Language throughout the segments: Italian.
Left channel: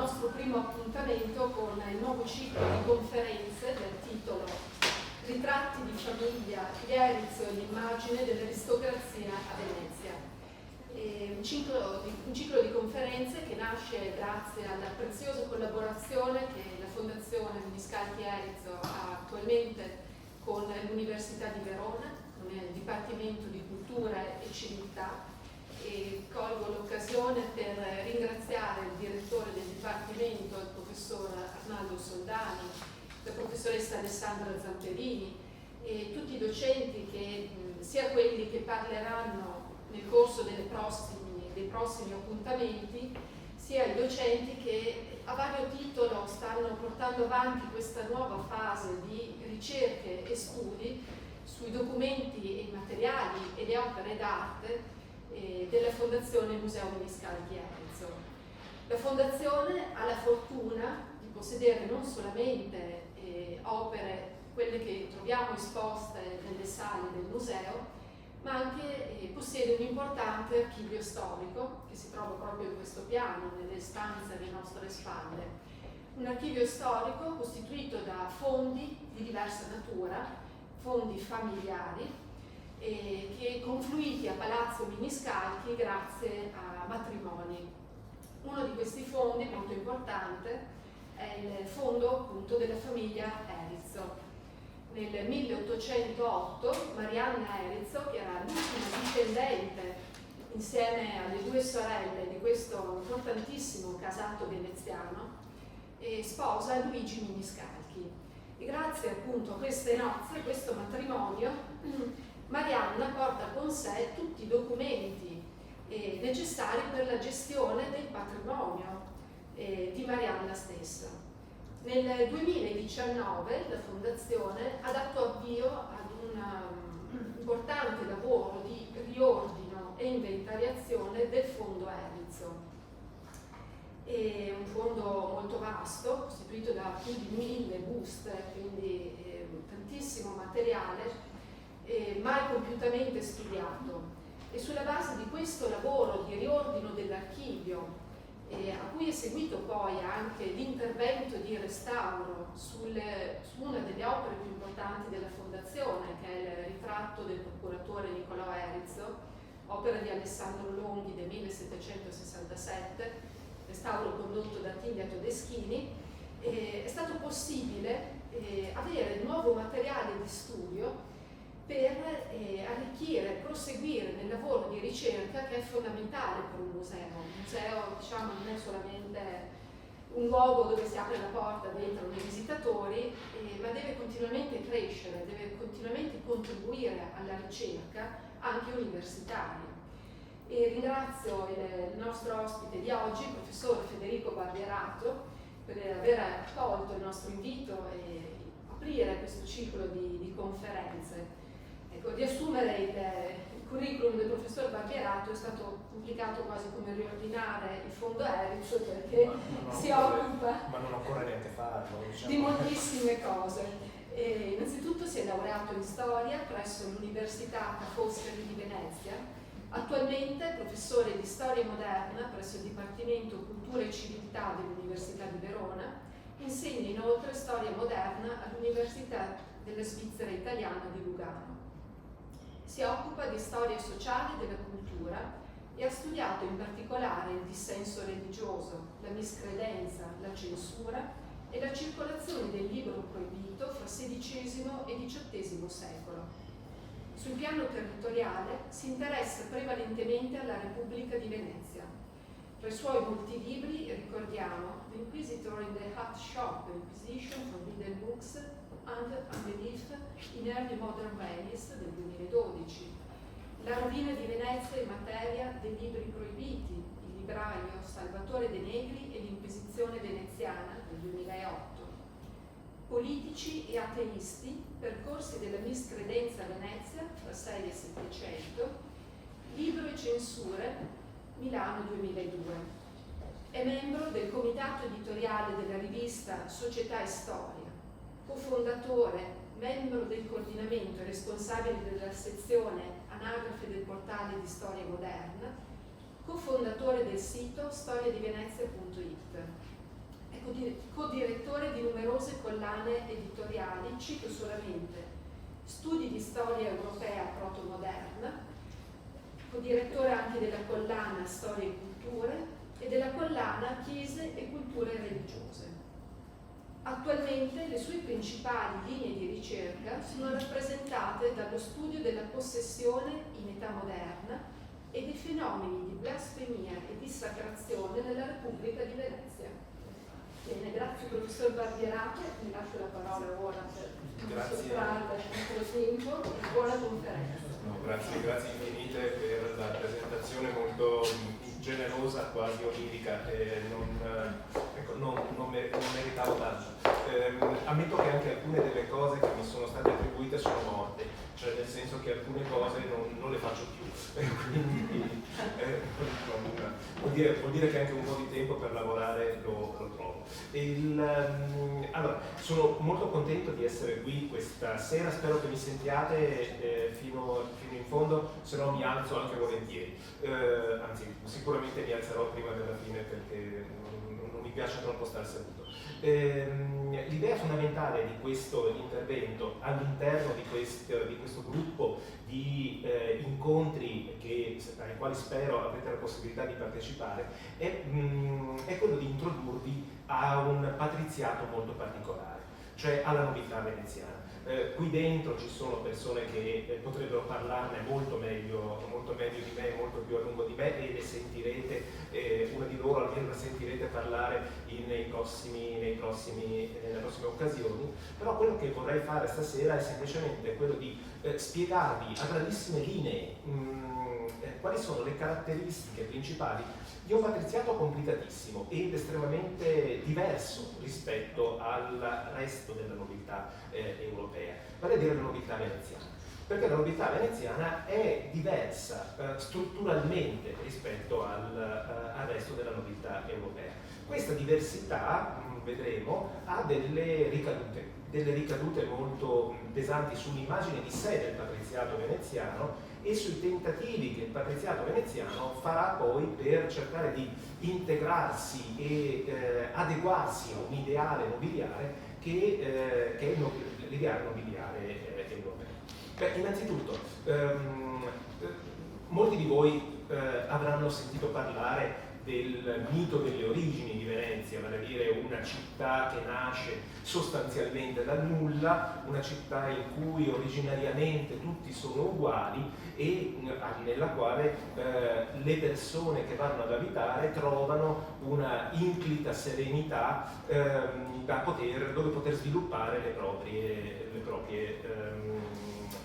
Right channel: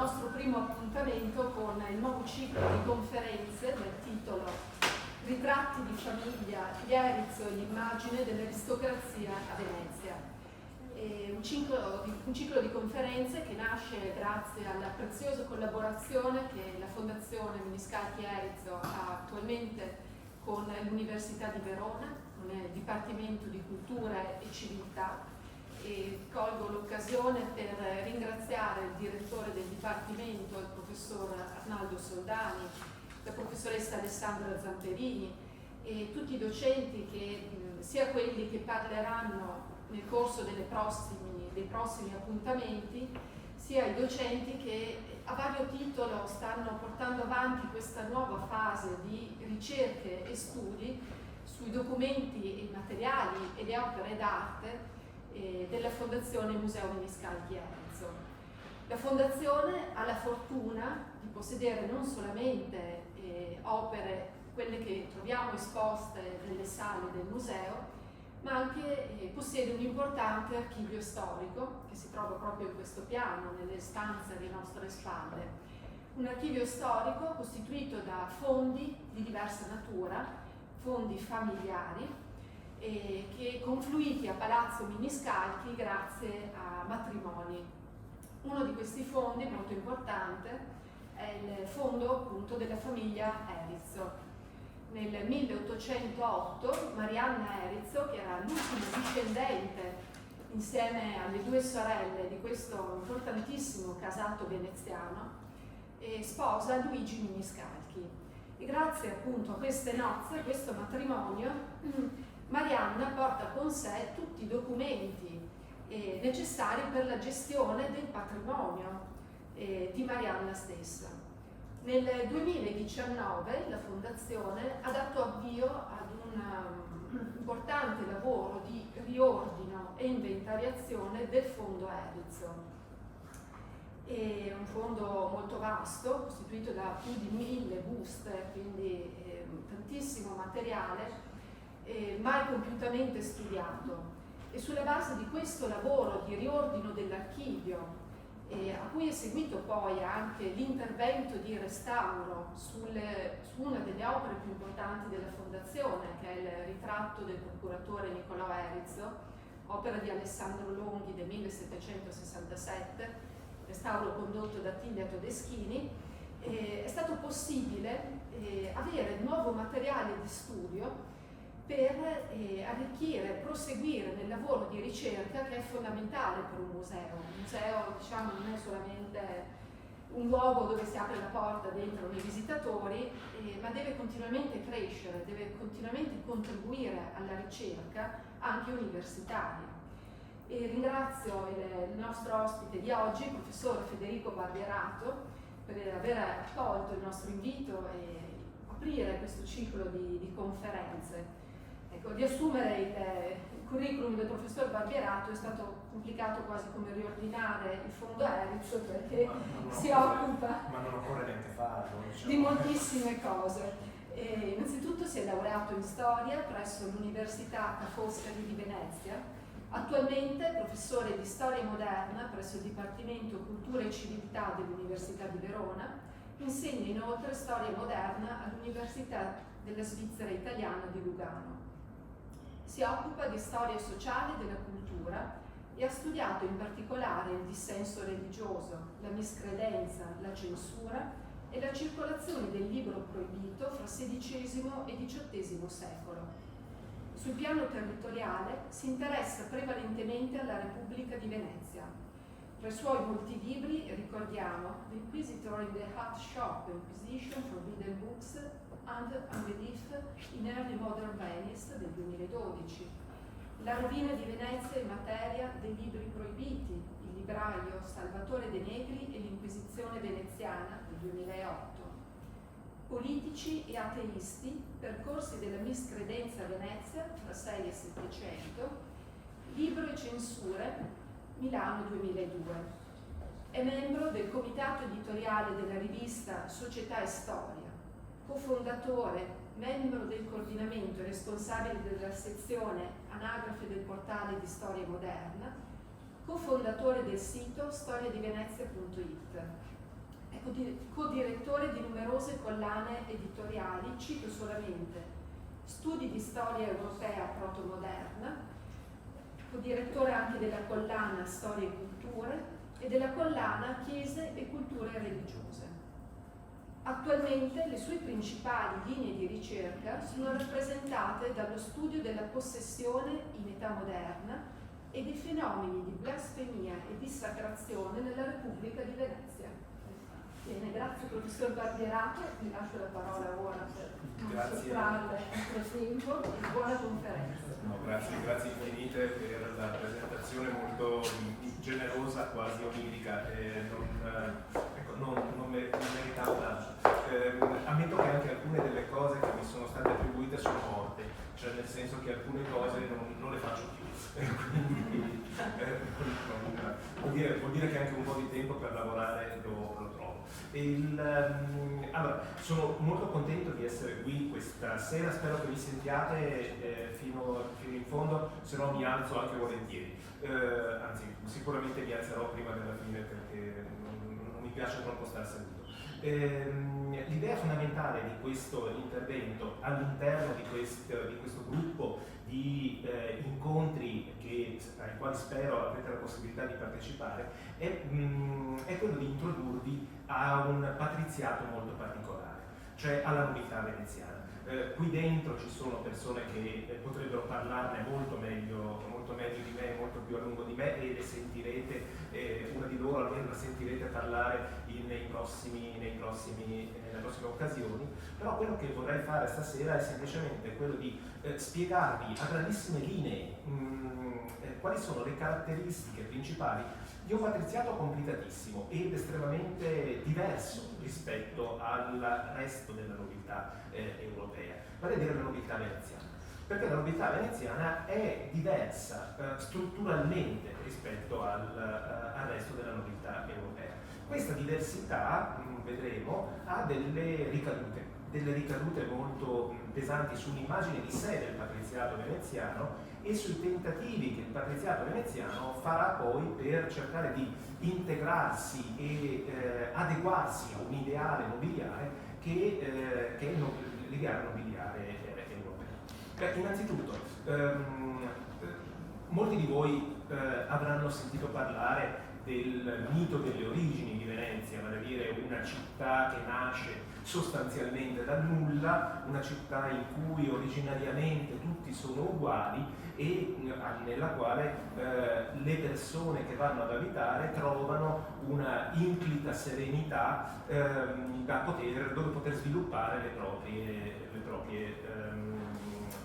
nostro primo appuntamento con il nuovo ciclo di conferenze del titolo Ritratti di famiglia, gli Erizzo e l'immagine dell'aristocrazia a Venezia. Un ciclo di conferenze che nasce grazie alla preziosa collaborazione che la Fondazione Miniscalchi Erizzo ha attualmente con l'Università di Verona, con il Dipartimento di Cultura e Civiltà. E colgo l'occasione per ringraziare il direttore del Dipartimento, il professor Arnaldo Soldani, la professoressa Alessandra Zamperini e tutti i docenti, sia quelli che parleranno nel corso dei prossimi appuntamenti, sia i docenti che a vario titolo stanno portando avanti questa nuova fase di ricerche e studi sui documenti e i materiali e le opere d'arte della Fondazione Museo Miniscalchi Erizzo. La Fondazione ha la fortuna di possedere non solamente opere, quelle che troviamo esposte nelle sale del museo, ma anche possiede un importante archivio storico che si trova proprio in questo piano, nelle stanze alle nostre spalle. Un archivio storico costituito da fondi di diversa natura, fondi familiari, che confluiti a Palazzo Miniscalchi grazie a matrimoni. Uno di questi fondi, molto importante, è il fondo appunto della famiglia Erizzo. Nel 1808 Marianna Erizzo, che era l'ultima discendente insieme alle due sorelle di questo importantissimo casato veneziano, sposa Luigi Miniscalchi. E grazie appunto a queste nozze, a questo matrimonio, Marianna porta con sé tutti i documenti necessari per la gestione del patrimonio di Marianna stessa. Nel 2019 la Fondazione ha dato avvio ad un importante lavoro di riordino e inventariazione del fondo Erizzo. È un fondo molto vasto, costituito da più di 1000 buste, quindi tantissimo materiale, mai compiutamente studiato. E sulla base di questo lavoro di riordino dell'archivio, a cui è seguito poi anche l'intervento di restauro su una delle opere più importanti della Fondazione, che è il ritratto del procuratore Niccolò Erizzo, opera di Alessandro Longhi del 1767, restauro condotto da Attilio Todeschini, è stato possibile avere nuovo materiale di studio per arricchire, proseguire nel lavoro di ricerca che è fondamentale per un museo. Un museo, diciamo, non è solamente un luogo dove si apre la porta, dentro i visitatori, ma deve continuamente crescere, deve continuamente contribuire alla ricerca anche universitaria. E ringrazio il nostro ospite di oggi, il professor Federico Barbierato, per aver accolto il nostro invito e aprire questo ciclo di conferenze. Ecco, riassumere il curriculum del professor Barbierato è stato complicato, quasi come riordinare il fondo Erizzo, perché si occupa ma non occorre neanche farlo, diciamo, di moltissime cose. Innanzitutto si è laureato in storia presso l'Università Ca' Foscari di Venezia, attualmente professore di storia moderna presso il Dipartimento Cultura e Civiltà dell'Università di Verona, insegna inoltre storia moderna all'Università della Svizzera Italiana di Lugano. Si occupa di storia sociale della cultura e ha studiato in particolare il dissenso religioso, la miscredenza, la censura e la circolazione del libro proibito fra XVI e XVIII secolo. Sul piano territoriale si interessa prevalentemente alla Repubblica di Venezia. Tra i suoi molti libri ricordiamo The Inquisitor in the Hut Shop, Inquisition, Forbidden Books and Unbelief in Early Modern Venice del 2012, La rovina di Venezia in materia dei libri proibiti, Il libraio, Salvatore De Negri e l'Inquisizione veneziana del 2008, Politici e ateisti, percorsi della miscredenza a Venezia tra 6 e 700, Libro e censure, Milano 2002. È membro del comitato editoriale della rivista Società e Storia, cofondatore, membro del coordinamento e responsabile della sezione Anagrafe del portale di Storia Moderna, cofondatore del sito storiadivenezia.it. codirettore di numerose collane editoriali, cito solamente Studi di storia europea protomoderna, codirettore anche della collana Storia e Culture e della collana Chiese e Culture Religiose. Attualmente le sue principali linee di ricerca sono rappresentate dallo studio della possessione in età moderna e dei fenomeni di blasfemia e dissacrazione nella Repubblica di Venezia. Bene, grazie professor Barbierato, vi lascio la parola ora per non sottrarre il nostro tempo e buona conferenza. No, grazie infinite per la presentazione molto generosa, quasi onirica, non meritavo tanto. Ammetto che anche alcune delle cose che mi sono state attribuite sono morte, cioè nel senso che alcune cose non le faccio più, quindi vuol dire che anche un po' di tempo per lavorare lo trovo. Allora, sono molto contento di essere qui questa sera, spero che mi sentiate fino in fondo, se no mi alzo anche volentieri, anzi sicuramente mi alzerò prima della fine perché non mi piace troppo star seduto. L'idea fondamentale di questo intervento all'interno di questo gruppo di incontri ai quali spero avrete la possibilità di partecipare è quello di introdurvi a un patriziato molto particolare, cioè alla nobiltà veneziana. Qui dentro ci sono persone che potrebbero parlarne molto meglio di me, molto più a lungo di me, e le sentirete, una di loro almeno la sentirete parlare nelle prossime occasioni. Però quello che vorrei fare stasera è semplicemente quello di spiegarvi a grandissime linee quali sono le caratteristiche principali di un patriziato complicatissimo ed estremamente diverso rispetto al resto della nobiltà europea, vale a dire la nobiltà veneziana. Perché la nobiltà veneziana è diversa strutturalmente rispetto al resto della nobiltà europea. Questa diversità, vedremo, ha delle ricadute molto pesanti sull'immagine di sé del patriziato veneziano e sui tentativi che il patriziato veneziano farà poi per cercare di integrarsi e adeguarsi a un ideale nobiliare che è l'ideale nobiliare europeo. Innanzitutto, molti di voi avranno sentito parlare del mito delle origini di Venezia, vale a dire una città che nasce sostanzialmente dal nulla, una città in cui originariamente tutti sono uguali e nella quale le persone che vanno ad abitare trovano una inclita serenità dove poter sviluppare le proprie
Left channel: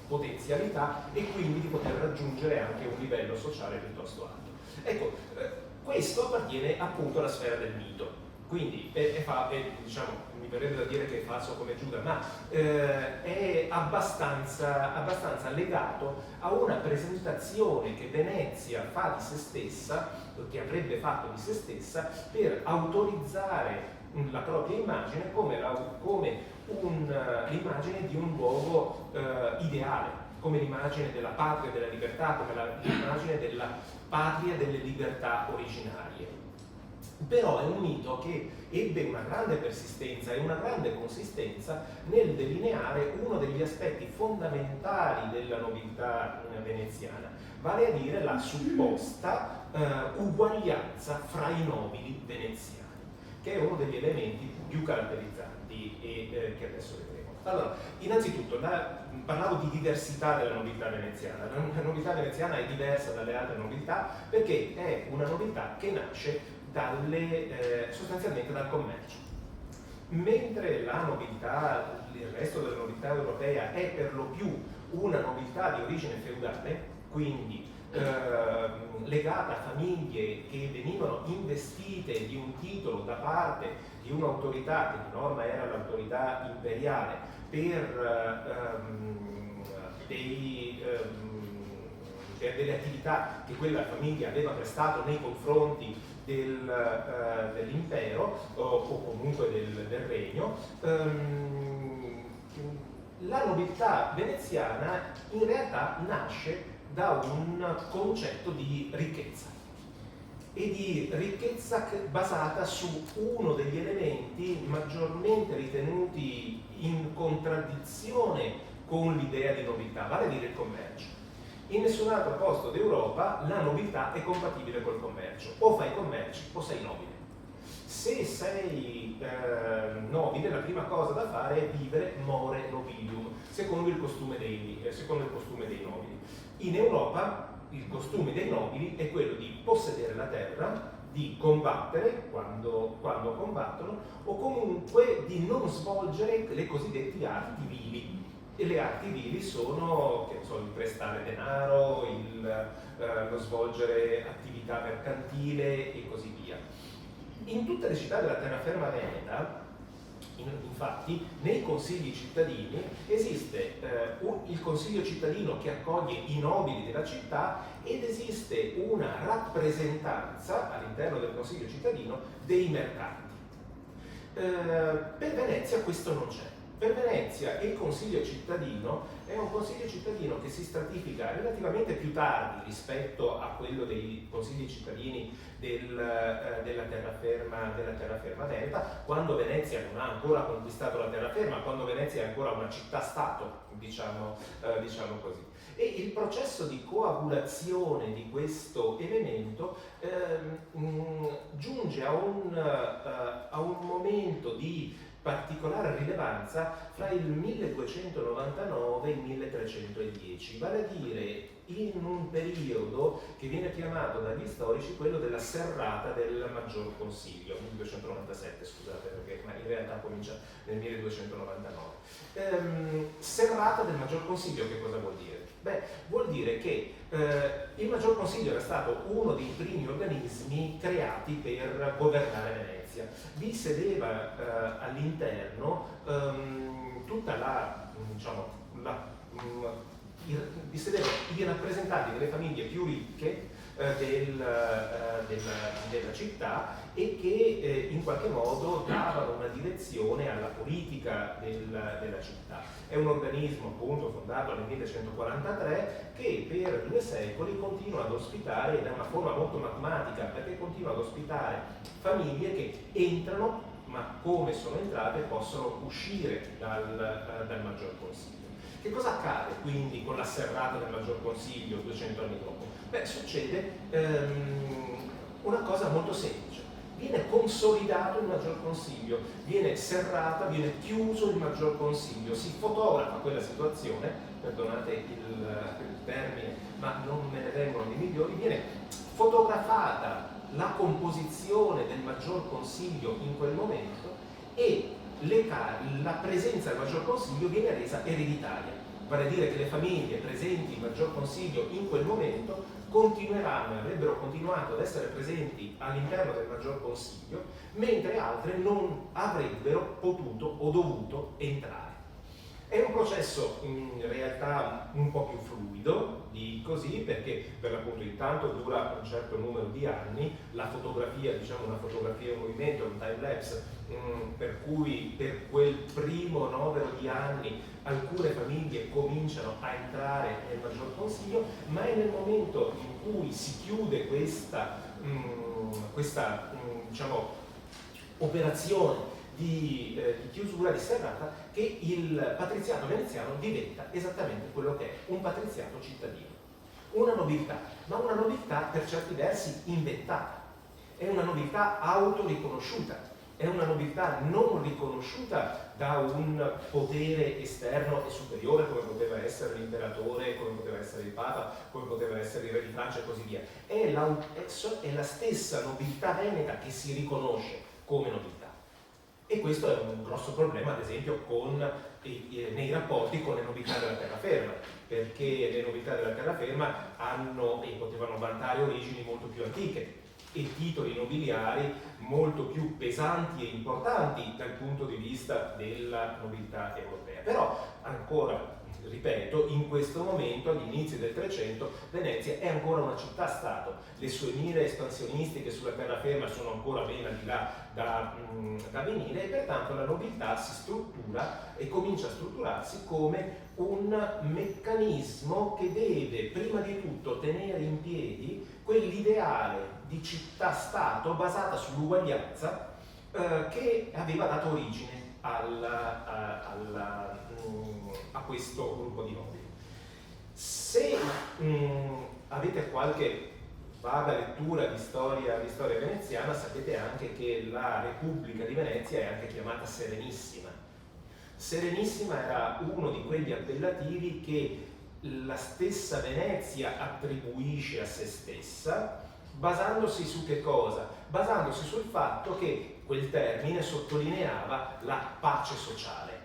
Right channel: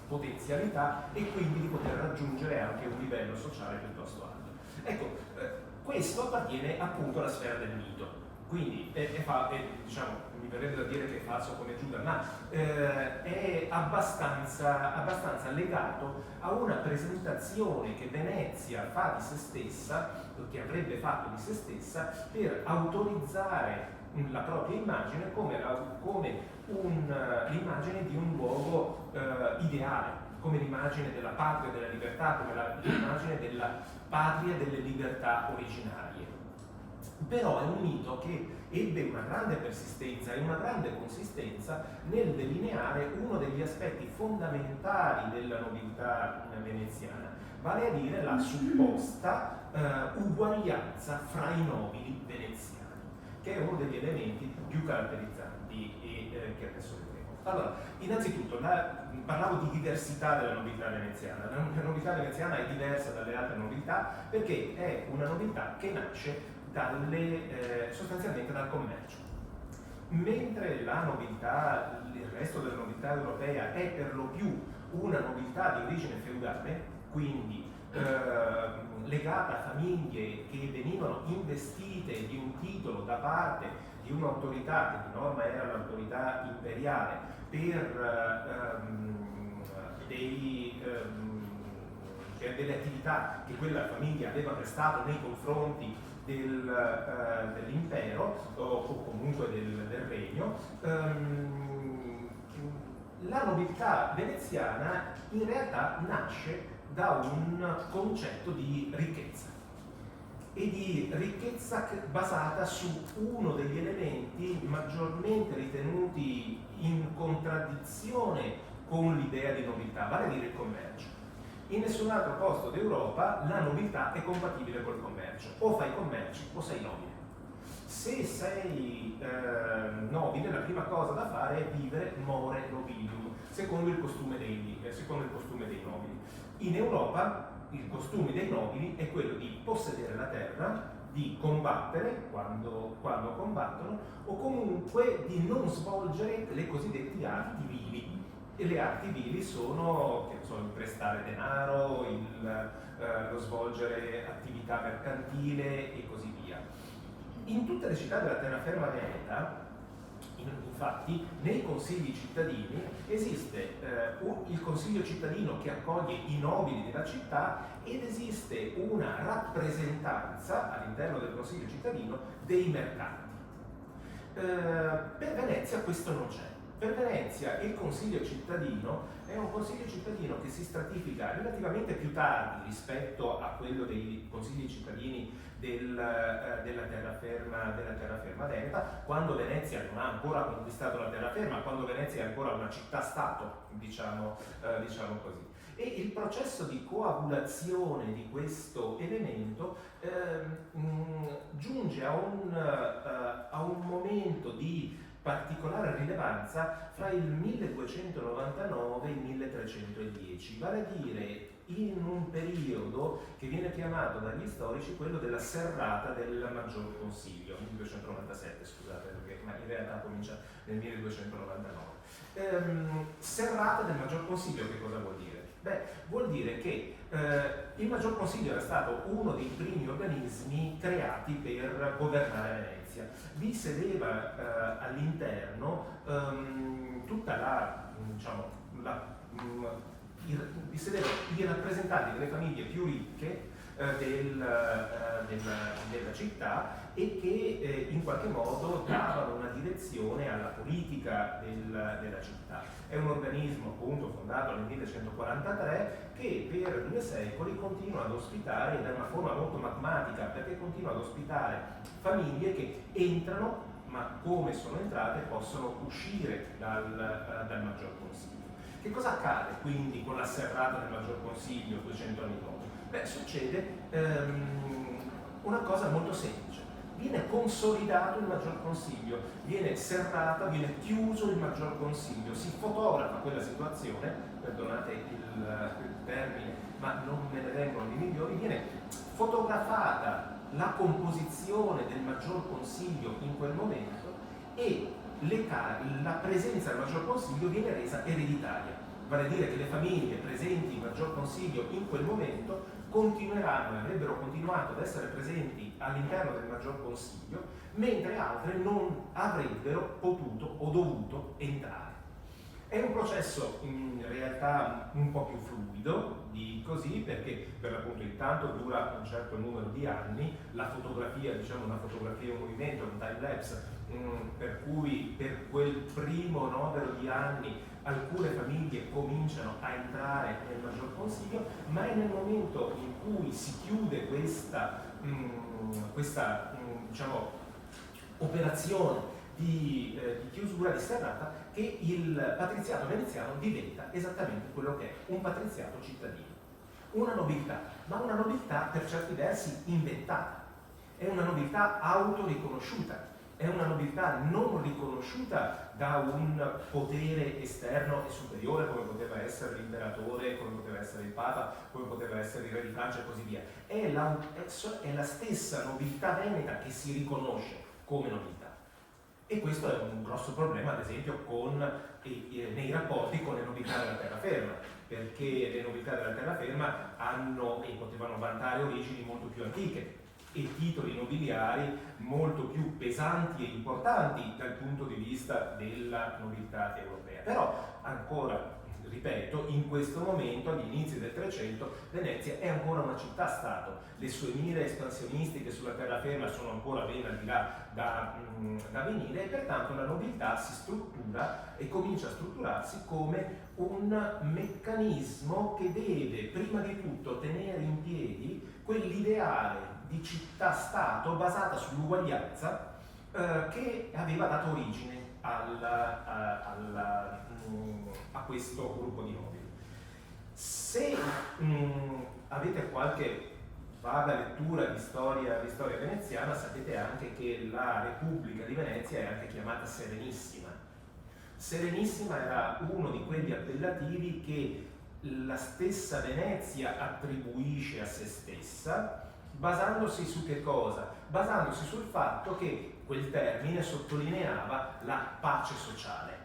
potenzialità e quindi di poter raggiungere anche un livello sociale piuttosto alto. Ecco, questo appartiene appunto alla sfera del mito, quindi diciamo, mi verrebbe da dire che è falso come Giuda, ma è abbastanza legato a una presentazione che Venezia fa di se stessa, che avrebbe fatto di se stessa, per autorizzare la propria immagine come l'immagine di un luogo ideale, come l'immagine della patria della libertà, come l'immagine della patria delle libertà originarie. Però è un mito che ebbe una grande persistenza e una grande consistenza nel delineare uno degli aspetti fondamentali della nobiltà veneziana, vale a dire la supposta uguaglianza fra i nobili veneziani, che è uno degli elementi più caratterizzanti e che adesso vedremo. Allora, innanzitutto, parlavo di diversità della nobiltà veneziana. La nobiltà veneziana è diversa dalle altre nobiltà perché è una nobiltà che nasce sostanzialmente dal commercio. Mentre il resto della nobiltà europea è per lo più una nobiltà di origine feudale, quindi legata a famiglie che venivano investite di un titolo da parte di un'autorità che di norma era l'autorità imperiale per delle attività che quella famiglia aveva prestato nei confronti dell'impero o comunque del regno. La nobiltà veneziana in realtà nasce da un concetto di ricchezza. e di ricchezza basata su uno degli elementi maggiormente ritenuti in contraddizione con l'idea di nobiltà, vale a dire il commercio. In nessun altro posto d'Europa la nobiltà è compatibile col commercio, o fai commerci o sei nobile. Se sei nobile, la prima cosa da fare è vivere more nobilium, secondo il costume dei nobili. In Europa il costume dei nobili è quello di possedere la terra, di combattere quando combattono, o comunque di non svolgere le cosiddette arti vili. E le arti vili sono, che so, il prestare denaro, lo svolgere attività mercantile e così via. In tutte le città della terraferma veneta, infatti, nei consigli cittadini esiste il consiglio cittadino che accoglie i nobili della città ed esiste una rappresentanza all'interno del consiglio cittadino dei mercanti. Per Venezia questo non c'è. Per Venezia il consiglio cittadino è un consiglio cittadino che si stratifica relativamente più tardi rispetto a quello dei consigli cittadini della terraferma veneta, quando Venezia non ha ancora conquistato la terraferma, quando Venezia è ancora una città-stato, diciamo così. E il processo di coagulazione di questo elemento giunge a un momento di particolare rilevanza fra il 1299 e il 1310, vale a dire in un periodo che viene chiamato dagli storici quello della serrata del Maggior Consiglio, 1297 scusate, perché ma in realtà comincia nel 1299. Serrata del Maggior Consiglio che cosa vuol dire? Beh, vuol dire che il Maggior Consiglio era stato uno dei primi organismi creati per governare Venezia. Vi sedeva all'interno vi sedevano i rappresentanti delle famiglie più ricche della città e che in qualche modo davano una direzione alla politica della città. È un organismo appunto fondato nel 1143 che per 2 secoli continua ad ospitare, da una forma molto magmatica, perché continua ad ospitare famiglie che entrano, ma come sono entrate possono uscire dal Maggior Consiglio. Che cosa accade quindi con la serrata del Maggior Consiglio 200 anni dopo? Beh, succede una cosa molto semplice. Viene consolidato il Maggior Consiglio, viene serrata, viene chiuso il Maggior Consiglio, si fotografa quella situazione, perdonate il termine, ma non me ne vengono di migliori, viene fotografata la composizione del Maggior Consiglio in quel momento e la presenza del Maggior Consiglio viene resa ereditaria, vale a dire che le famiglie presenti in Maggior Consiglio in quel momento avrebbero continuato ad essere presenti all'interno del Maggior Consiglio, mentre altre non avrebbero potuto o dovuto entrare. È un processo in realtà un po' più fluido di così, perché per l'appunto intanto dura un certo numero di anni, la fotografia, diciamo una fotografia in movimento, un time lapse, per cui per quel primo novero di anni alcune famiglie cominciano a entrare nel Maggior Consiglio, ma è nel momento in cui si chiude questa diciamo, operazione di chiusura, di serrata, che il patriziato veneziano diventa esattamente quello che è, un patriziato cittadino. Una nobiltà, ma una nobiltà per certi versi inventata. È una nobiltà autoriconosciuta, è una nobiltà non riconosciuta da un potere esterno e superiore come poteva essere l'imperatore, come poteva essere il papa, come poteva essere il re di Francia e così via. È la stessa nobiltà veneta che si riconosce come nobiltà. E questo è un grosso problema, ad esempio, nei rapporti con le nobiltà della terraferma, perché le nobiltà della terraferma hanno e potevano vantare origini molto più antiche e titoli nobiliari molto più pesanti e importanti dal punto di vista della nobiltà europea. Però, ancora, ripeto, in questo momento, agli inizi del 300, Venezia è ancora una città-stato. Le sue mire espansionistiche sulla terraferma sono ancora ben al di là da venire e pertanto la nobiltà si struttura e comincia a strutturarsi come un meccanismo che deve prima di tutto tenere in piedi quell'ideale di città-stato basata sull'uguaglianza che aveva dato origine a questo gruppo di nobili. Se avete qualche vaga lettura di storia veneziana, sapete anche che la Repubblica di Venezia è anche chiamata Serenissima. Serenissima era uno di quegli appellativi che la stessa Venezia attribuisce a se stessa, basandosi su che cosa? Basandosi sul fatto che quel termine sottolineava la pace sociale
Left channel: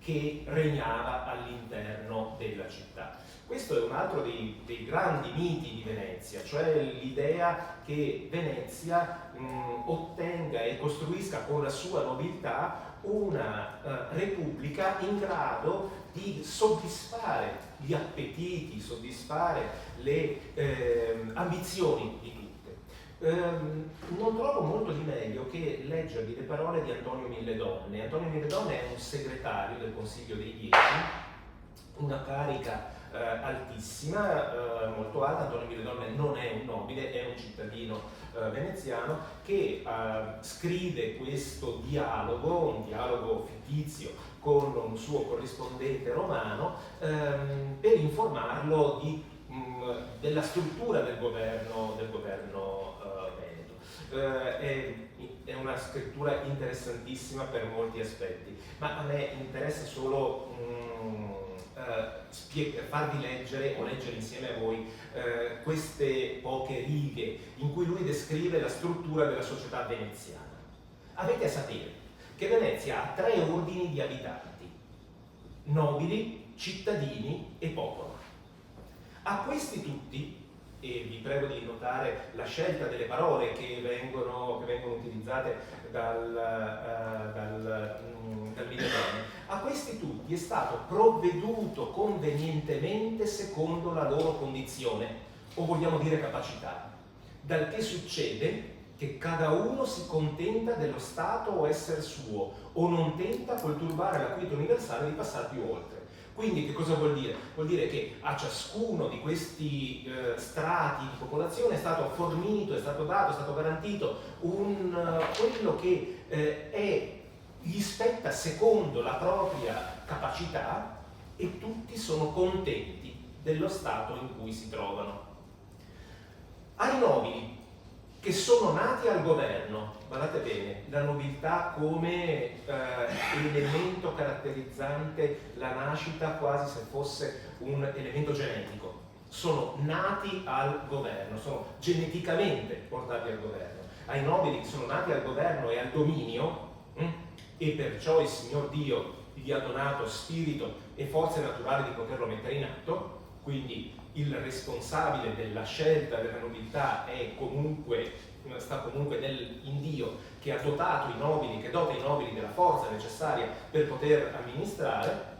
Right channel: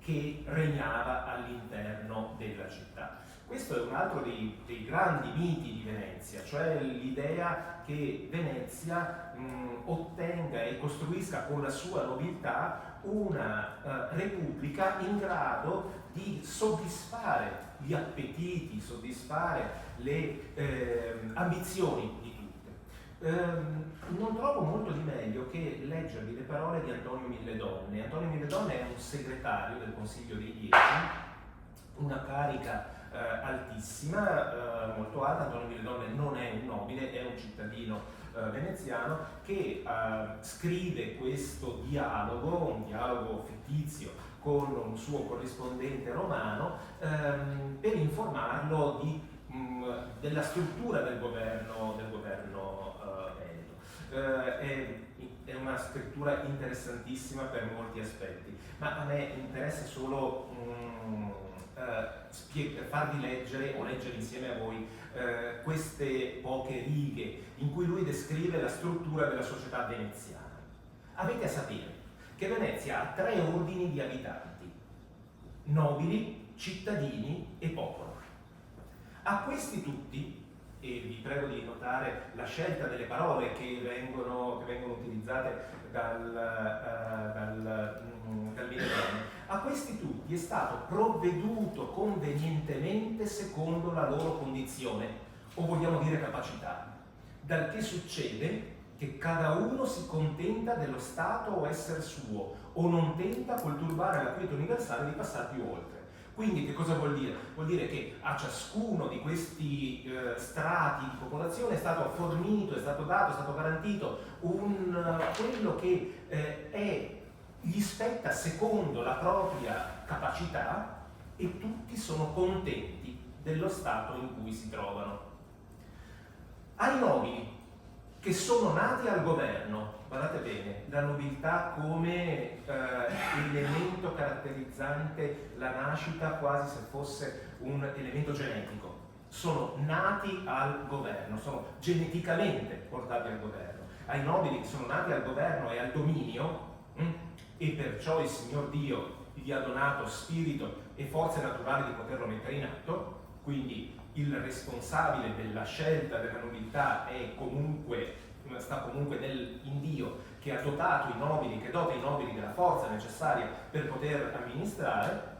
che regnava all'interno della città. Questo è un altro dei grandi miti di Venezia, cioè l'idea che Venezia ottenga e costruisca con la sua nobiltà una repubblica in grado di soddisfare gli appetiti, soddisfare le ambizioni di tutte. Non trovo molto di meglio che leggervi le parole di Antonio Milledonne. Antonio Milledonne è un segretario del Consiglio dei Dieci, una carica altissima, molto alta. Antonio Milledonne non è un nobile, è un cittadino veneziano che scrive questo dialogo, un dialogo fittizio con un suo corrispondente romano, per informarlo della struttura del governo veneto. È una scrittura interessantissima per molti aspetti, ma a me interessa solo farvi leggere o leggere insieme a voi queste poche righe in cui lui descrive la struttura della società veneziana. Avete a sapere che Venezia ha 3 ordini di abitanti: nobili, cittadini e popolo. A questi tutti, e vi prego di notare la scelta delle parole che vengono utilizzate dal Milledonne, a questi tutti è stato provveduto convenientemente secondo la loro condizione, o vogliamo dire capacità, dal che succede che cada uno si contenta dello stato o essere suo, o non tenta col turbare la quiete universale di passare più oltre. Quindi che cosa vuol dire? Vuol dire che a ciascuno di questi strati di popolazione è stato fornito, è stato dato, è stato garantito quello che gli spetta secondo la propria capacità, e tutti sono contenti dello stato in cui si trovano. Ai nobili che sono nati al governo, guardate bene, la nobiltà come elemento caratterizzante la nascita, quasi se fosse un elemento genetico. Sono nati al governo, sono geneticamente portati al governo. Ai nobili che sono nati al governo e al dominio, e perciò il Signor Dio gli ha donato spirito e forze naturali di poterlo mettere in atto, quindi il responsabile della scelta della nobiltà sta comunque in Dio, che ha dotato i nobili, che dota i nobili della forza necessaria per poter amministrare.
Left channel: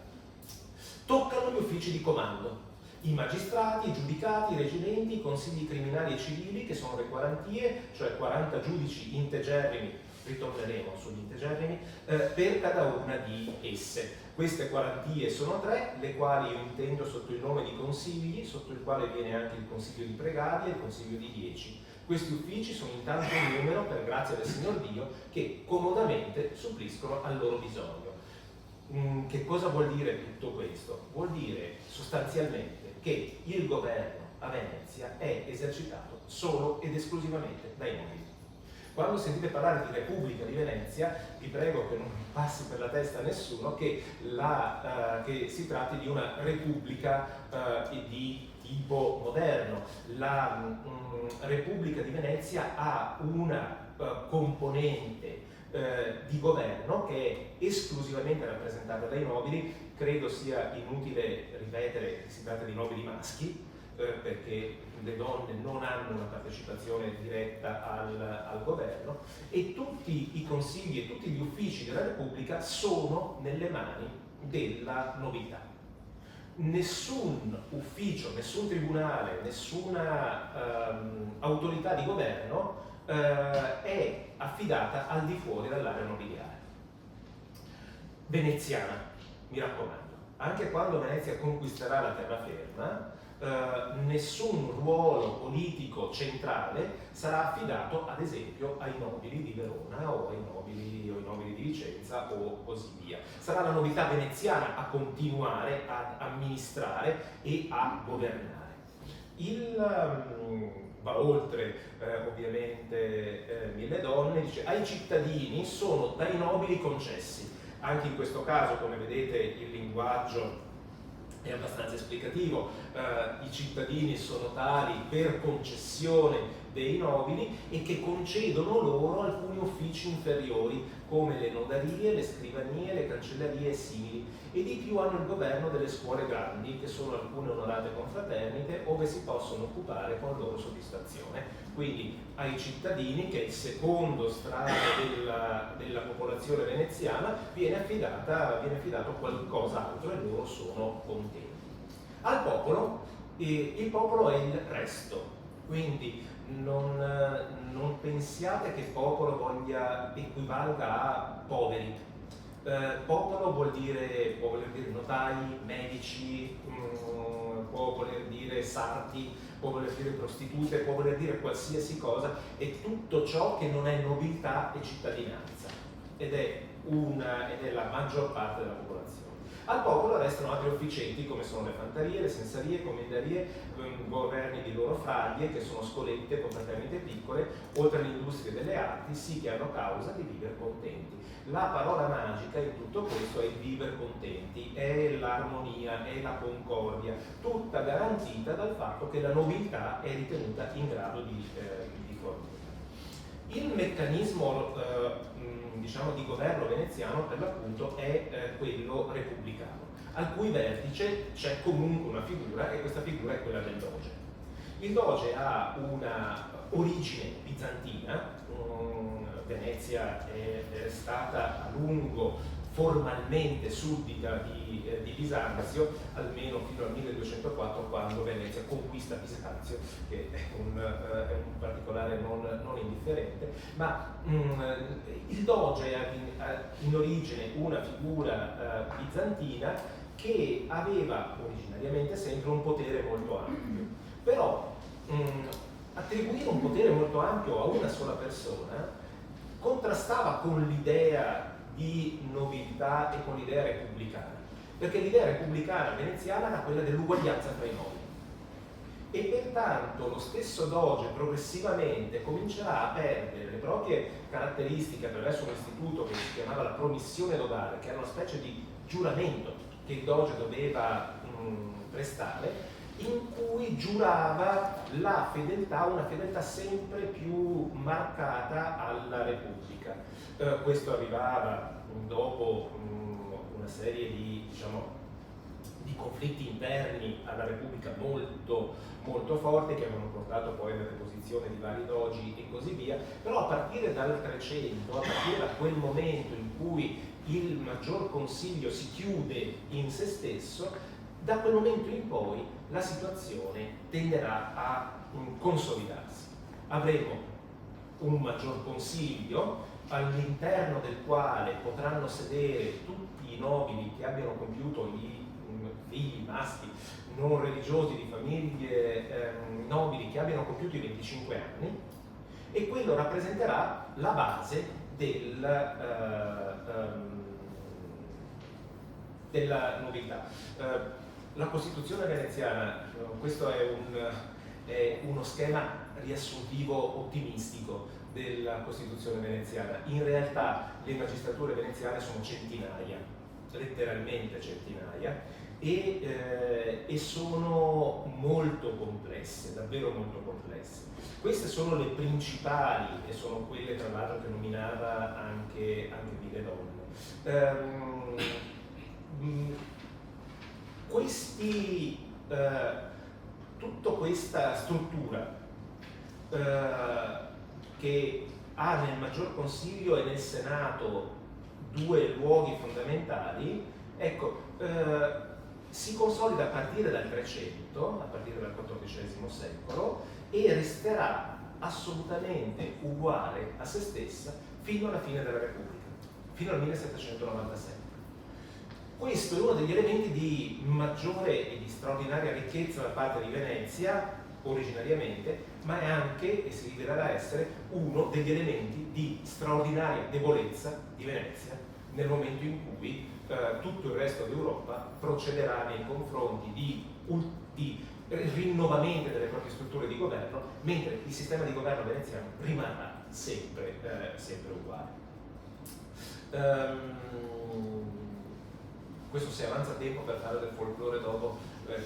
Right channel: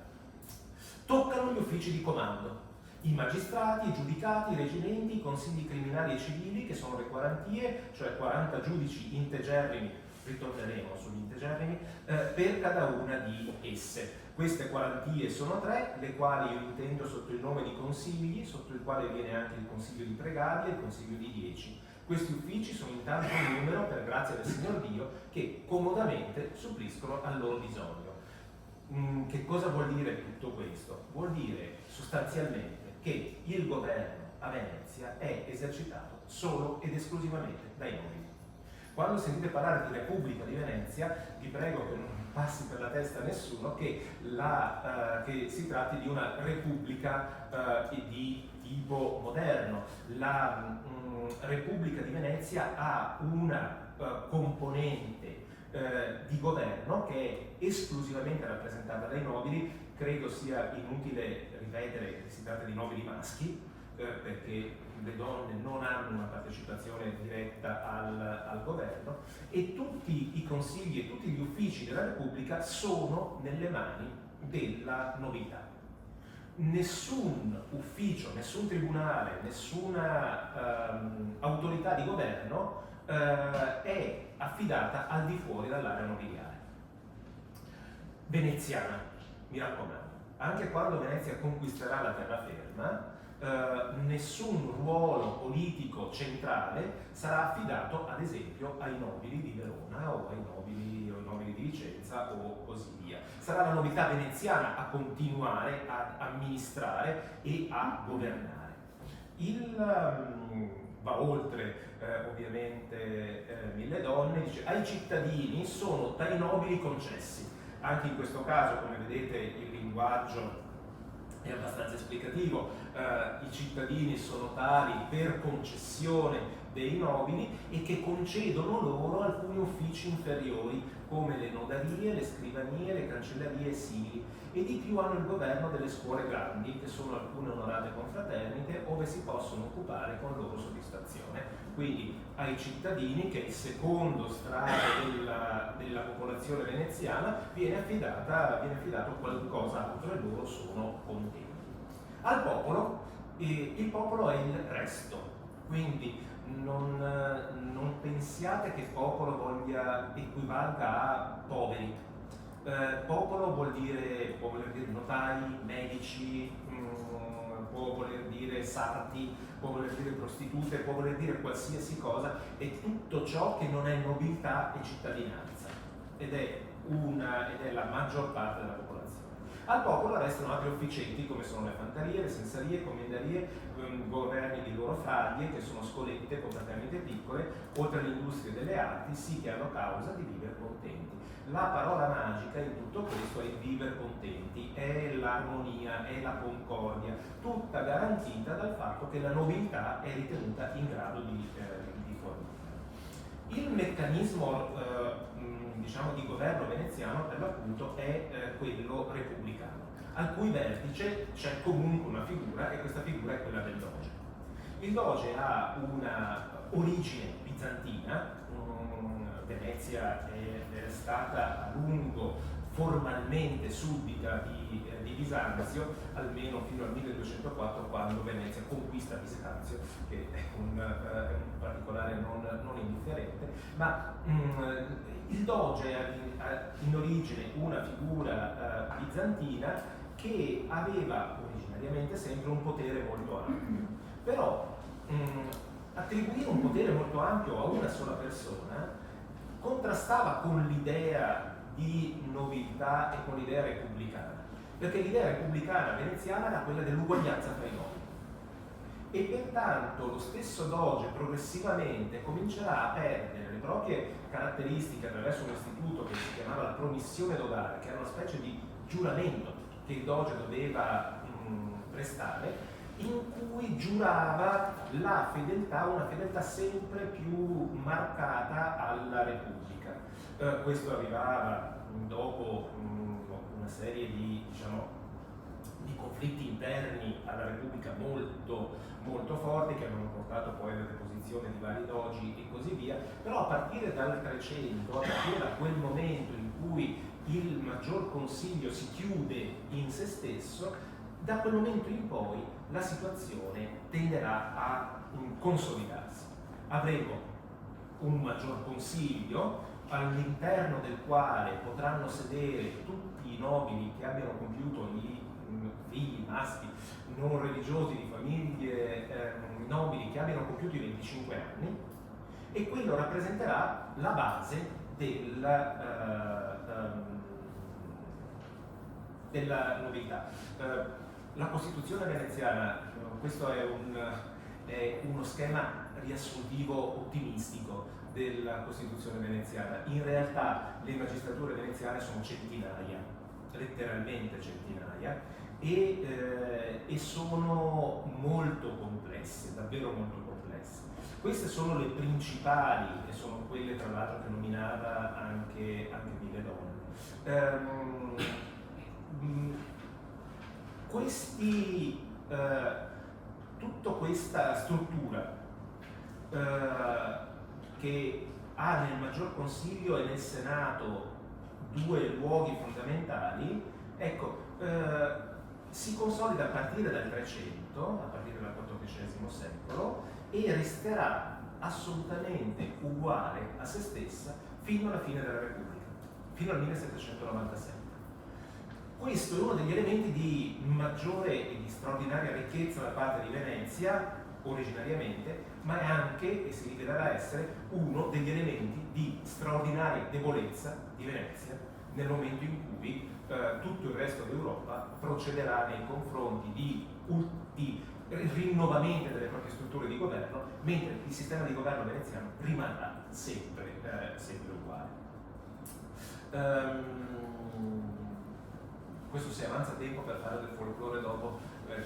Toccano gli uffici di comando, i magistrati, i giudicati, i reggimenti, i consigli criminali e civili, che sono le quarantie, cioè 40 giudici integerrimi, ritorneremo sugli integerrimi, per cada una di esse. Queste quarantie sono 3, le quali io intendo sotto il nome di consigli, sotto il quale viene anche il consiglio di pregadi e il consiglio di 10. Questi uffici sono in tanto numero, per grazia del Signor Dio, che comodamente suppliscono al loro bisogno. Che cosa vuol dire tutto questo? Vuol dire sostanzialmente che il governo a Venezia è esercitato solo ed esclusivamente dai nobili. Quando sentite parlare di Repubblica di Venezia, vi prego che non passi per la testa a nessuno che si tratti di una repubblica di tipo moderno. La Repubblica di Venezia ha una componente di governo che è esclusivamente rappresentata dai nobili. Credo sia inutile ripetere che si tratta di nobili maschi, perché le donne non hanno una partecipazione diretta al governo, e tutti i consigli e tutti gli uffici della Repubblica sono nelle mani della nobiltà. Nessun ufficio, nessun tribunale, nessuna autorità di governo è affidata al di fuori dall'area nobiliare. Veneziana, mi raccomando, anche quando Venezia conquisterà la terraferma, nessun ruolo politico centrale sarà affidato ad esempio ai nobili di Verona o ai nobili di Vicenza o così via. Sarà la nobiltà veneziana a continuare ad amministrare e a governare. Va oltre ovviamente Mille Donne, dice ai cittadini sono dai nobili concessi. Anche in questo caso, come vedete, il linguaggio è abbastanza esplicativo. I cittadini sono tali per concessione dei nobili e che concedono loro alcuni uffici inferiori come le notarie, le scrivanie, le cancellerie e simili, e di più hanno il governo delle scuole grandi, che sono alcune onorate confraternite, ove si possono occupare con loro soddisfazione. Quindi ai cittadini, che è il secondo strato della popolazione veneziana, viene affidato qualcos'altro e loro sono contenti. Al popolo, il popolo è il resto, quindi non pensiate che popolo equivalga a poveri. Popolo vuol dire notai, medici, può voler dire sarti, può voler dire prostitute, può voler dire qualsiasi cosa, è tutto ciò che non è nobiltà e cittadinanza, ed è la maggior parte della popolazione. Al popolo restano altri officietti come sono le fantarie, le sensarie, comendarie, governi di loro fraglie, che sono scolette, confraternite piccole, oltre alle industrie delle arti, sì che hanno causa di vivere contenti. La parola magica in tutto questo è il vivere contenti, è l'armonia, è la concordia, tutta garantita dal fatto che la nobiltà è ritenuta in grado di fornire. Il meccanismo diciamo di governo veneziano per l'appunto è quello repubblicano, al cui vertice c'è comunque una figura, e questa figura è quella del doge. Il doge ha una origine bizantina. Venezia è stata a lungo formalmente suddita di Bisanzio, almeno fino al 1204, quando Venezia conquista Bisanzio, che è un particolare non indifferente, ma il doge ha in origine una figura bizantina che aveva originariamente sempre un potere molto ampio, però attribuire un potere molto ampio a una sola persona contrastava con l'idea di nobiltà e con l'idea repubblicana, perché l'idea repubblicana veneziana era quella dell'uguaglianza tra i nobili, e pertanto lo stesso doge progressivamente comincerà a perdere le proprie caratteristiche attraverso un istituto che si chiamava la promissione dodale, che era una specie di giuramento che il doge doveva prestare, in cui giurava la fedeltà, una fedeltà sempre più marcata alla Repubblica. Questo arrivava dopo una serie di conflitti interni alla Repubblica molto forti, che avevano portato poi alla deposizione di vari dogi e così via, però a partire dal Trecento, a partire da quel momento in cui il maggior consiglio si chiude in se stesso, da quel momento in poi la situazione tenderà a consolidarsi. Avremo un maggior consiglio all'interno del quale potranno sedere tutti i nobili che abbiano compiuto i figli maschi non religiosi di famiglie nobili che abbiano compiuto i 25 anni, e quello rappresenterà la base della nobiltà. La Costituzione veneziana, questo è uno schema riassuntivo ottimistico della Costituzione veneziana. In realtà le magistrature veneziane sono centinaia, letteralmente centinaia, e sono molto complesse, davvero molto complesse. Queste sono le principali, e sono quelle tra l'altro che nominava anche Mille Donne. Tutta questa struttura che ha nel Maggior Consiglio e nel Senato due luoghi fondamentali, ecco, si consolida a partire dal Trecento, a partire dal XIV secolo, e resterà assolutamente uguale a se stessa fino alla fine della Repubblica, fino al 1797. Questo è uno degli elementi di maggiore e di straordinaria ricchezza da parte di Venezia, originariamente, ma è anche, e si rivelerà essere, uno degli elementi di straordinaria debolezza di Venezia nel momento in cui tutto il resto d'Europa procederà nei confronti di rinnovamento delle proprie strutture di governo, mentre il sistema di governo veneziano rimarrà sempre uguale. Questo si avanza tempo per fare del folklore dopo, per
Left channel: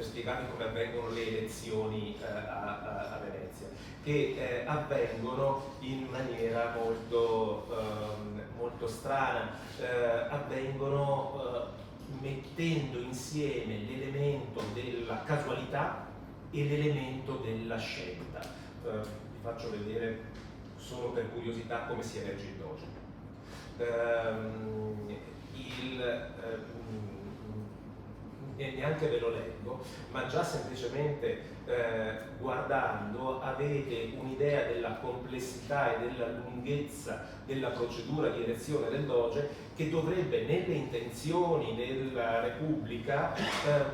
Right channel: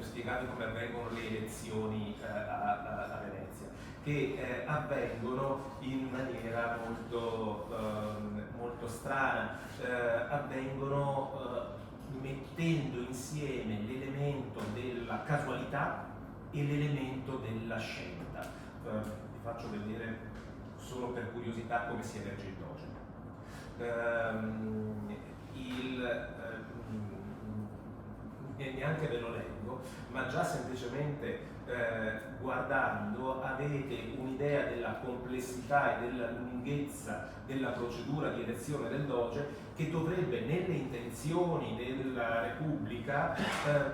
spiegarvi come avvengono le elezioni a Venezia, che avvengono in maniera molto strana, avvengono mettendo insieme l'elemento della casualità e l'elemento della scelta. Vi faccio vedere solo per curiosità come si elegge il doge. E neanche ve lo leggo, ma già semplicemente guardando avete un'idea della complessità e della lunghezza della procedura di elezione del Doge, che dovrebbe nelle intenzioni della Repubblica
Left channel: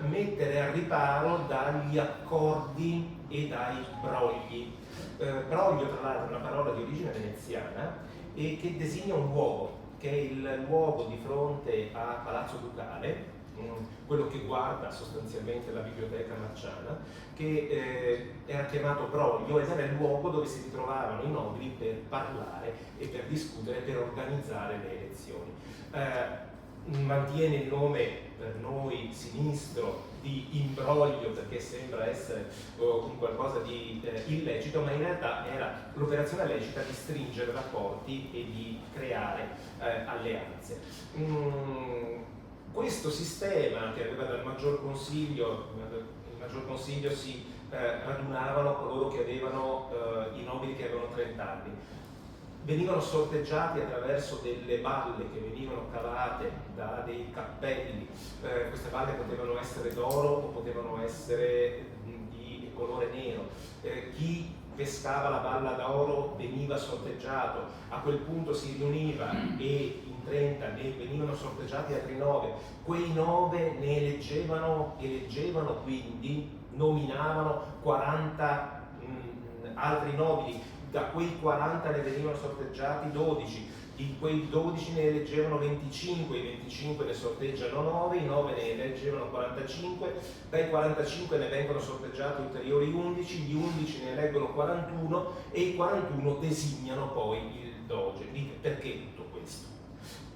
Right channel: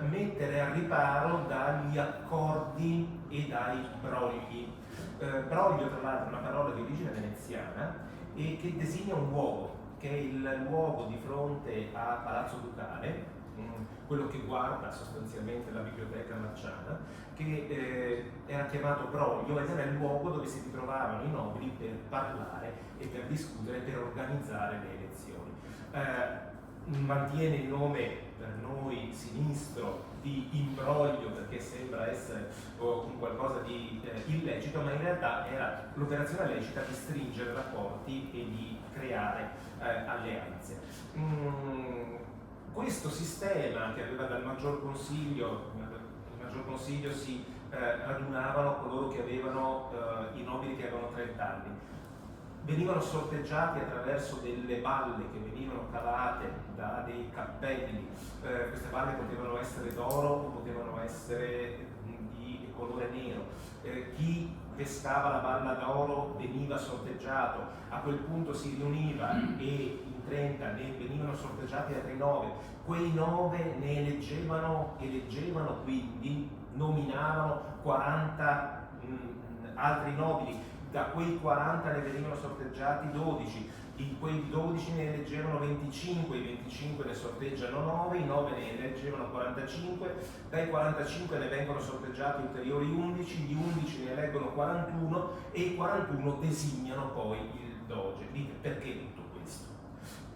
mettere a riparo dagli accordi e dai brogli. Broglio, tra l'altro, è una parola di origine veneziana e che designa un luogo, che è il luogo di fronte a Palazzo Ducale, quello che guarda sostanzialmente la biblioteca marciana, che era chiamato broglio ed era il luogo dove si ritrovavano i nobili per parlare e per discutere, per organizzare le elezioni. Mantiene il nome per noi sinistro di imbroglio perché sembra essere un qualcosa di illecito, ma in realtà era l'operazione lecita di stringere rapporti e di creare alleanze. Questo sistema che aveva dal Maggior Consiglio, il Maggior Consiglio si radunavano coloro che avevano i nobili che avevano 30 anni, venivano sorteggiati attraverso delle balle che venivano cavate da dei cappelli. Queste balle potevano essere d'oro o potevano essere di colore nero. Chi pescava la balla d'oro veniva sorteggiato, a quel punto si riuniva e in 30 ne venivano sorteggiati altri 9. Quei 9 ne eleggevano quindi, nominavano 40 altri nobili. Da quei 40 ne venivano sorteggiati 12, di quei 12 ne eleggevano 25, i 25 ne sorteggiano 9, i 9 ne eleggevano 45, dai 45 ne vengono sorteggiati ulteriori 11, gli 11 ne eleggono 41 e i 41 designano poi il doge. Dite, perché tutto questo?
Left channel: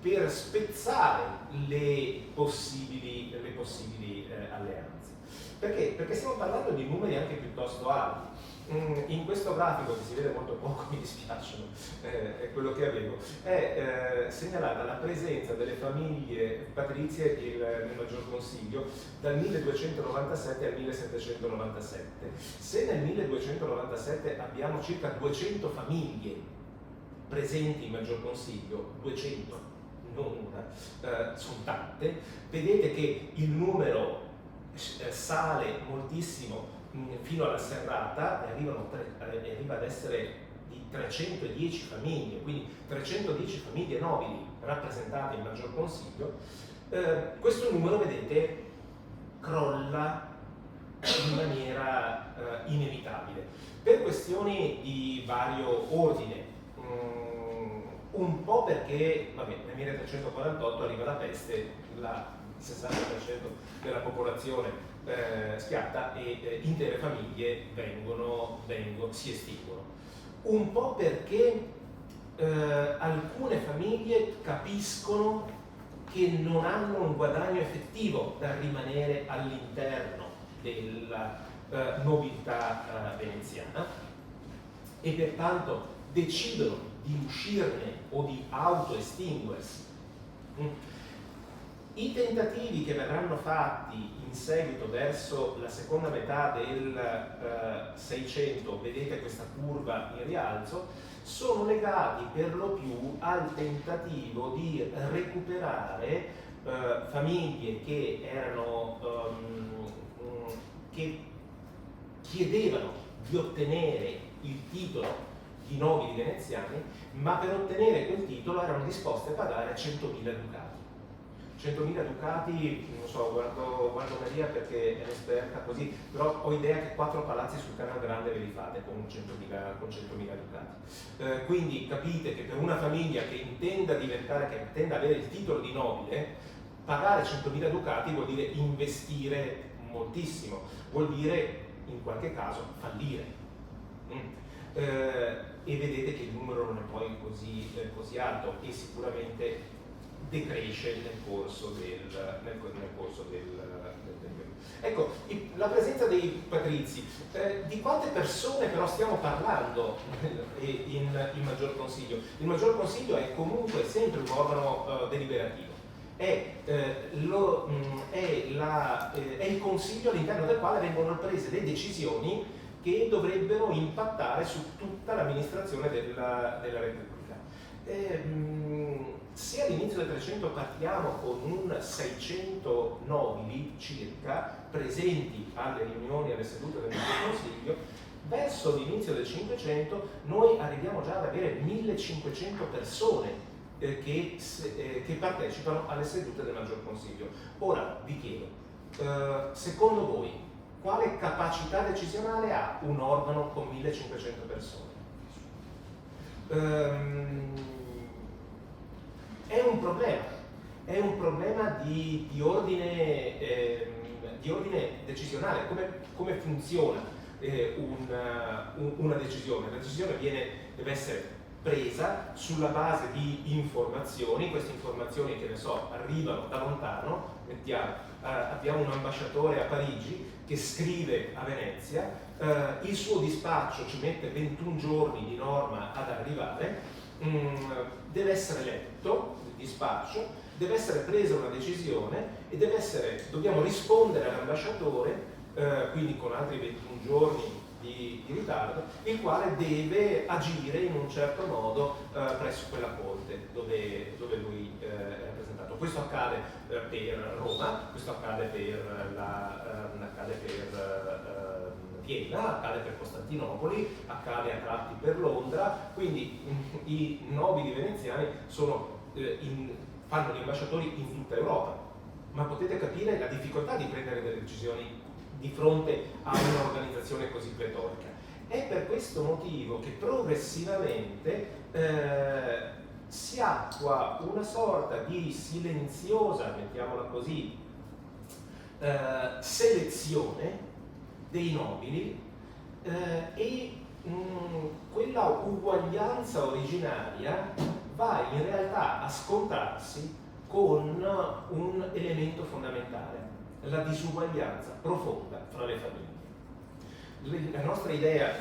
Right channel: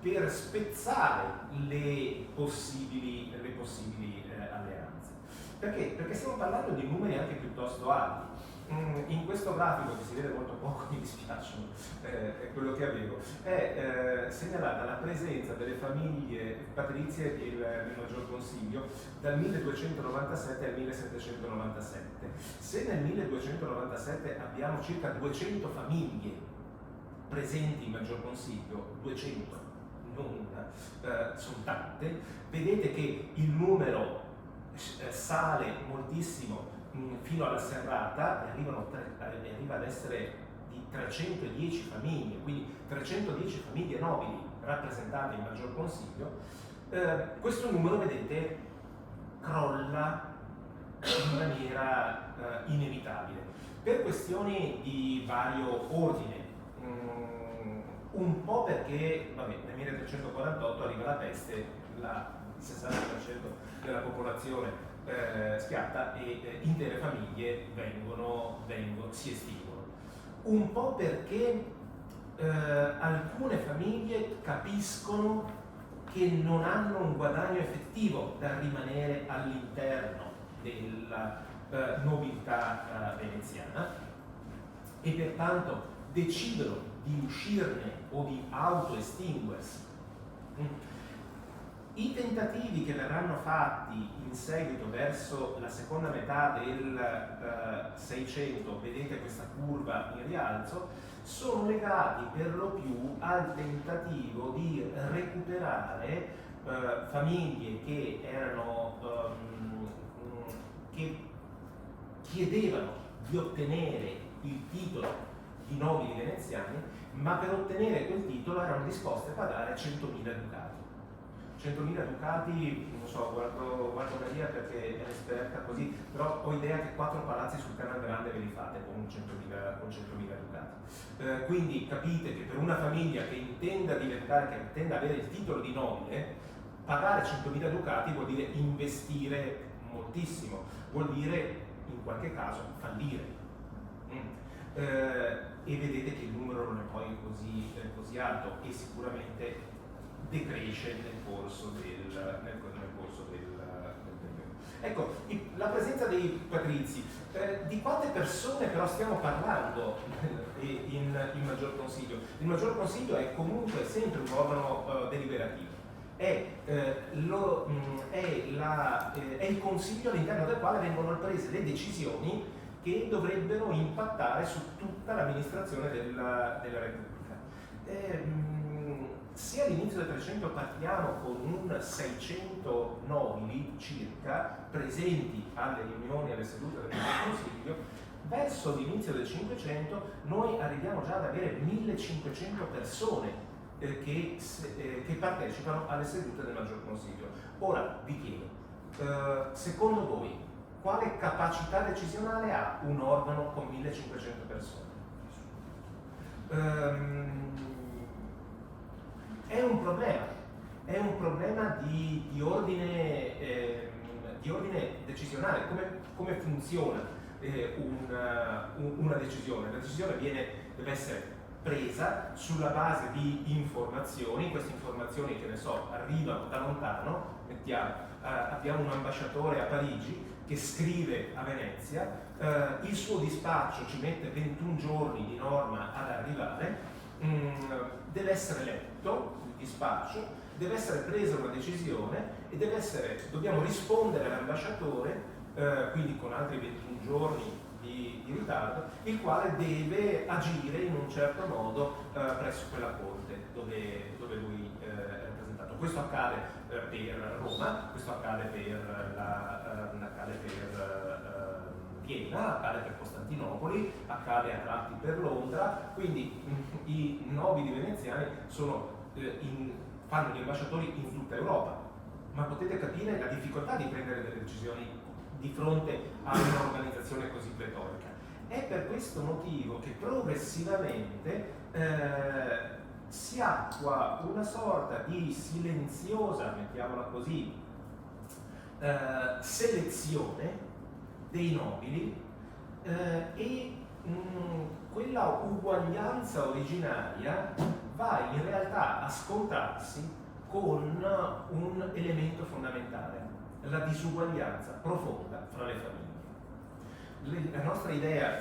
Per spezzare le possibili alleanze. Perché? Perché stiamo parlando di numeri anche piuttosto alti. In questo grafico, che si vede molto poco, mi dispiace, è quello che avevo, è segnalata la presenza delle famiglie patrizie nel Maggior Consiglio dal 1297 al 1797. Se nel 1297 abbiamo circa 200 famiglie presenti in Maggior Consiglio, 200, non una, sono tante, vedete che il numero sale moltissimo fino alla serrata e arriva ad essere di 310 famiglie, quindi 310 famiglie nobili rappresentate in Maggior Consiglio. Questo numero, vedete, crolla in maniera inevitabile per questioni di vario ordine. Un po' perché, vabbè, nel 1348 arriva la peste, il 60% della popolazione schiatta e intere famiglie si estinguono. Un po' perché alcune famiglie capiscono che non hanno un guadagno effettivo da rimanere all'interno della nobiltà veneziana e pertanto decidono di uscirne o di autoestinguersi. I tentativi che verranno fatti in seguito verso la seconda metà del 600, vedete questa curva in rialzo, sono legati per lo più al tentativo di recuperare famiglie che che chiedevano di ottenere il titolo di nobili veneziani, ma per ottenere quel titolo erano disposti a pagare 100.000 ducati. 100.000 ducati, non so, guardo Maria perché è l'esperta così, però ho idea che 4 palazzi sul Canal Grande ve li fate con 100.000 ducati. Quindi capite che per una famiglia che intenda avere il titolo di nobile, pagare 100.000 ducati vuol dire investire moltissimo, vuol dire in qualche caso fallire. E vedete che il numero non è poi così alto e sicuramente decresce nel corso del periodo. Ecco, la presenza dei patrizi. Di quante persone però stiamo parlando in Maggior Consiglio? Il Maggior Consiglio è comunque sempre un organo deliberativo. È il Consiglio all'interno del quale vengono prese le decisioni che dovrebbero impattare su tutta l'amministrazione della Repubblica. Se all'inizio del 300 partiamo con un 600 nobili circa presenti alle riunioni, alle sedute del Consiglio, verso l'inizio del 500 noi arriviamo già ad avere 1500 persone che partecipano alle sedute del Maggior Consiglio. Ora vi chiedo, secondo voi, quale capacità decisionale ha un organo con 1500 persone? È un problema di ordine decisionale. Come funziona una decisione? La decisione deve essere presa sulla base di informazioni. Queste informazioni, che ne so, arrivano da lontano. Abbiamo un ambasciatore a Parigi che scrive a Venezia, il suo dispaccio ci mette 21 giorni di norma ad arrivare, deve essere letto il dispaccio, deve essere presa una decisione e dobbiamo rispondere all'ambasciatore, quindi con altri 21 giorni di ritardo, il quale deve agire in un certo modo presso quella corte dove lui è rappresentato. Questo accade per Roma, questo accade per Vienna, accade per Costantinopoli, accade a tratti per Londra, quindi i nobili veneziani fanno gli ambasciatori in tutta Europa, ma potete capire la difficoltà di prendere delle decisioni di fronte a un'organizzazione così pletorica. È per questo motivo che progressivamente si attua una sorta di silenziosa, mettiamola così, selezione dei nobili e quella uguaglianza originaria va in realtà a scontrarsi con un elemento fondamentale, la disuguaglianza profonda fra le famiglie. La nostra idea,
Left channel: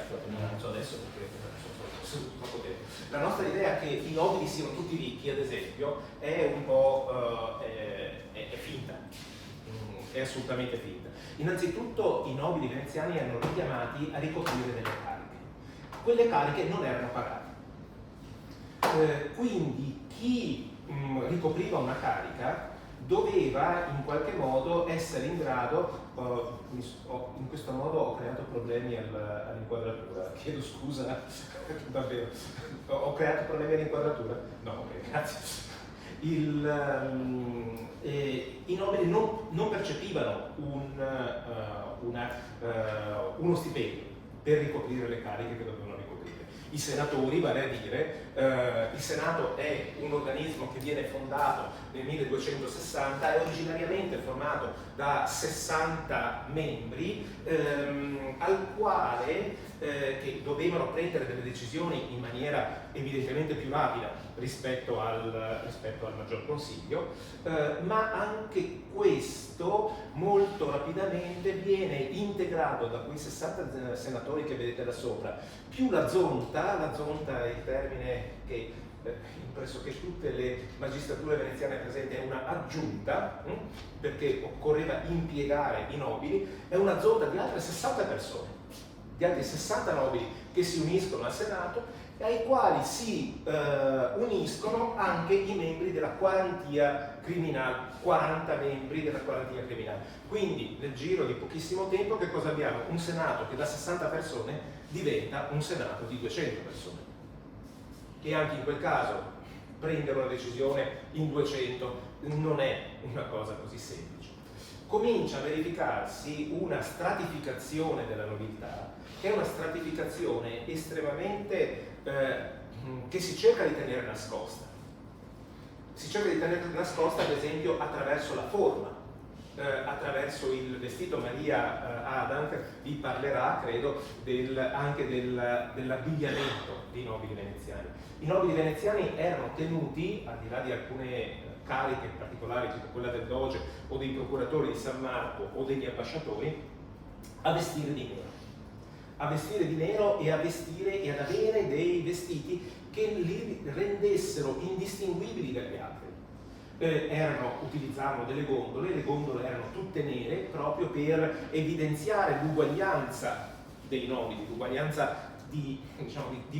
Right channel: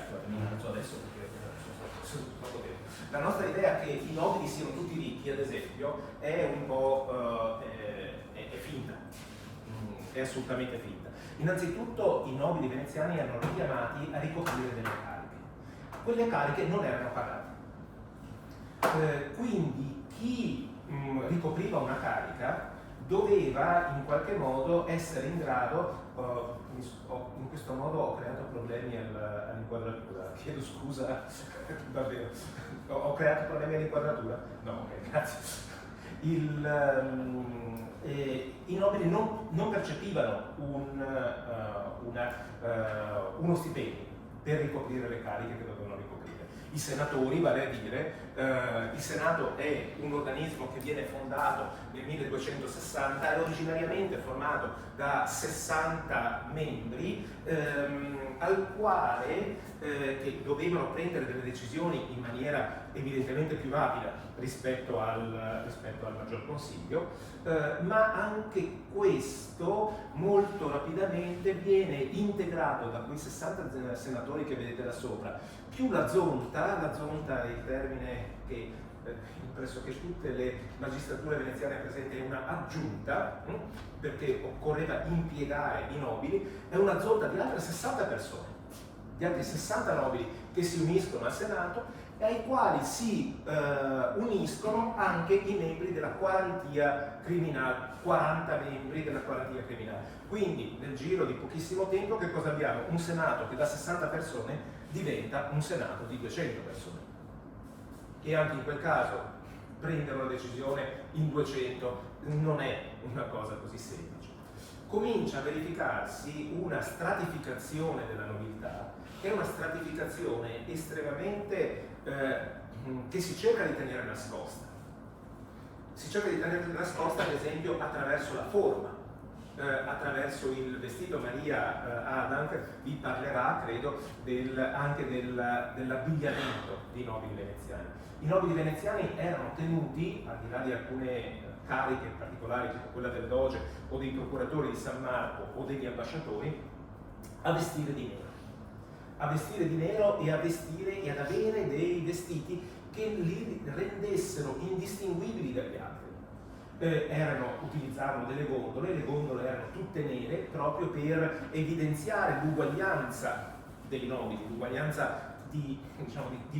la nostra idea che i nobili siano tutti ricchi, ad esempio, è un po' è finta, è assolutamente finta. Innanzitutto i nobili veneziani erano richiamati a ricoprire delle cariche. Quelle cariche non erano pagate. Quindi chi ricopriva una carica doveva in qualche modo essere in grado, in questo modo ho creato problemi all'inquadratura, chiedo scusa, davvero, ho creato problemi all'inquadratura? No, ok, grazie. I nobili non percepivano uno stipendio per ricoprire le cariche che dovevano ricoprire. I senatori, vale a dire, il Senato è un organismo che viene fondato nel 1260, è originariamente formato da 60 membri al quale che dovevano prendere delle decisioni in maniera evidentemente più rapida rispetto al Maggior Consiglio, ma anche questo molto rapidamente viene integrato da quei 60 senatori che vedete da sopra, più la zonta è il termine che in pressoché tutte le magistrature veneziane presenti è una aggiunta, perché occorreva impiegare i nobili, è una zonta di altre 60 persone, di altri 60 nobili che si uniscono al Senato e ai quali si uniscono anche i membri della quarantia criminale, 40 membri della quarantia criminale. Quindi nel giro di pochissimo tempo che cosa abbiamo? Un Senato che da 60 persone diventa un Senato di 200 persone. E anche in quel caso prendere una decisione in 200 non è una cosa così semplice. Comincia a verificarsi una stratificazione della nobiltà, che è una stratificazione estremamente che si cerca di tenere nascosta. Si cerca di tenere nascosta, ad esempio, attraverso la forma, attraverso il vestito. Maria Adam vi parlerà, credo, anche dell'abbigliamento dei nobili veneziani. I nobili veneziani erano tenuti, al di là di alcune cariche particolari, tipo quella del doge o dei procuratori di San Marco o degli ambasciatori, a vestire di nero. A vestire di nero e ad avere dei vestiti che li rendessero indistinguibili dagli altri. Utilizzavano delle gondole, le gondole erano tutte nere proprio per evidenziare l'uguaglianza dei nobili, l'uguaglianza di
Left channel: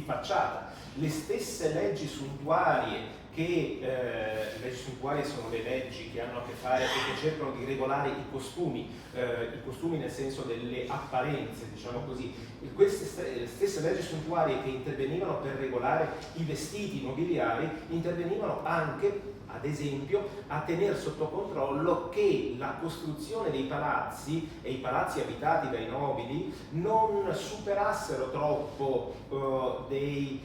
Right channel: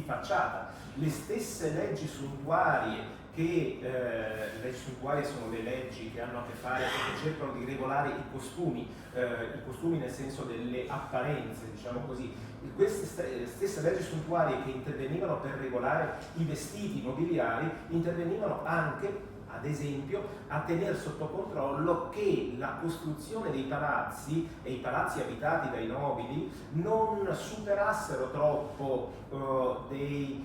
facciata. Le stesse leggi suntuarie le leggi suntuarie sono le leggi che hanno a che fare e che cercano di regolare i costumi nel senso delle apparenze, diciamo così. Queste stesse leggi suntuarie che intervenivano per regolare i vestiti nobiliari intervenivano anche, ad esempio, a tenere sotto controllo che la costruzione dei palazzi e i palazzi abitati dai nobili non superassero troppo dei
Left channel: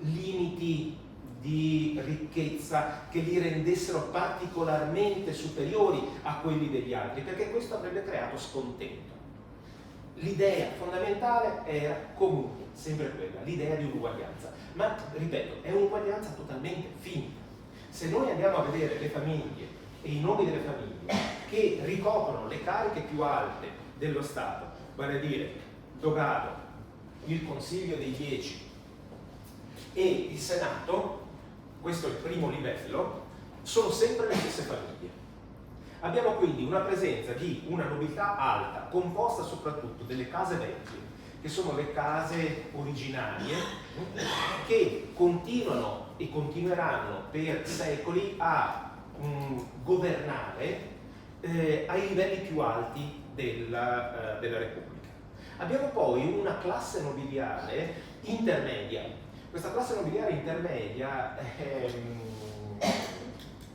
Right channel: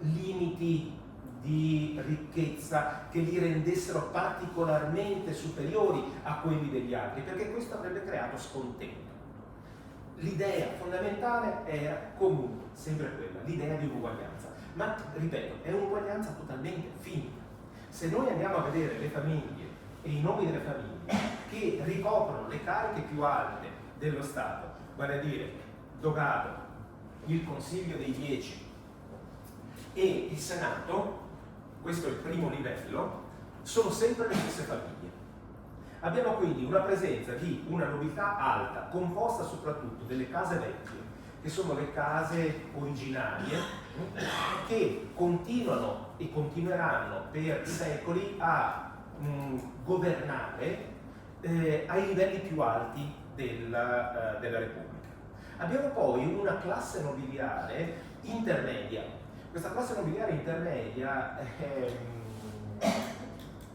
limiti di ricchezza che li rendessero particolarmente superiori a quelli degli altri, perché questo avrebbe creato scontento. L'idea fondamentale era comunque sempre quella, l'idea di un'uguaglianza, ma ripeto, è un'uguaglianza totalmente finita. Se noi andiamo a vedere le famiglie e i nomi delle famiglie che ricoprono le cariche più alte dello Stato, vale a dire Dogado, il Consiglio dei 10 e il Senato, questo è il primo livello, sono sempre le stesse famiglie. Abbiamo quindi una presenza di una nobiltà alta, composta soprattutto delle case vecchie, che sono le case originarie, che continuano e continueranno per secoli a governare ai livelli più alti della Repubblica. Abbiamo poi una classe nobiliare intermedia. Questa classe nobiliare intermedia è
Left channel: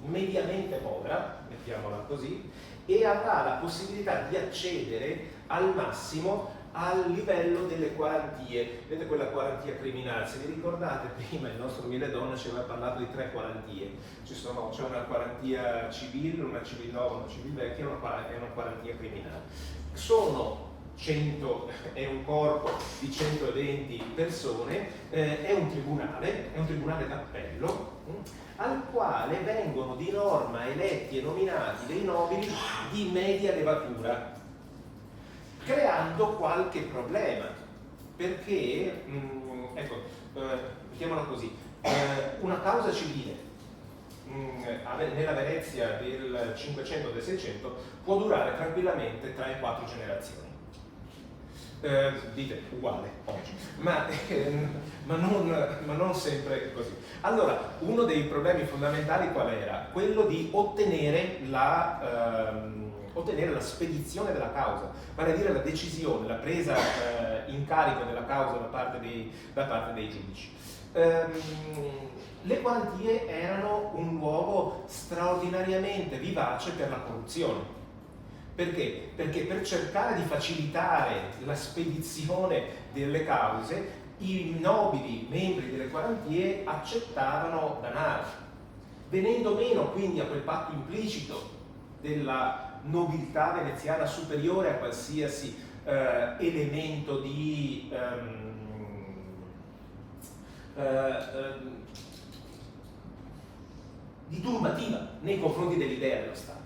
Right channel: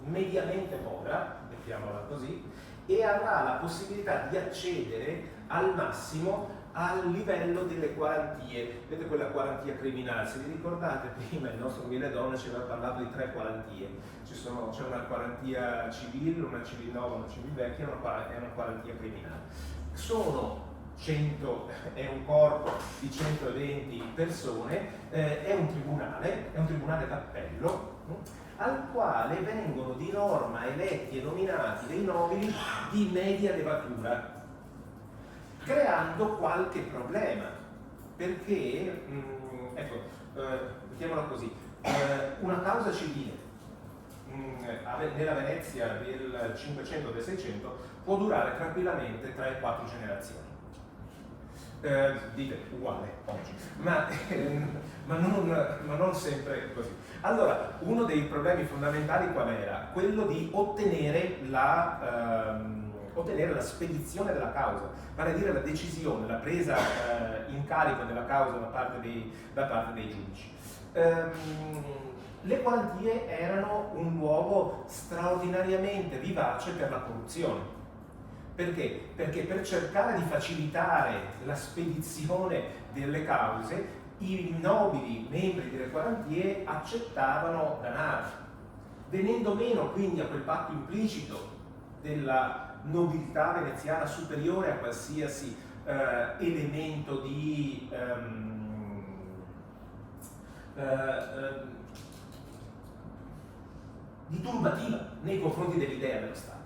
mediamente povera, mettiamola così, e avrà la possibilità di accedere al massimo al livello delle quarantie. Vedete quella quarantia criminale? Se vi ricordate, prima il nostro Mille Donne ci aveva parlato di 3 quarantie. C'è una quarantia civile, una civil nova, una civil vecchia e una quarantia criminale. È un corpo di 120 persone, è un tribunale d'appello, al quale vengono di norma eletti e nominati dei nobili di media levatura, creando qualche problema, perché, mettiamolo così, una causa civile nella Venezia del 500 o del 600 può durare tranquillamente 3 e 4 generazioni. Dite uguale oggi, ma non sempre così. Allora, uno dei problemi fondamentali qual era? Quello di ottenere la spedizione della causa, vale a dire la decisione, la presa in carico della causa da parte dei giudici. Le quarantie erano un luogo straordinariamente vivace per la corruzione. Perché? Perché per cercare di facilitare la spedizione delle cause, i nobili membri delle quarantie accettavano danaro, venendo meno quindi a quel patto implicito della nobiltà veneziana superiore a qualsiasi elemento di turbativa nei confronti dell'idea dello Stato.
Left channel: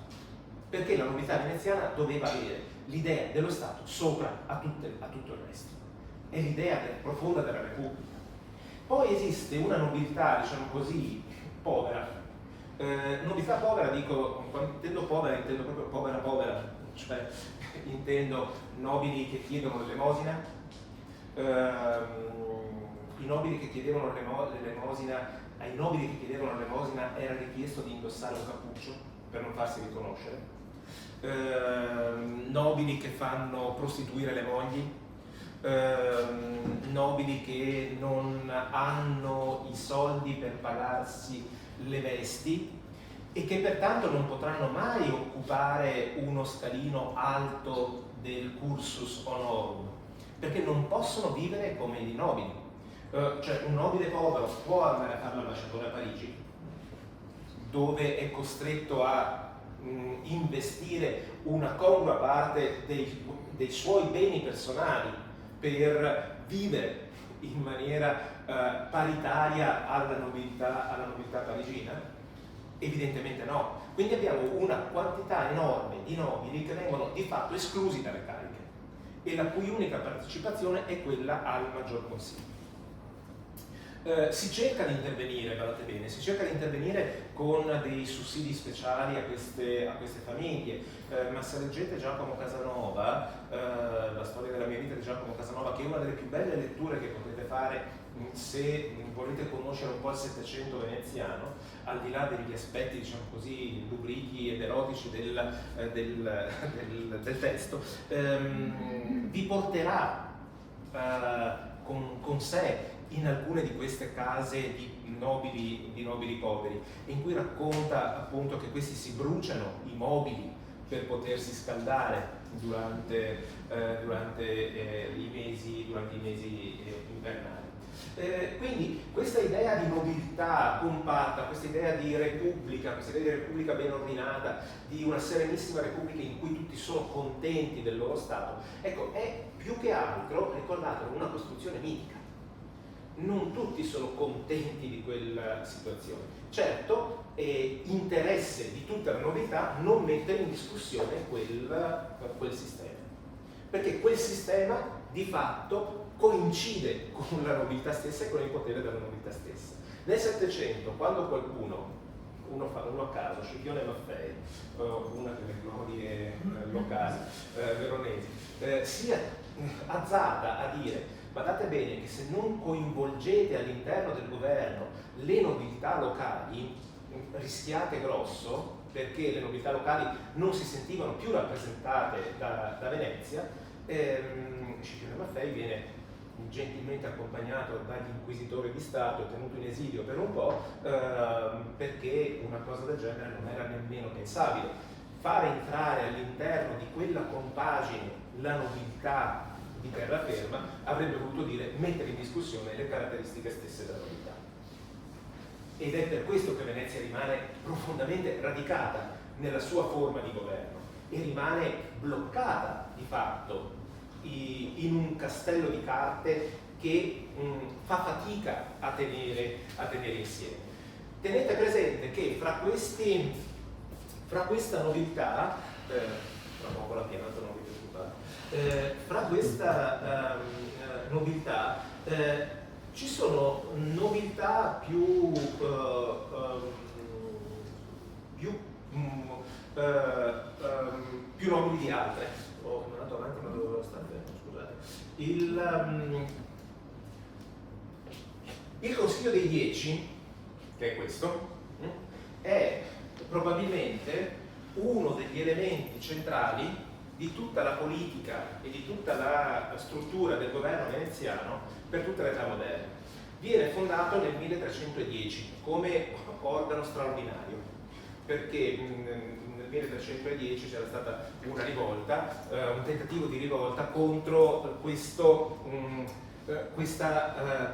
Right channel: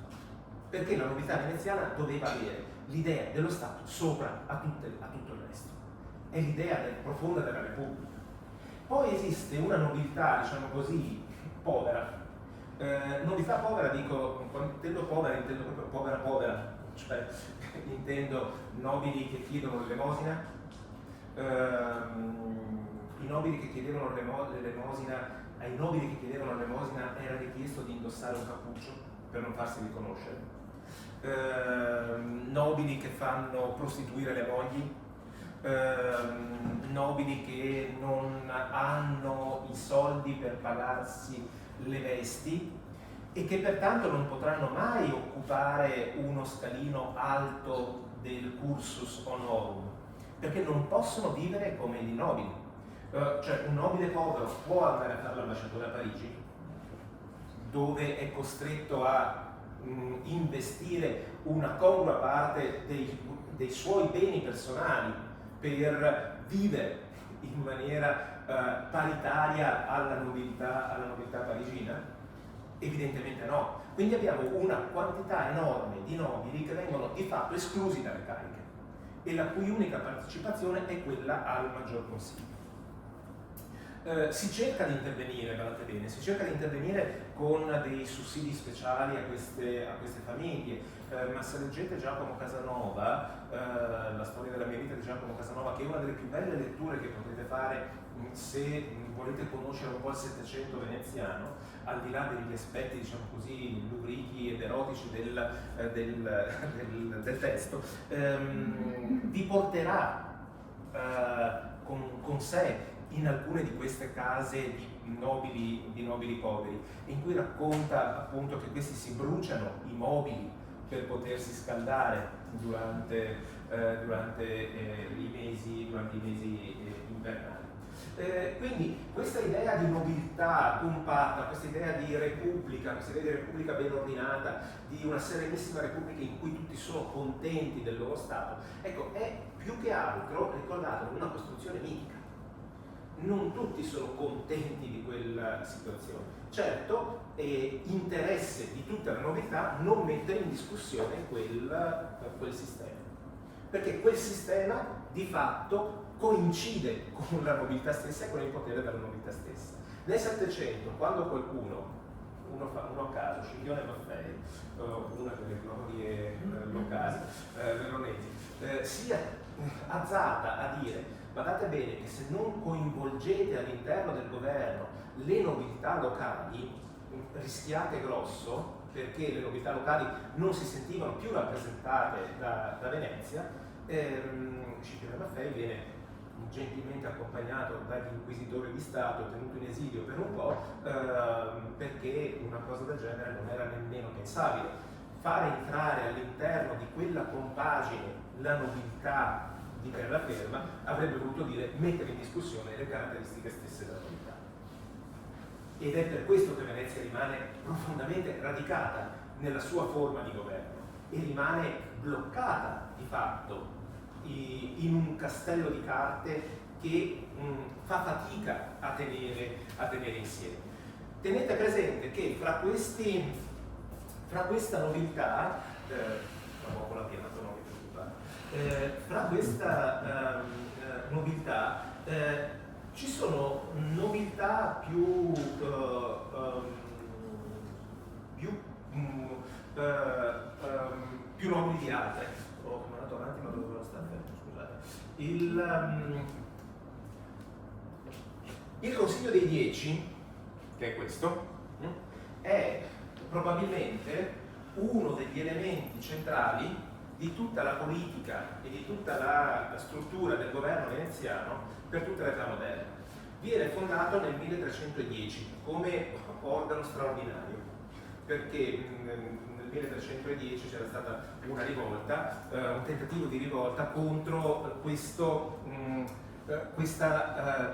Perché la nobiltà veneziana doveva avere l'idea dello Stato sopra a tutto il resto. È l'idea profonda della Repubblica. Poi esiste una nobiltà, diciamo così, povera. Nobiltà povera, quando intendo povera, intendo proprio povera, cioè intendo nobili che chiedono l'elemosina. I nobili che chiedevano l'elemosina, ai nobili che chiedevano l'elemosina era richiesto di indossare un cappuccio per non farsi riconoscere. Nobili che fanno prostituire le mogli, nobili che non hanno i soldi per pagarsi le vesti e che pertanto non potranno mai occupare uno scalino alto del cursus honorum, perché non possono vivere come i nobili. Cioè un nobile povero può andare a fare l'ambasciatore a Parigi, dove è costretto a investire una congrua parte dei suoi beni personali per vivere in maniera paritaria alla nobiltà parigina? Evidentemente no. Quindi abbiamo una quantità enorme di nobili che vengono di fatto esclusi dalle cariche e la cui unica partecipazione è quella al maggior consiglio. Si cerca di intervenire, guardate bene, si cerca di intervenire con dei sussidi speciali a queste famiglie, ma se leggete Giacomo Casanova, la storia della mia vita di Giacomo Casanova, che è una delle più belle letture che potete fare se volete conoscere un po' il Settecento veneziano, al di là degli aspetti, diciamo così, lubrichi ed erotici del testo, vi porterà con sé in alcune di queste case di nobili poveri, in cui racconta appunto che questi si bruciano i mobili per potersi scaldare durante i mesi invernali. Quindi questa idea di nobiltà compatta, questa idea di repubblica ben ordinata, di una serenissima repubblica in cui tutti sono contenti del loro stato, ecco, è più che altro, ricordatelo, una costruzione mitica. Non tutti sono contenti di quella situazione. Certo, è interesse di tutta la nobiltà non mettere in discussione quel sistema, perché quel sistema di fatto coincide con la nobiltà stessa e con il potere della nobiltà stessa. Nel Settecento, quando qualcuno, uno a caso, Scipione Maffei, una delle glorie locali veronesi, si azzarda a dire: guardate bene che se non coinvolgete all'interno del governo le nobiltà locali rischiate grosso, perché le nobiltà locali non si sentivano più rappresentate da Venezia. Scipione Maffei viene gentilmente accompagnato dagli inquisitori di Stato e tenuto in esilio per un po', perché una cosa del genere non era nemmeno pensabile. Fare entrare all'interno di quella compagine la nobiltà di terraferma avrebbe voluto dire mettere in discussione le caratteristiche stesse della nobiltà. Ed è per questo che Venezia rimane profondamente radicata nella sua forma di governo e rimane bloccata di fatto in un castello di carte che fa fatica a tenere insieme. Tenete presente che fra questa nobiltà, tra poco la pianata non vi preoccupate, fra questa nobiltà ci sono nobiltà più nobili di altre. Ho andato avanti ma dovevo stare fermo, scusate. Il Consiglio dei 10, che è questo, è probabilmente uno degli elementi centrali di tutta la politica e di tutta la struttura del governo veneziano per tutta l'età moderna. Viene fondato nel 1310 come organo straordinario, perché nel 1310 c'era stata una rivolta, un tentativo di rivolta contro questa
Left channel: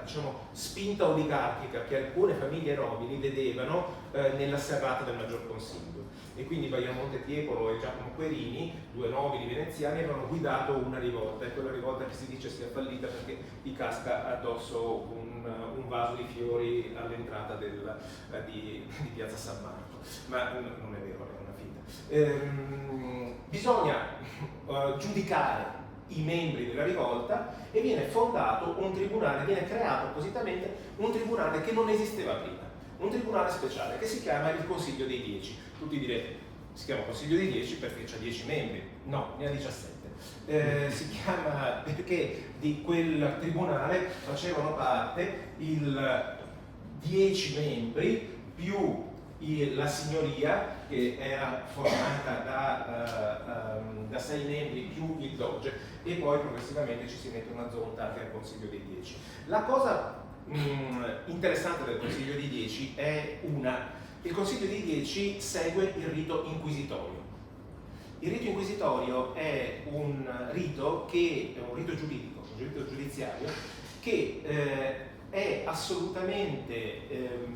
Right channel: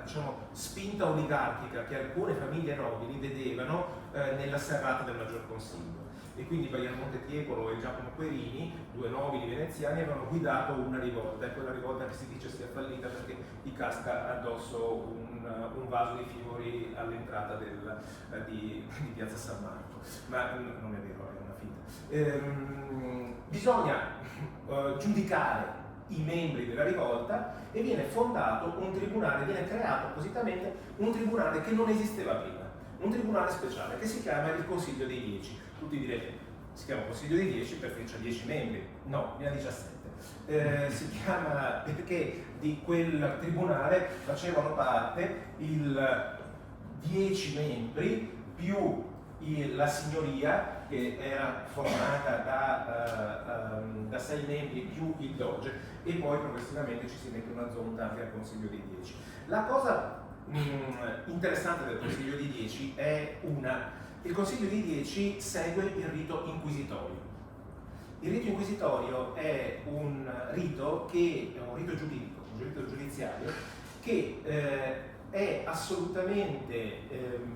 diciamo, spinta oligarchica che alcune famiglie nobili vedevano nella serrata del Maggior Consiglio. E quindi Baiamonte Tiepolo e Giacomo Querini, due nobili veneziani, avevano guidato una rivolta, e quella rivolta che si dice sia fallita perché gli casca addosso un vaso di fiori all'entrata di Piazza San Marco. Ma non è vero, è una finta. Bisogna giudicare i membri della rivolta e viene fondato un tribunale, viene creato appositamente un tribunale che non esisteva prima, un tribunale speciale che si chiama il Consiglio dei 10. Tutti direte, si chiama Consiglio dei 10 perché c'ha 10 membri, no, ne ha 17. Si chiama perché di quel tribunale facevano parte 10 membri più la signoria, che era formata da 6 membri più il doge, e poi progressivamente ci si mette una zonta che è il Consiglio dei 10. La cosa interessante del Consiglio dei 10 è il Consiglio dei 10 segue il rito inquisitorio. Il rito inquisitorio è un rito giuridico, un rito giudiziario che è assolutamente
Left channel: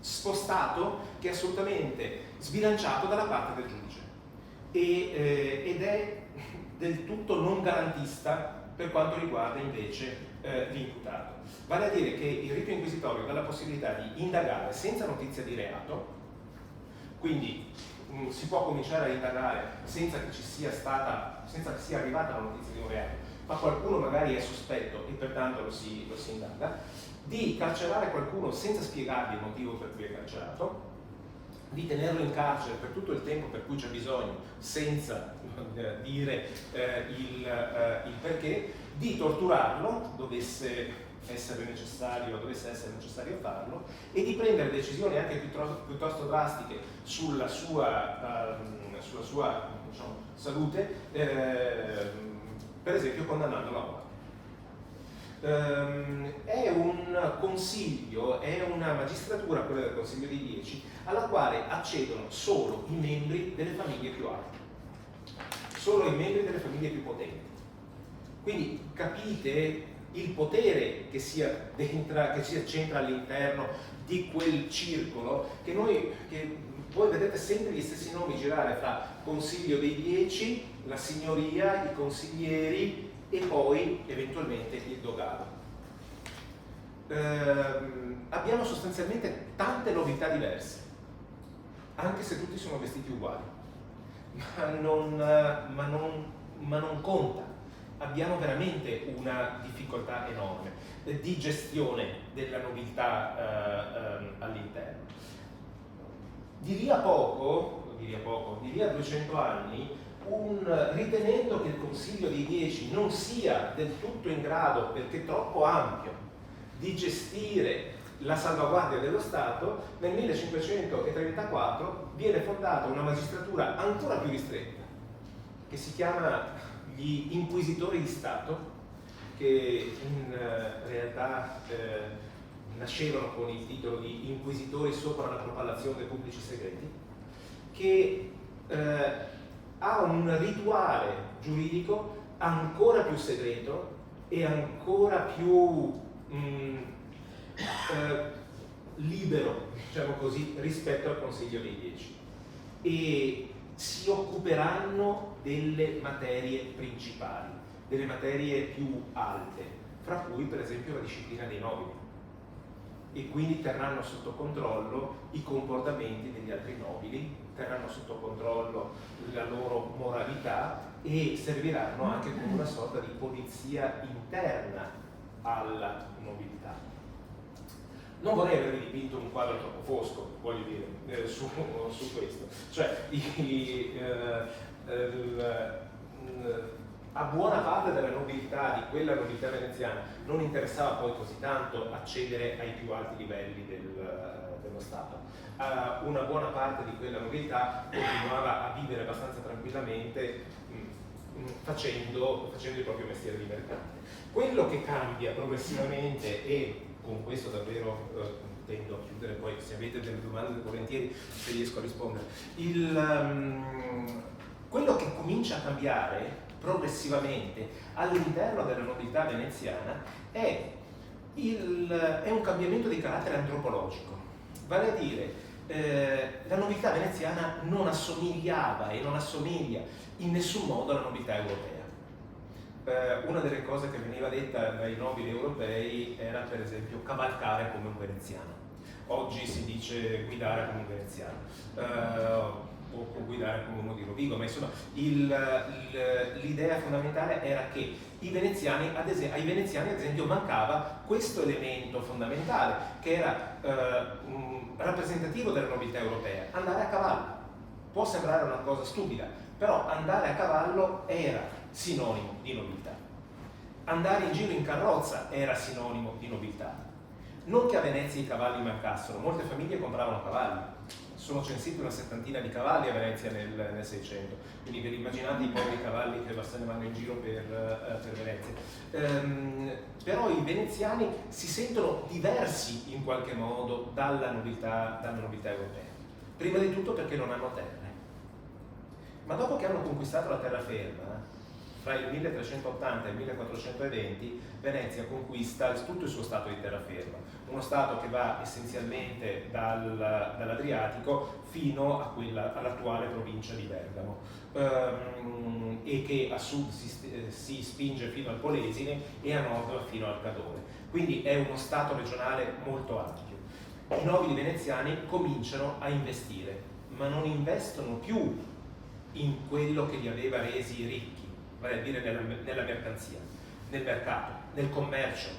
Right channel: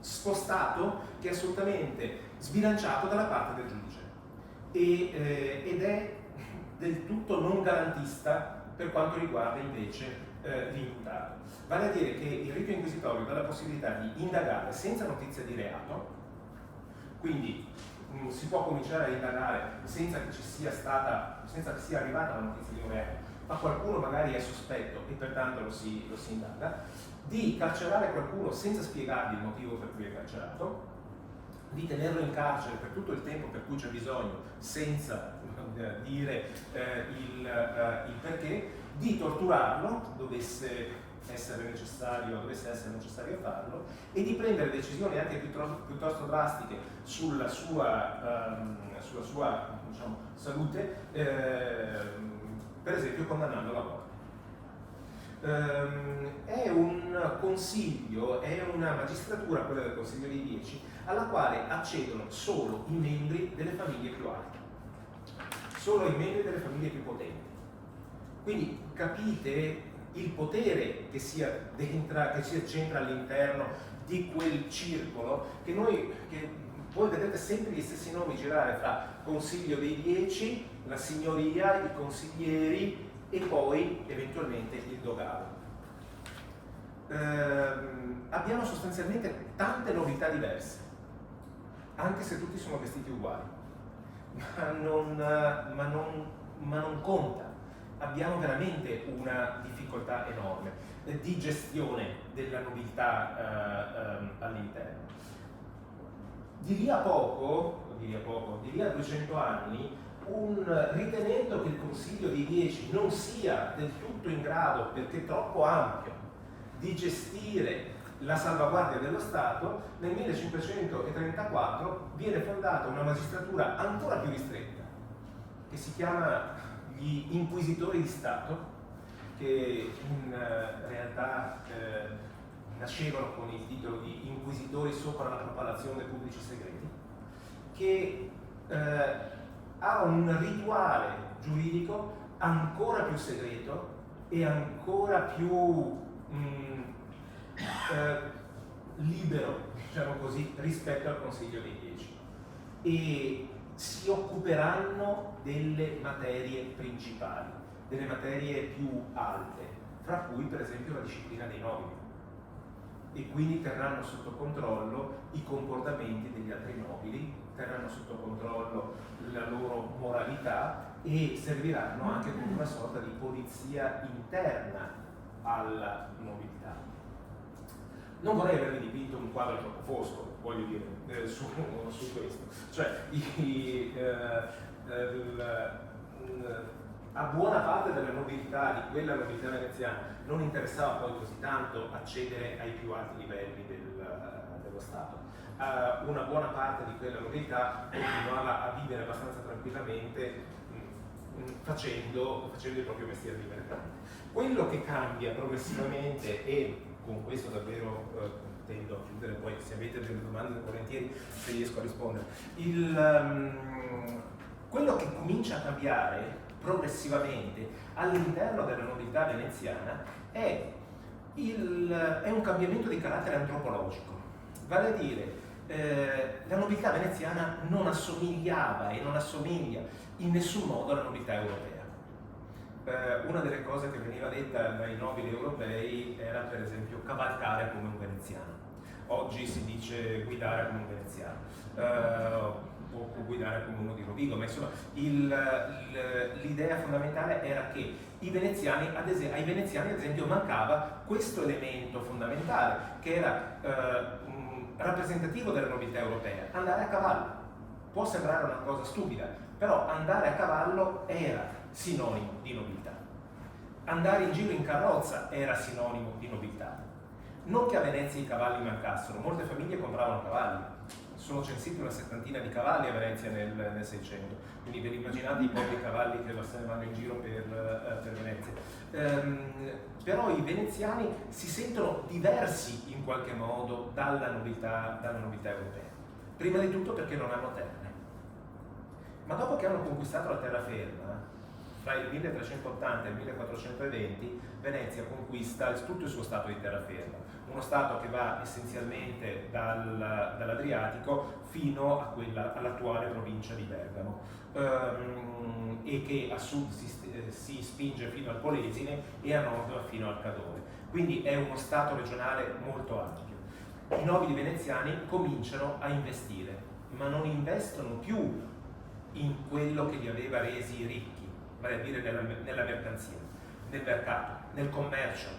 spostato, che è assolutamente sbilanciato dalla parte del giudice ed è del tutto non garantista per quanto riguarda invece l'imputato. Vale a dire che il rito inquisitorio dà la possibilità di indagare senza notizia di reato, quindi si può cominciare a indagare senza che sia arrivata la notizia di un reato, ma qualcuno magari è sospetto e pertanto lo si indaga, di carcerare qualcuno senza spiegargli il motivo per cui è carcerato, di tenerlo in carcere per tutto il tempo per cui c'è bisogno senza dire il perché, di torturarlo dovesse essere necessario farlo, e di prendere decisioni anche piuttosto drastiche sulla sua diciamo, salute, per esempio condannando la morte. È un consiglio, è una magistratura, quella del Consiglio dei 10, alla quale accedono solo i membri delle famiglie più alte, solo i membri delle famiglie più potenti. Quindi capite il potere che si accentra all'interno di quel circolo che voi vedrete sempre gli stessi nomi girare fra Consiglio dei 10, la signoria, i consiglieri e poi eventualmente il dogaro. Abbiamo sostanzialmente tante novità diverse, anche se tutti sono vestiti uguali, ma non conta. Abbiamo veramente una difficoltà enorme di gestione della nobiltà all'interno. Di lì a 200 anni, ritenendo che il Consiglio dei 10 non sia del tutto in grado, perché troppo ampio, di gestire la salvaguardia dello Stato, nel 1534 viene fondata una magistratura ancora più ristretta, che si chiama gli Inquisitori di Stato, che in realtà nascevano con il titolo di Inquisitori sopra la propalazione dei pubblici segreti, che ha un rituale giuridico ancora più segreto e ancora più libero, diciamo così, rispetto al Consiglio dei 10, e si occuperanno delle materie principali, delle materie più alte, fra cui per esempio la disciplina dei nobili, e quindi terranno sotto controllo i comportamenti degli altri nobili, terranno sotto controllo la loro moralità e serviranno anche come una sorta di polizia interna alla nobiltà. Non vorrei avervi dipinto un quadro troppo fosco, voglio dire, su questo. Cioè, a buona parte della nobiltà, di quella nobiltà veneziana, non interessava poi così tanto accedere ai più alti livelli dello Stato. Una buona parte di quella nobiltà continuava a vivere abbastanza tranquillamente facendo il proprio mestiere di mercante. Quello che cambia progressivamente, e con questo davvero tendo a chiudere, poi se avete delle domande volentieri se riesco a rispondere, quello che comincia a cambiare progressivamente all'interno della nobiltà veneziana è un cambiamento di carattere antropologico, vale a dire la nobiltà veneziana non assomigliava e non assomiglia in nessun modo alla nobiltà europea. Una delle cose che veniva detta dai nobili europei era per esempio cavalcare come un veneziano. Oggi si dice guidare come un veneziano, o guidare come uno di Rovigo, ma insomma l'idea fondamentale era che ai veneziani ad esempio mancava questo elemento fondamentale che era rappresentativo della nobiltà europea: andare a cavallo. Può sembrare una cosa stupida, però andare a cavallo era sinonimo di nobiltà. Andare in giro in carrozza era sinonimo di nobiltà. Non che a Venezia i cavalli mancassero, molte famiglie compravano cavalli, sono censiti una settantina di cavalli a Venezia nel 600, quindi vi immaginate i poveri cavalli che se ne vanno in giro per Venezia. Però i veneziani si sentono diversi in qualche modo dalla novità europea. Prima di tutto perché non hanno terre. Ma dopo che hanno conquistato la terraferma, fra il 1380 e il 1420, Venezia conquista tutto il suo stato di terraferma, uno stato che va essenzialmente dall'Adriatico fino all'attuale provincia di Bergamo, e che a sud si spinge fino al Polesine e a nord fino al Cadore. Quindi è uno stato regionale molto ampio. I nobili veneziani cominciano a investire, ma non investono più in quello che li aveva resi ricchi, vale a dire nella mercanzia, nel mercato, nel commercio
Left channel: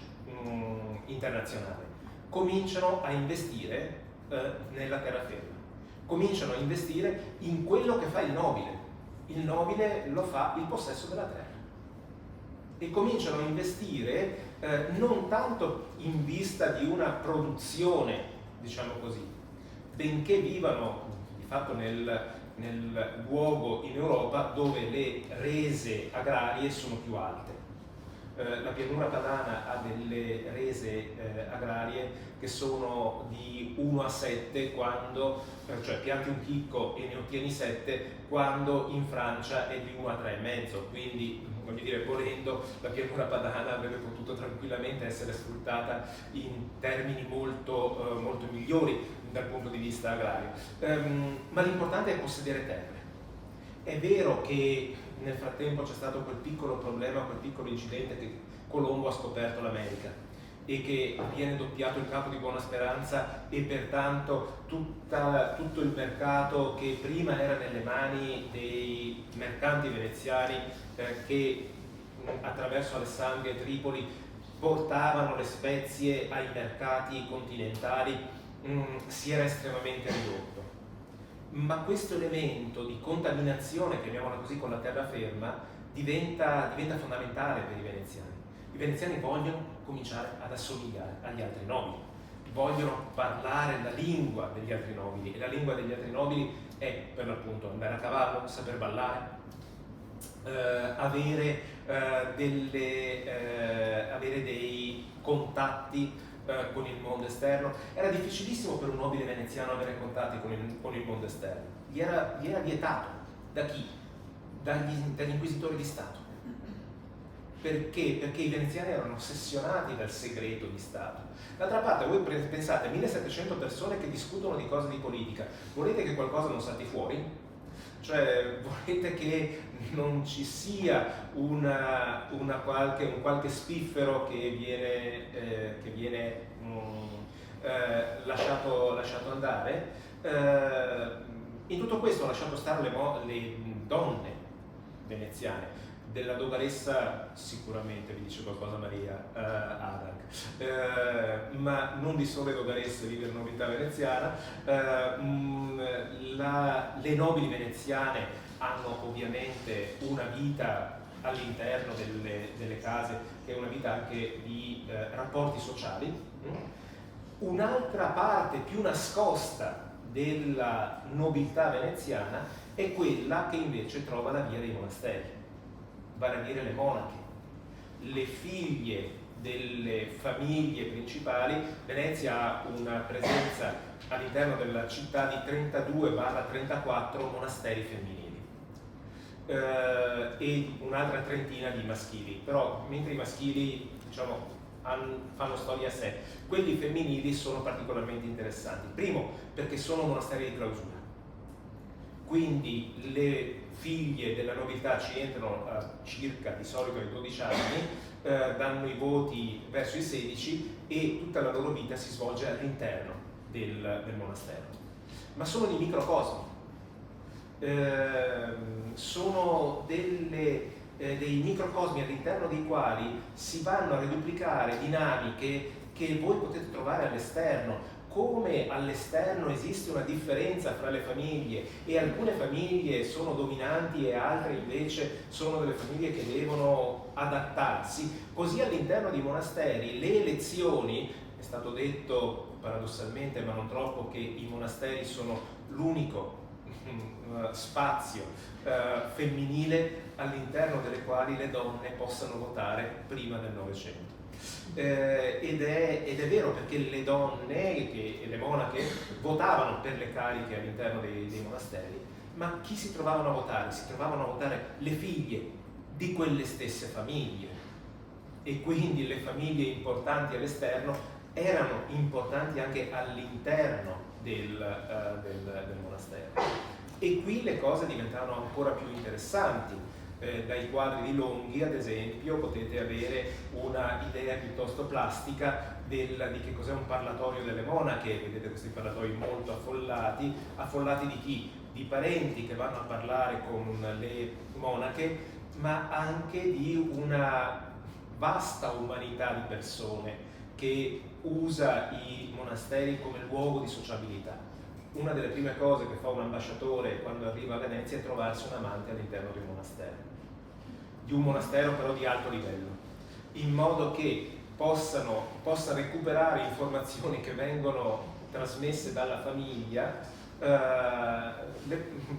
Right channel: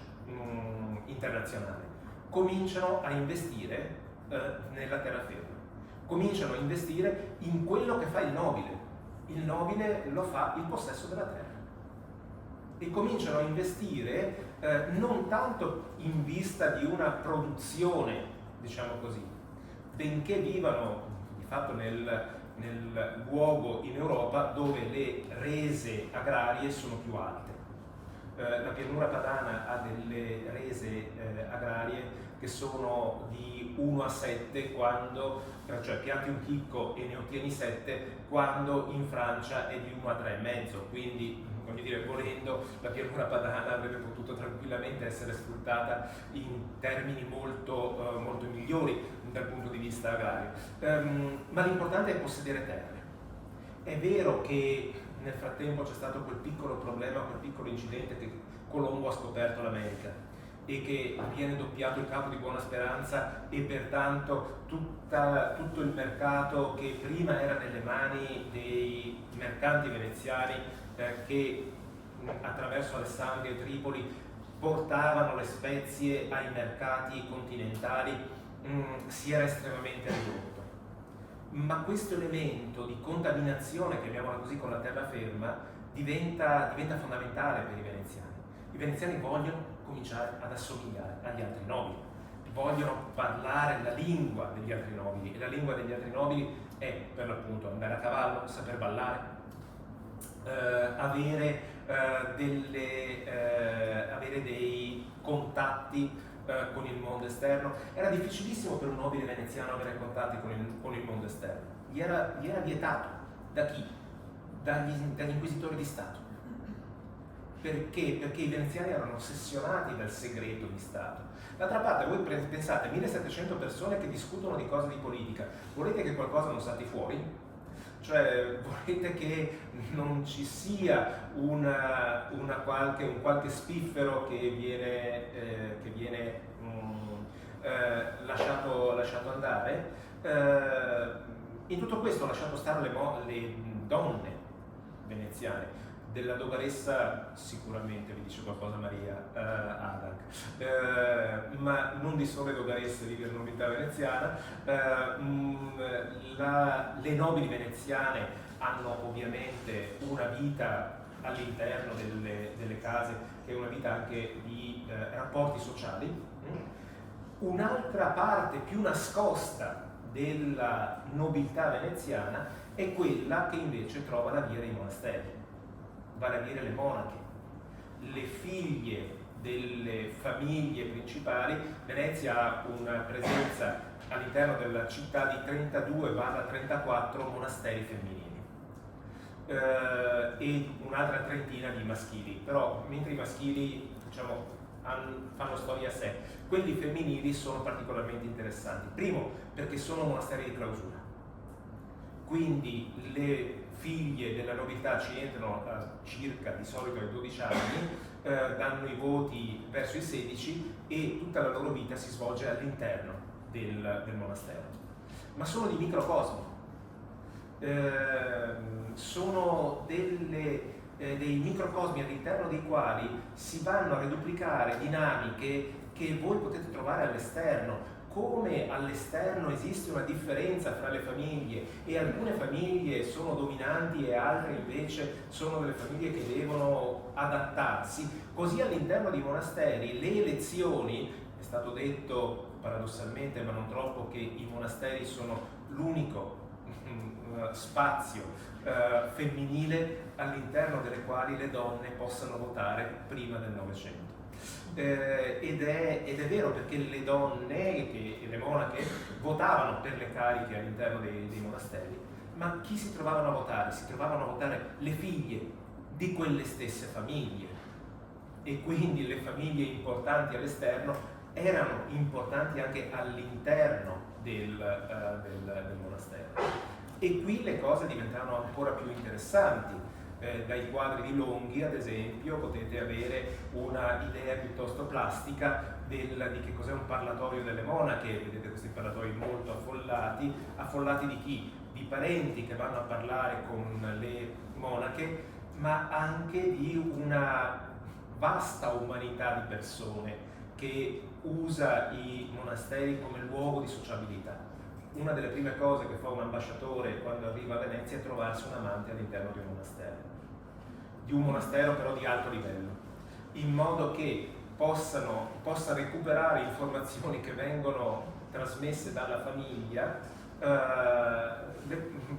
internazionale. Cominciano a investire nella terraferma, cominciano a investire in quello che fa il nobile. Il nobile lo fa il possesso della terra. E cominciano a investire non tanto in vista di una produzione, diciamo così, benché vivano di fatto nel luogo in Europa dove le rese agrarie sono più alte. La pianura padana ha delle rese agrarie che sono di 1 a 7 quando, cioè pianti un chicco e ne ottieni 7, quando in Francia è di 1 a 3,5, quindi come dire, volendo, la pianura padana avrebbe potuto tranquillamente essere sfruttata in termini molto, molto migliori dal punto di vista agrario. Ma l'importante è possedere terre. È vero che nel frattempo c'è stato quel piccolo problema, quel piccolo incidente che Colombo ha scoperto l'America e che viene doppiato il Capo di Buona Speranza e pertanto tutto il mercato che prima era nelle mani dei mercanti veneziani che attraverso Alessandria e Tripoli portavano le spezie ai mercati continentali si era estremamente ridotto. Ma questo elemento di contaminazione, chiamiamola così, con la terraferma diventa fondamentale per i veneziani. I veneziani vogliono cominciare ad assomigliare agli altri nobili, vogliono parlare la lingua degli altri nobili, e la lingua degli altri nobili è per l'appunto andare a cavallo, saper ballare, avere dei contatti con il mondo esterno. Era difficilissimo per un nobile veneziano avere contatti con il mondo esterno. Gli era vietato. Da chi? Dagli inquisitori di Stato. Perché? Perché i veneziani erano ossessionati dal segreto di Stato. D'altra parte, voi pensate, 1700 persone che discutono di cose di politica, volete che qualcosa non salti fuori? Cioè, volete che non ci sia un qualche spiffero che viene lasciato andare? In tutto questo ho lasciato stare le donne veneziane. Della dogaressa sicuramente vi dice qualcosa Maria Adak, ma non di sole dogaresse vive la nobiltà veneziana. Le nobili veneziane hanno ovviamente una vita all'interno delle case che è una vita anche di rapporti sociali. Un'altra parte più nascosta della nobiltà veneziana è quella che invece trova la via dei monasteri, vale a dire le monache, le figlie delle famiglie principali. Venezia ha una presenza all'interno della città di 32-34 monasteri femminili e un'altra trentina di maschili, però mentre i maschili, diciamo, fanno storia a sé, quelli femminili sono particolarmente interessanti. Primo, perché sono monasteri di clausura, quindi le figlie della nobiltà ci entrano circa di solito ai 12 anni, danno i voti verso i 16 e tutta la loro vita si svolge all'interno del monastero. Ma sono di microcosmo, sono dei microcosmi all'interno dei quali si vanno a riduplicare dinamiche che voi potete trovare all'esterno. Come all'esterno esiste una differenza fra le famiglie e alcune famiglie sono dominanti e altre invece sono delle famiglie che devono adattarsi, così all'interno dei monasteri le elezioni È stato detto paradossalmente, ma non troppo, che i monasteri sono l'unico spazio femminile all'interno delle quali le donne possano votare prima del Novecento. Ed è vero, perché le donne e le monache votavano per le cariche all'interno dei monasteri, ma chi si trovavano a votare? Si trovavano a votare le figlie di quelle stesse famiglie, e quindi le famiglie importanti all'esterno erano importanti anche all'interno del monastero. E qui le cose diventavano ancora più interessanti. Dai quadri di Longhi, ad esempio, potete avere una idea piuttosto plastica di che cos'è un parlatorio delle monache. Vedete questi parlatori molto affollati. Affollati di chi? Di parenti che vanno a parlare con le monache, ma anche di una vasta umanità di persone che usa i monasteri come luogo di sociabilità. Una delle prime cose che fa un ambasciatore quando arriva a Venezia è trovarsi un amante all'interno di un monastero però di alto livello, in modo che possa recuperare informazioni che vengono trasmesse dalla famiglia,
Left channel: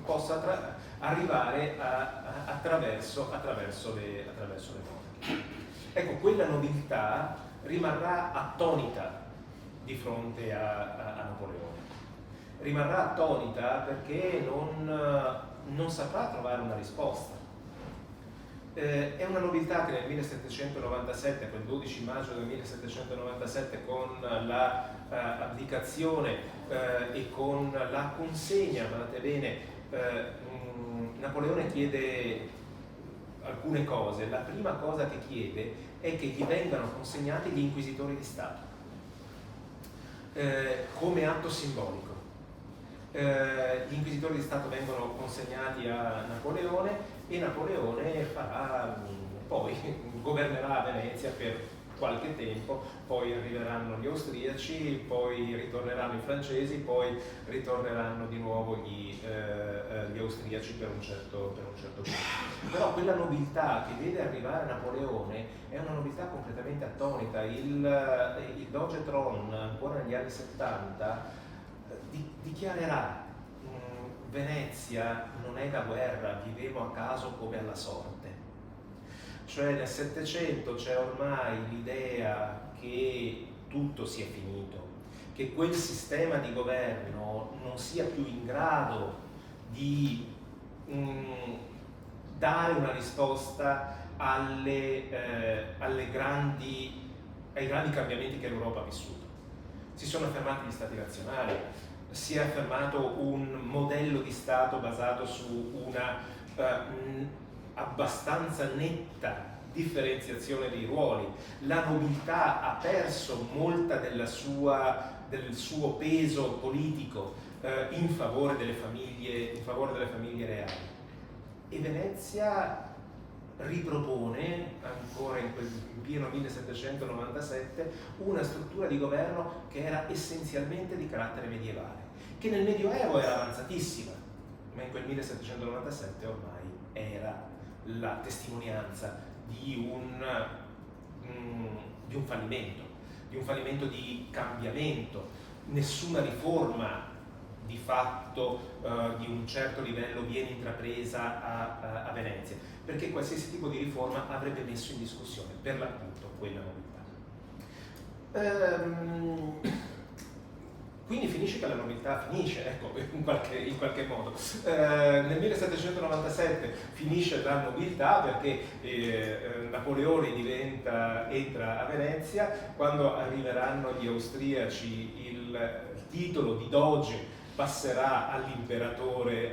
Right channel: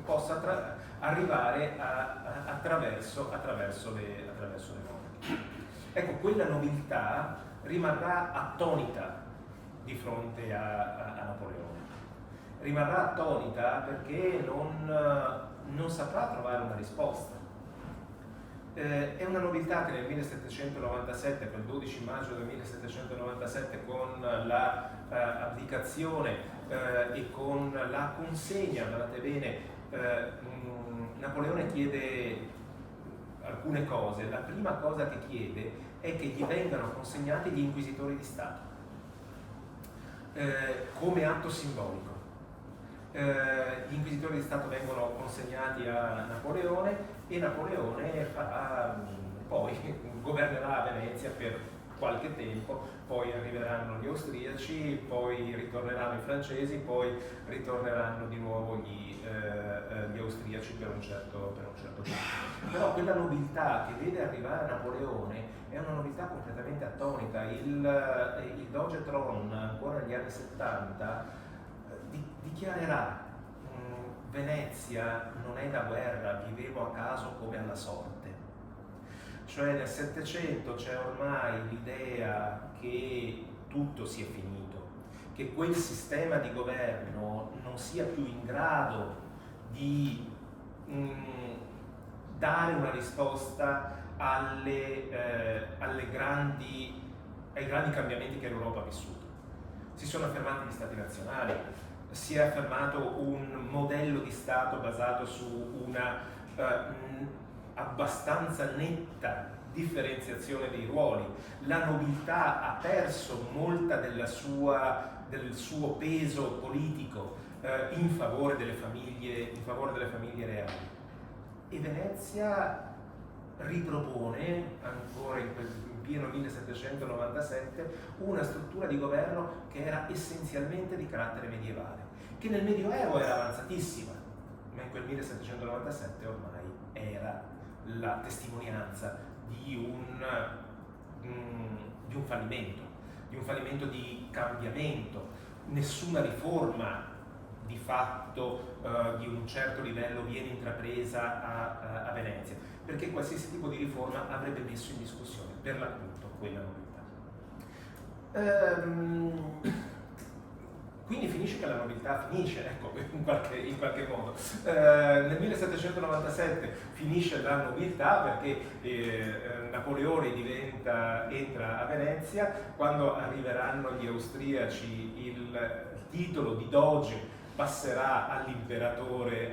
possa arrivare attraverso le monache. Ecco, quella nobiltà rimarrà attonita di fronte a Napoleone. Rimarrà attonita perché non saprà trovare una risposta. È una nobiltà che nel 1797, quel 12 maggio del 1797, con la abdicazione e con la consegna, guardate bene, Napoleone chiede alcune cose. La prima cosa che chiede è che gli vengano consegnati gli inquisitori di Stato come atto simbolico. Gli inquisitori di Stato vengono consegnati a Napoleone e Napoleone poi governerà Venezia per qualche tempo, poi arriveranno gli austriaci, poi ritorneranno i francesi, poi ritorneranno di nuovo gli austriaci per un certo tempo. Però quella nobiltà che vede arrivare Napoleone è una nobiltà completamente attonita. Il Doge Tron, ancora negli anni 70, dichiarerà: Venezia non è da guerra, vivevo a caso come alla sorte. Cioè nel Settecento c'è ormai l'idea che tutto sia finito, che quel sistema di governo non sia più in grado di dare una risposta ai grandi cambiamenti che l'Europa ha vissuto. Si sono affermati gli stati nazionali, si è affermato un modello di Stato basato su una abbastanza netta differenziazione dei ruoli. La nobiltà ha perso molta del suo peso politico in favore delle famiglie reali. E Venezia ripropone, ancora in pieno 1797, una struttura di governo che era essenzialmente di carattere medievale, che nel Medioevo era avanzatissima, ma in quel 1797 ormai era la testimonianza di un fallimento di cambiamento. Nessuna riforma di fatto di un certo livello viene intrapresa a Venezia, perché qualsiasi tipo di riforma avrebbe messo in discussione per l'appunto quella nobiltà. Quindi finisce che la nobiltà finisce, ecco, in qualche modo. Nel 1797 finisce la nobiltà perché Napoleone entra a Venezia. Quando arriveranno gli austriaci, il titolo di doge passerà all'imperatore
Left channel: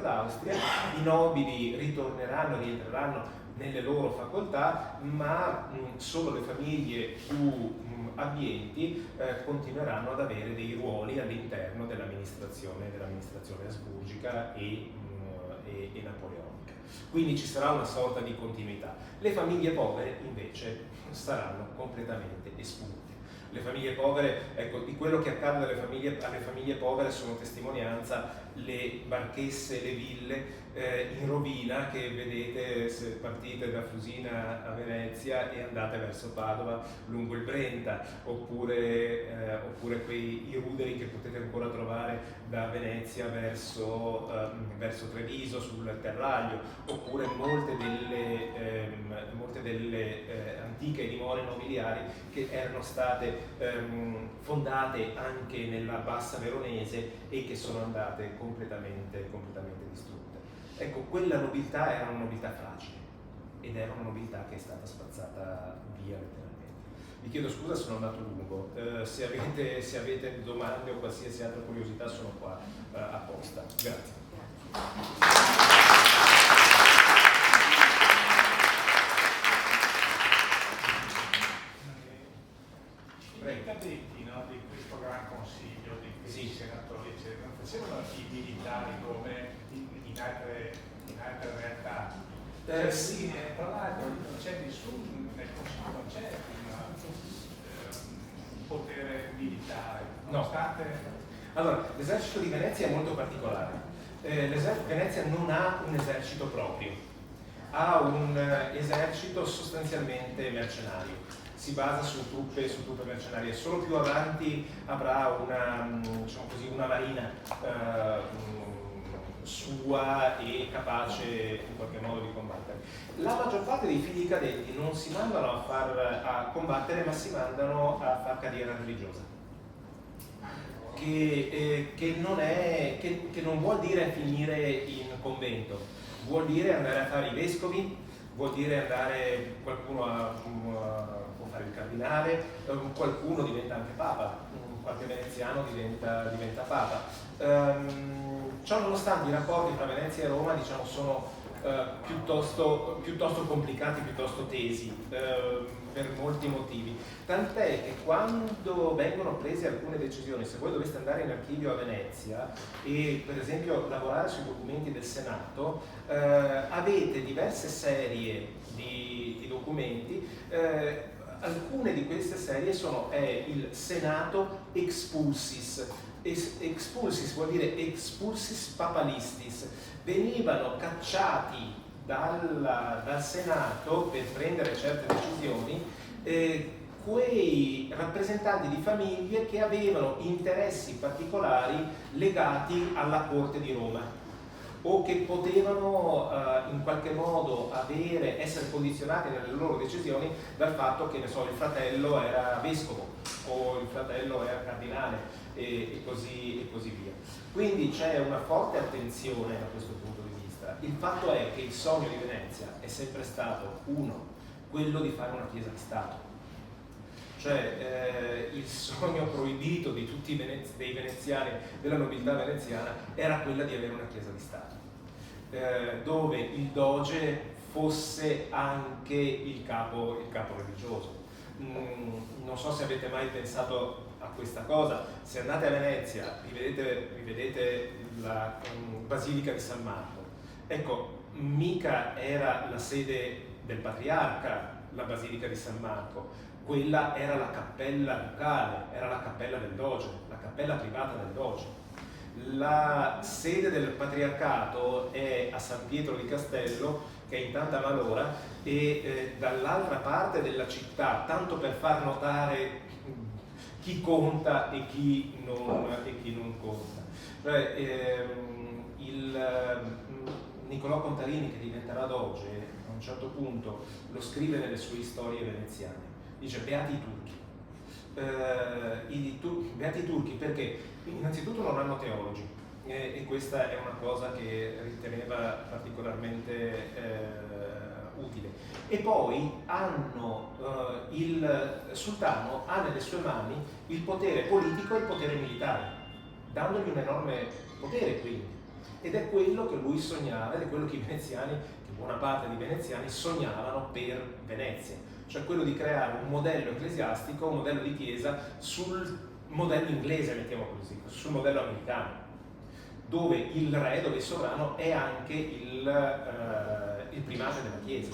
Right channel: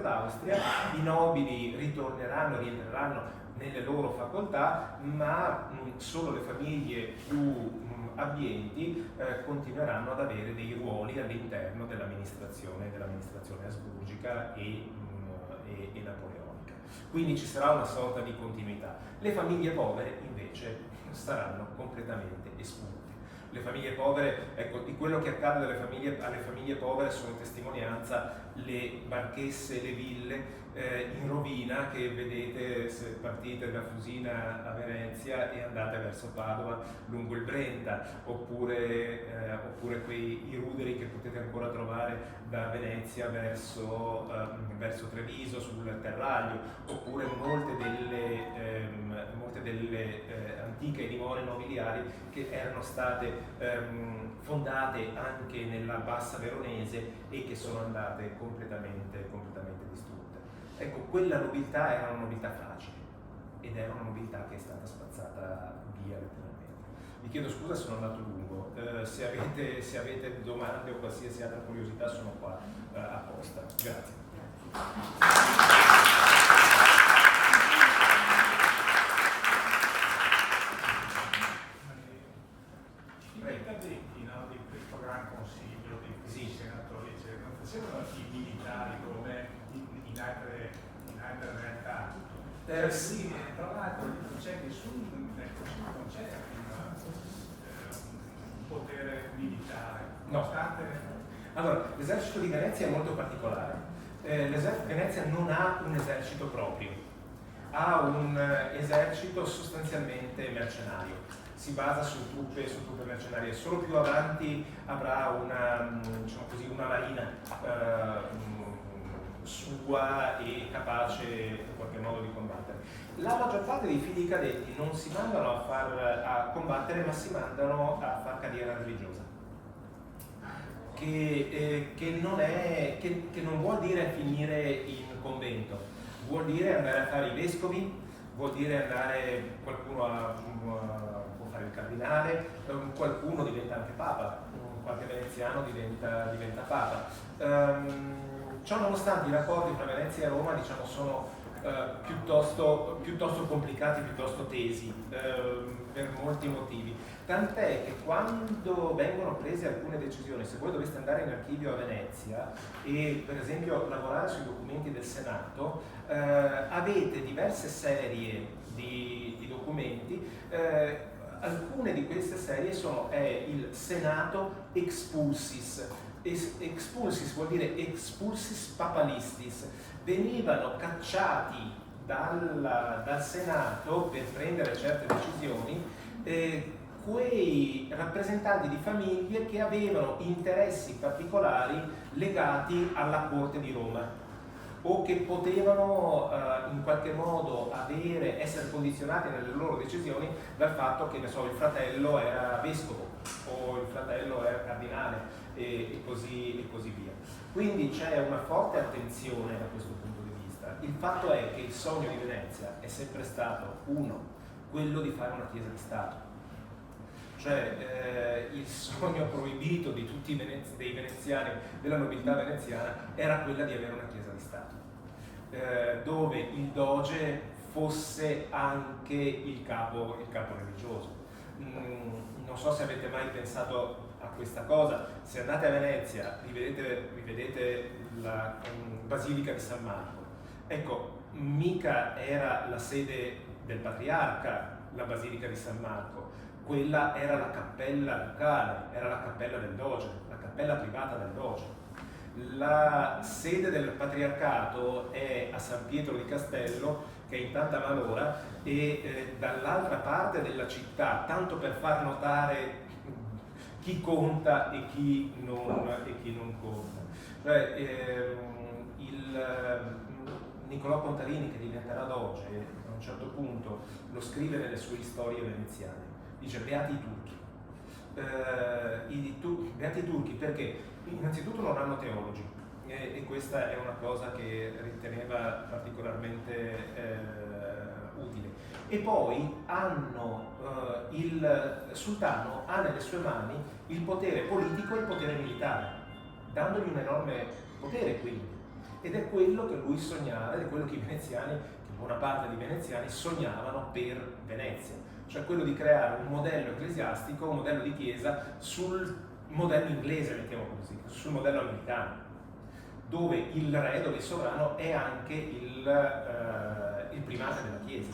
d'Austria, i nobili rientreranno nelle loro facoltà, ma solo le famiglie più abbienti continueranno ad avere dei ruoli all'interno dell'amministrazione asburgica e napoleonica. Quindi ci sarà una sorta di continuità. Le famiglie povere invece saranno completamente espunte. Le famiglie povere, ecco, di quello che accade alle famiglie povere sono testimonianza le barchesse, le ville in rovina che vedete se partite da Fusina a Venezia e andate verso Padova lungo il Brenta, oppure i ruderi che potete ancora trovare da Venezia verso Treviso sul Terraglio, oppure molte delle antiche dimore nobiliari che erano state fondate anche nella bassa veronese e che sono andate completamente distrutte. Ecco, quella nobiltà era una nobiltà fragile ed era una nobiltà che è stata spazzata via letteralmente. Vi chiedo scusa se sono andato lungo, se avete domande o qualsiasi altra curiosità sono qua apposta. Grazie. I cadetti, no, di questo gran consiglio, di questi senatori, eccetera, non facevano i militari come in altre realtà. Sì, tra l'altro non c'è nessun, nel consiglio non c'è un potere militare, nonostante... Allora, l'esercito di Venezia è molto particolare. Venezia non ha un esercito proprio, ha un esercito sostanzialmente mercenario. Si basa su truppe mercenarie. Solo più avanti avrà una marina sua e capace in qualche modo di combattere. La maggior parte dei figli cadetti non si mandano a combattere, ma si mandano a far carriera religiosa, che non vuol dire finire in convento, vuol dire andare a fare i vescovi, vuol dire qualcuno può fare il cardinale, qualcuno diventa anche papa, qualche veneziano diventa papa. Ciò nonostante i rapporti tra Venezia e Roma sono piuttosto complicati, piuttosto tesi, per molti motivi. Tant'è che quando vengono prese alcune decisioni, se voi doveste andare in archivio a Venezia e per esempio lavorare sui documenti del Senato, avete diverse serie di documenti. Alcune di queste serie è il Senato expulsis. Expulsis vuol dire expulsis papalistis. Venivano cacciati dal Senato per prendere certe decisioni quei rappresentanti di famiglie che avevano interessi particolari legati alla corte di Roma o che potevano in qualche modo essere condizionati nelle loro decisioni dal fatto che, il fratello era vescovo o il fratello era cardinale e così via. Quindi c'è una forte attenzione da questo punto di vista. Il fatto è che il sogno di Venezia è sempre stato, quello di fare una chiesa di Stato. Cioè il sogno proibito di tutti dei veneziani, della nobiltà veneziana, era quella di avere una chiesa di Stato, dove il doge fosse anche il capo religioso. Non so se avete mai pensato a questa cosa. Se andate a Venezia rivedete la Basilica di San Marco. Ecco, mica era la sede del patriarca la Basilica di San Marco, quella era la cappella ducale, era la cappella del doge, la cappella privata del doge. La sede del patriarcato è a San Pietro di Castello, che è in Tanta Malora, e dall'altra parte della città, tanto per far notare chi conta e chi non conta. Nicolò Contarini, che diventerà doge, a un certo punto lo scrive nelle sue storie veneziane, dice beati i turchi. Beati i turchi perché innanzitutto non hanno teologi, e questa è una cosa che riteneva particolarmente utile, e poi il sultano ha nelle sue mani il potere politico e il potere militare, dandogli un enorme potere quindi, ed è quello che lui sognava, ed è quello che buona parte di veneziani sognavano per Venezia, cioè quello di creare un modello ecclesiastico, un modello di chiesa sul modello inglese, mettiamo così, sul modello americano, dove il re, dove il sovrano è anche il primate della chiesa.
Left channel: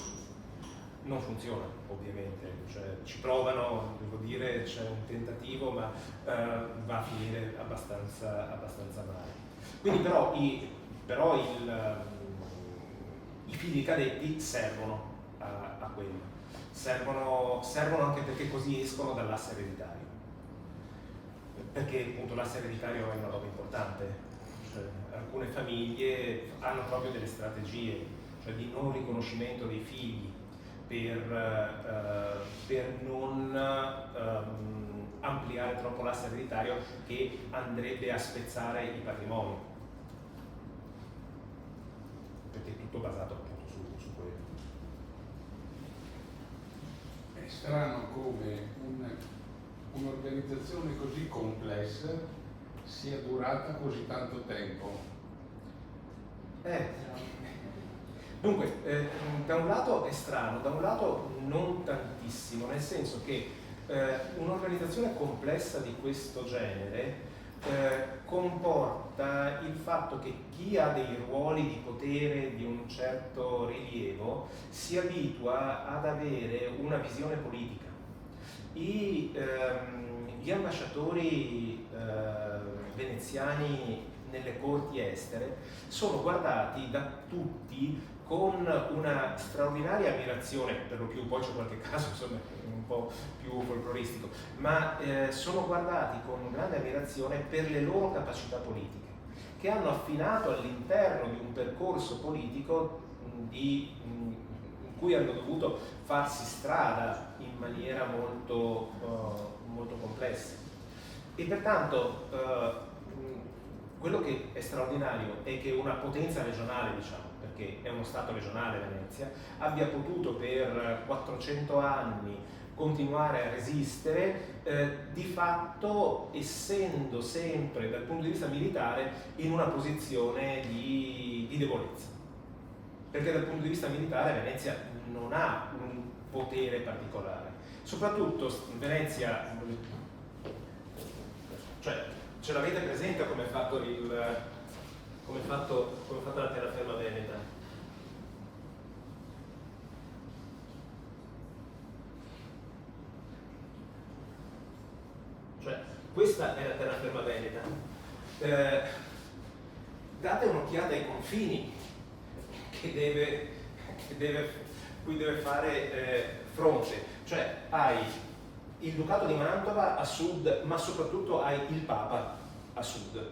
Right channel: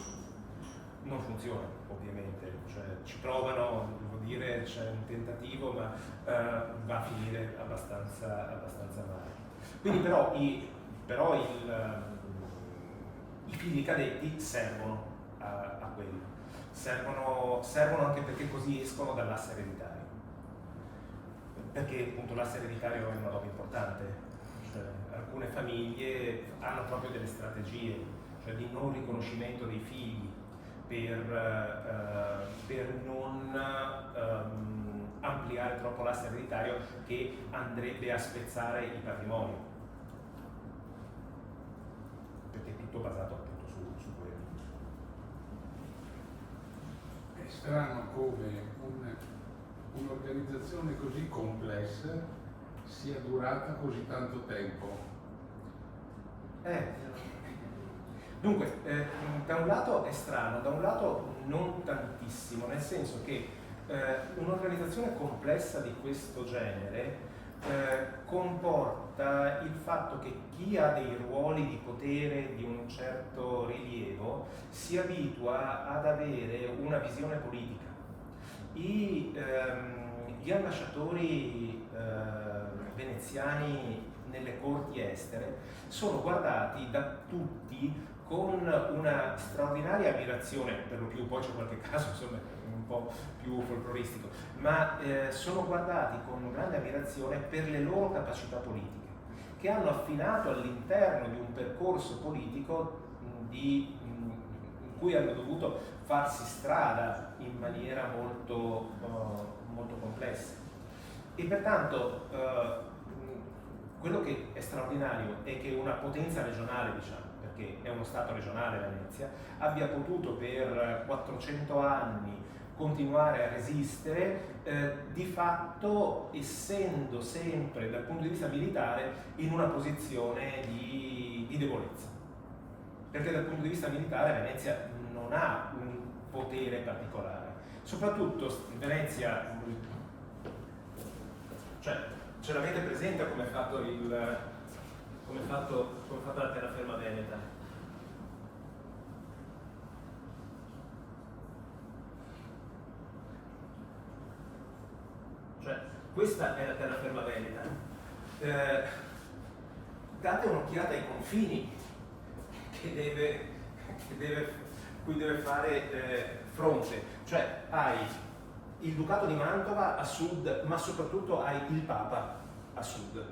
non funziona ovviamente, cioè, ci provano, devo dire, c'è un tentativo, ma va a finire abbastanza male. Quindi i figli cadetti servono a quello, servono anche perché così escono dall'asse ereditario, perché appunto l'asse ereditario è una roba importante. Cioè, alcune famiglie hanno proprio delle strategie, cioè di non riconoscimento dei figli per non ampliare troppo l'asse ereditario che andrebbe a spezzare il patrimonio, perché è tutto basato appunto su quello. È strano come un'organizzazione così complessa sia durata così tanto tempo. Dunque, da un lato è strano, da un lato non tantissimo, nel senso che un'organizzazione complessa di questo genere comporta il fatto che chi ha dei ruoli di potere di un certo rilievo si abitua ad avere una visione politica. Gli ambasciatori veneziani nelle corti estere sono guardati da tutti con una straordinaria ammirazione, per lo più, poi c'è qualche caso insomma un po' più folcloristico, ma sono guardati con grande ammirazione per le loro capacità politiche, che hanno affinato all'interno di un percorso politico in cui hanno dovuto farsi strada in maniera molto complessa. E pertanto quello che è straordinario è che una potenza regionale, diciamo, perché è uno stato regionale Venezia, abbia potuto per 400 anni continuare a resistere, di fatto essendo sempre dal punto di vista militare in una posizione di debolezza, perché dal punto di vista militare Venezia non ha un potere particolare, soprattutto Venezia, cioè ce l'avete presente come è fatto la terraferma veneta? Cioè, questa è la terraferma veneta. Date un'occhiata ai confini cui deve fare fronte. Cioè, hai il Ducato di Mantova a sud, ma soprattutto hai il Papa a sud,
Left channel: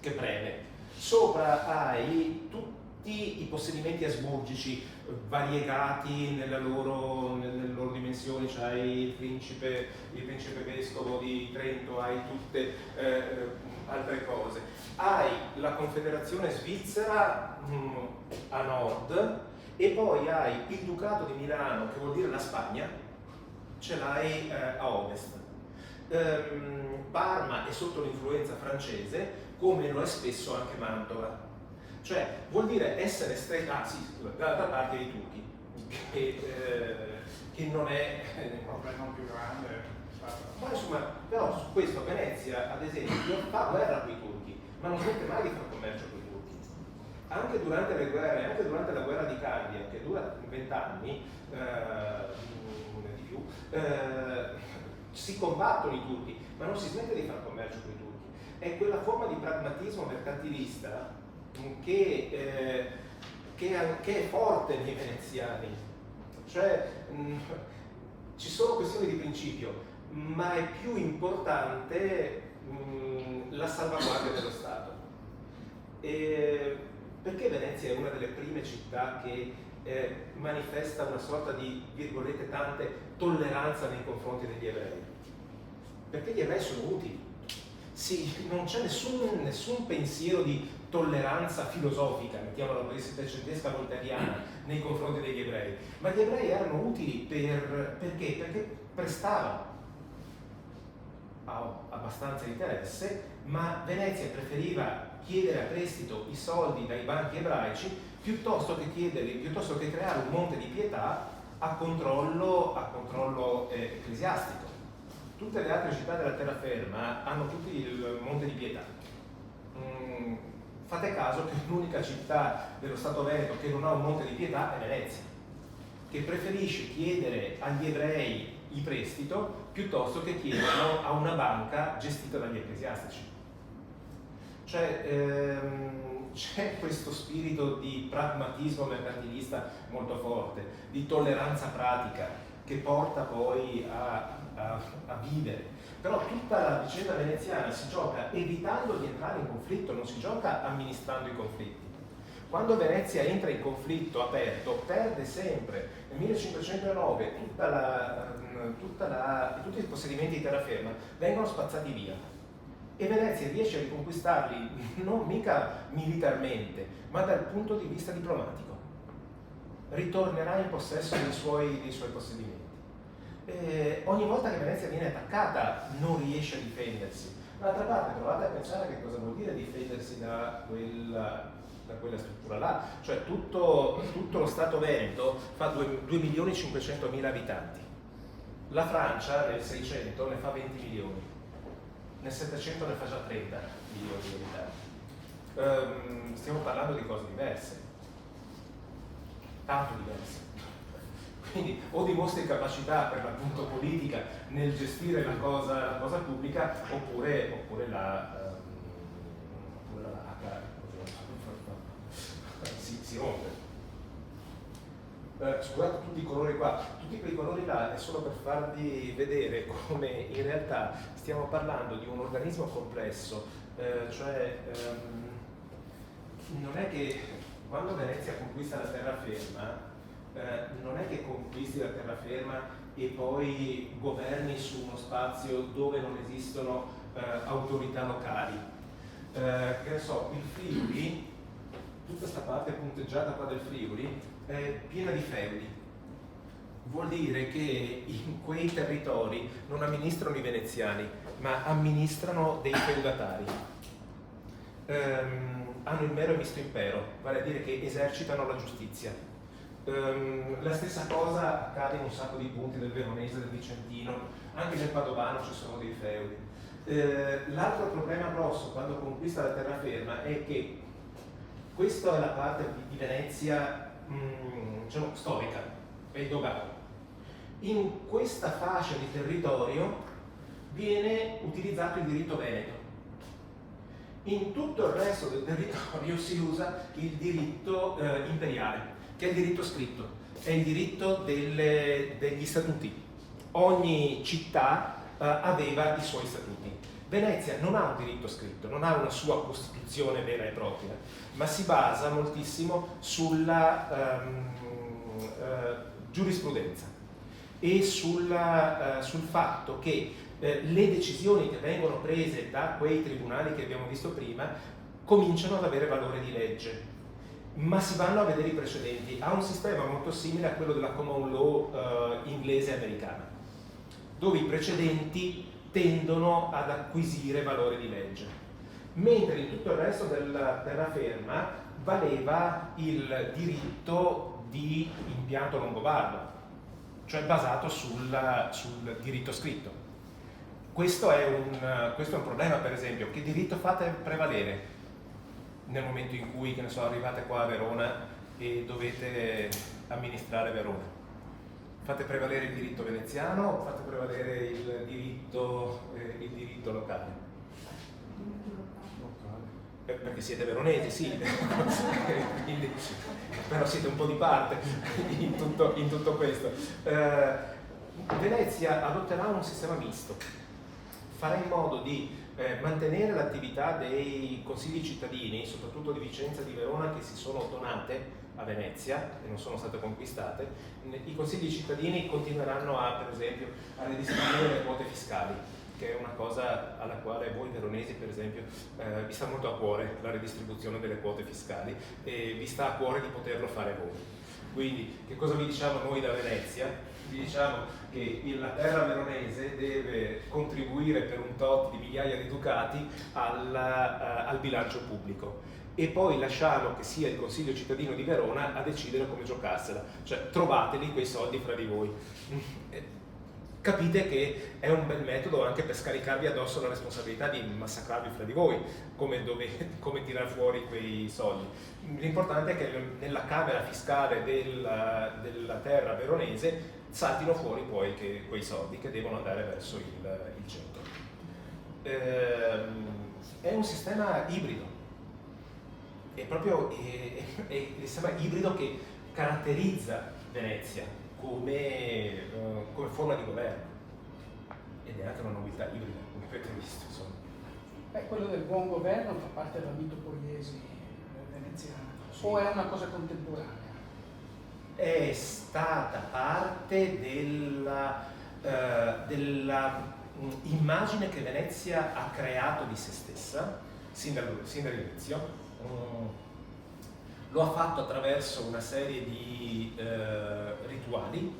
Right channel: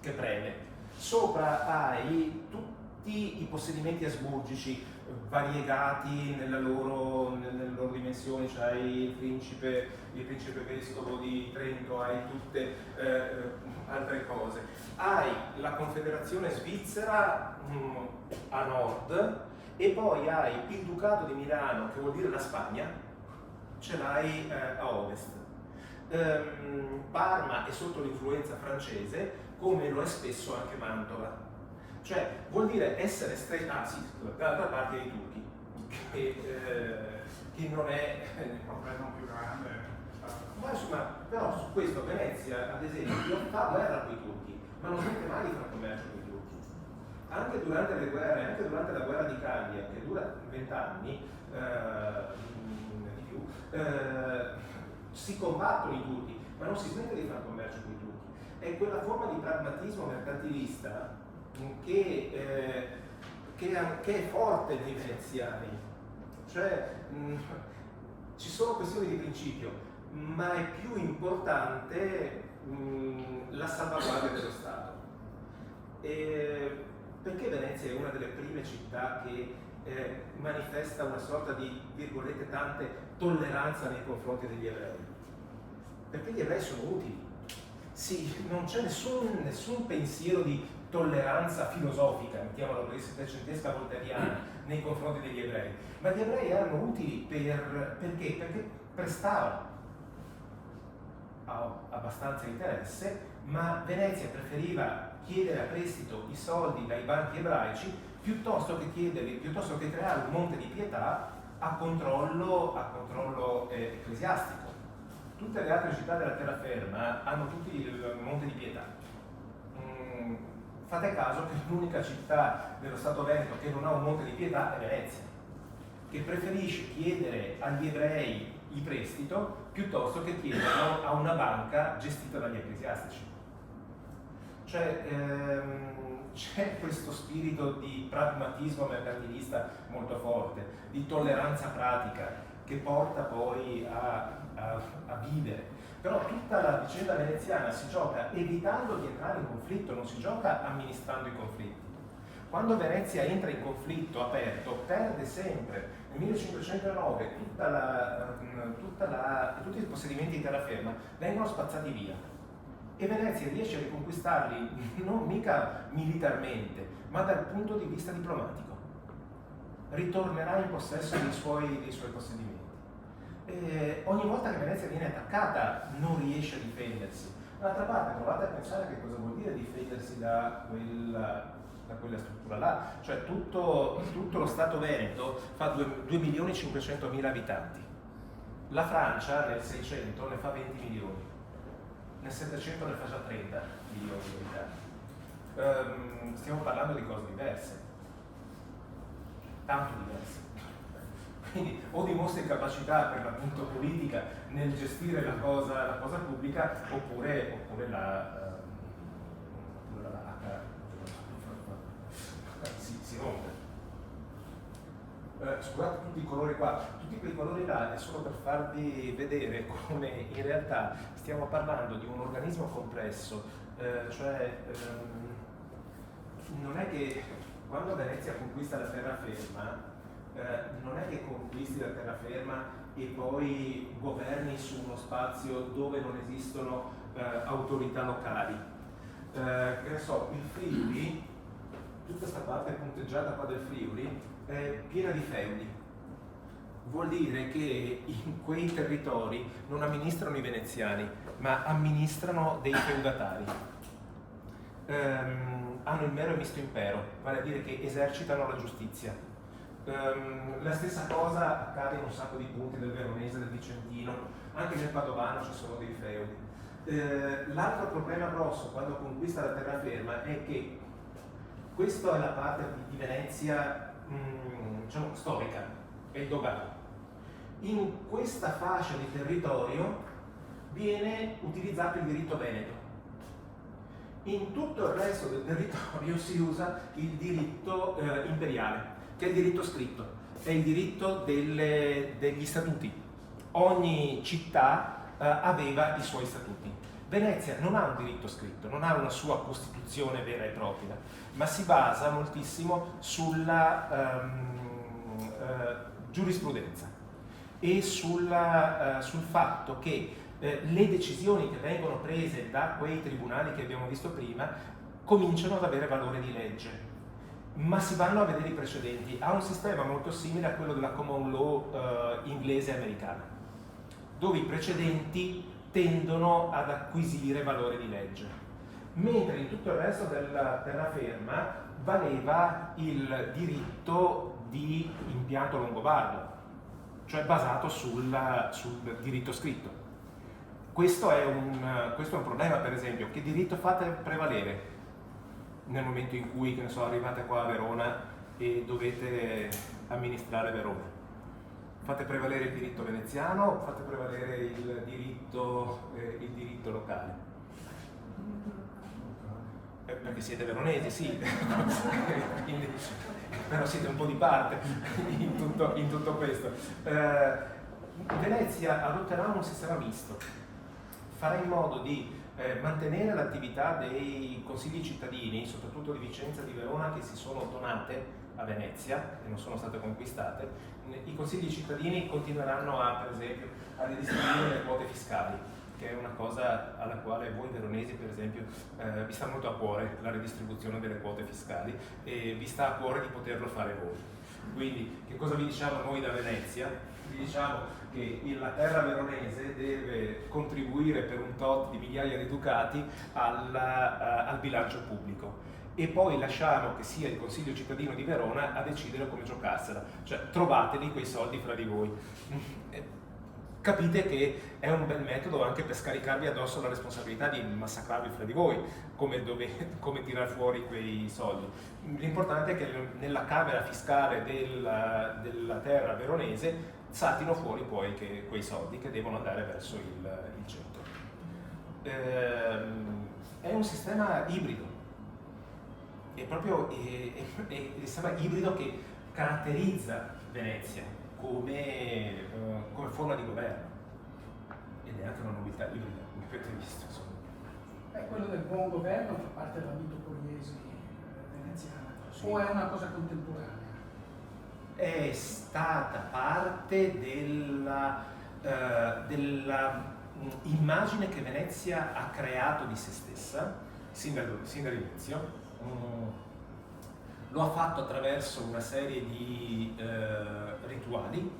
che preme. Sopra hai tutti i possedimenti asburgici variegati nelle loro dimensioni, cioè il principe vescovo di Trento, hai tutte altre cose. Hai la Confederazione Svizzera a nord e poi hai il Ducato di Milano, che vuol dire la Spagna, ce l'hai a ovest. Parma è sotto l'influenza francese, come lo è spesso anche Mantova. Cioè, vuol dire essere da parte dei turchi, che non è il problema più grande. Ma insomma, però su questo Venezia, ad esempio, fa guerra con i turchi, ma non smette mai di fare commercio con i turchi. Anche durante le guerre, anche durante la guerra di Candia, che dura 20 anni, di più, si combattono i turchi, ma non si smette di fare commercio con i turchi. È quella forma di pragmatismo mercantilista che è forte nei veneziani. Cioè, ci sono questioni di principio, ma è più importante la salvaguardia dello Stato. Perché Venezia è una delle prime città che manifesta una sorta di, virgolette, tante tolleranza nei confronti degli ebrei? Perché gli ebrei sono utili. Sì, non c'è nessun pensiero di tolleranza filosofica, mettiamola così, settecentesca voltairiana, nei confronti degli ebrei, ma gli ebrei erano utili perché? Perché prestavano abbastanza interesse, ma Venezia preferiva chiedere a prestito i soldi dai banchi ebraici piuttosto che creare un monte di pietà a controllo ecclesiastico. Tutte le altre città della terraferma hanno tutti il monte di pietà. Fate caso che l'unica città dello Stato Veneto che non ha un monte di pietà è Venezia. che preferisce chiedere agli ebrei il prestito piuttosto che chiederlo a una banca gestita dagli ecclesiastici. Cioè c'è questo spirito di pragmatismo mercantilista molto forte, di tolleranza pratica che porta poi a vivere. Però tutta la vicenda veneziana si gioca evitando di entrare in conflitto, non si gioca amministrando i conflitti. Quando Venezia entra in conflitto aperto, perde sempre. Nel 1509 tutti i possedimenti di terraferma vengono spazzati via e Venezia riesce a riconquistarli non mica militarmente, ma dal punto di vista diplomatico. Ritornerà in possesso dei suoi possedimenti. Ogni volta che Venezia viene attaccata non riesce a difendersi. D'altra parte provate a pensare che cosa vuol dire difendersi da quella struttura là, cioè tutto lo Stato Veneto fa 2.500.000 abitanti, la Francia nel 600 ne fa 20 milioni, nel 700 ne fa già 30 milioni di abitanti. Stiamo parlando di cose diverse, tanto diverse. Quindi o dimostri capacità per l'appunto politica nel gestire la cosa pubblica oppure la si rompe. Scusate tutti i colori qua, tutti quei colori là è solo per farvi vedere come in realtà stiamo parlando di un organismo complesso, non è che quando Venezia conquista la terraferma non è che conquisti la terraferma e poi governi su uno spazio dove non esistono autorità locali. Che ne so, il Friuli, tutta questa parte punteggiata qua del Friuli è piena di feudi. Vuol dire che in quei territori non amministrano i veneziani, ma amministrano dei feudatari. Hanno il mero e misto impero, vale a dire che esercitano la giustizia. La stessa cosa accade in un sacco di punti del Veronese, del Vicentino, anche nel Padovano ci sono dei feudi. L'altro problema grosso quando conquista la terraferma è che questa è la parte di Venezia diciamo, storica, è il dogano. In questa fascia di territorio viene utilizzato il diritto veneto. In tutto il resto del territorio si usa il diritto imperiale, che è il diritto scritto, è il diritto degli statuti. Ogni città aveva i suoi statuti. Venezia non ha un diritto scritto, non ha una sua costituzione vera e propria, ma si basa moltissimo sulla giurisprudenza e sul fatto che le decisioni che vengono prese da quei tribunali che abbiamo visto prima cominciano ad avere valore di legge, ma si vanno a vedere i precedenti. Ha un sistema molto simile a quello della common law inglese e americana, dove i precedenti tendono ad acquisire valore di legge, mentre in tutto il resto della terraferma valeva il diritto di impianto longobardo, cioè basato sul diritto scritto. Questo è un problema, per esempio. Che diritto fate prevalere nel momento in cui, che ne so, arrivate qua a Verona e dovete amministrare Verona? Fate prevalere il diritto veneziano o fate prevalere il diritto locale? Perché siete veronesi, sì, quindi, però siete un po' di parte in tutto questo. Venezia adotterà un sistema misto, farà in modo di mantenere l'attività dei consigli cittadini, soprattutto di Vicenza e di Verona, che si sono donate a Venezia e non sono state conquistate. I consigli cittadini continueranno per esempio, a redistribuire le quote fiscali, che è una cosa alla quale voi veronesi, per esempio, vi sta molto a cuore la redistribuzione delle quote fiscali e vi sta a cuore di poterlo fare voi. Quindi, che cosa vi diciamo noi da Venezia? Vi diciamo che la terra veronese deve contribuire per un tot di migliaia di ducati al bilancio pubblico e poi lasciamo che sia il Consiglio cittadino di Verona a decidere come giocarsela, cioè trovateli quei soldi fra di voi. capite che è un bel metodo anche per scaricarvi addosso la responsabilità di massacrarvi fra di voi, come tirar fuori quei soldi. L'importante è che nella camera fiscale della terra veronese saltino fuori poi quei soldi che devono andare verso il centro. È un sistema ibrido, è proprio il sistema ibrido che caratterizza Venezia come forma di governo, ed è anche una novità ibrida, come avete visto, insomma. Quello del buon governo fa parte della mito poliesi veneziana, Sì. o è una cosa contemporanea? È stata parte della immagine che Venezia ha creato di se stessa sin dall'inizio. Lo ha fatto attraverso una serie di rituali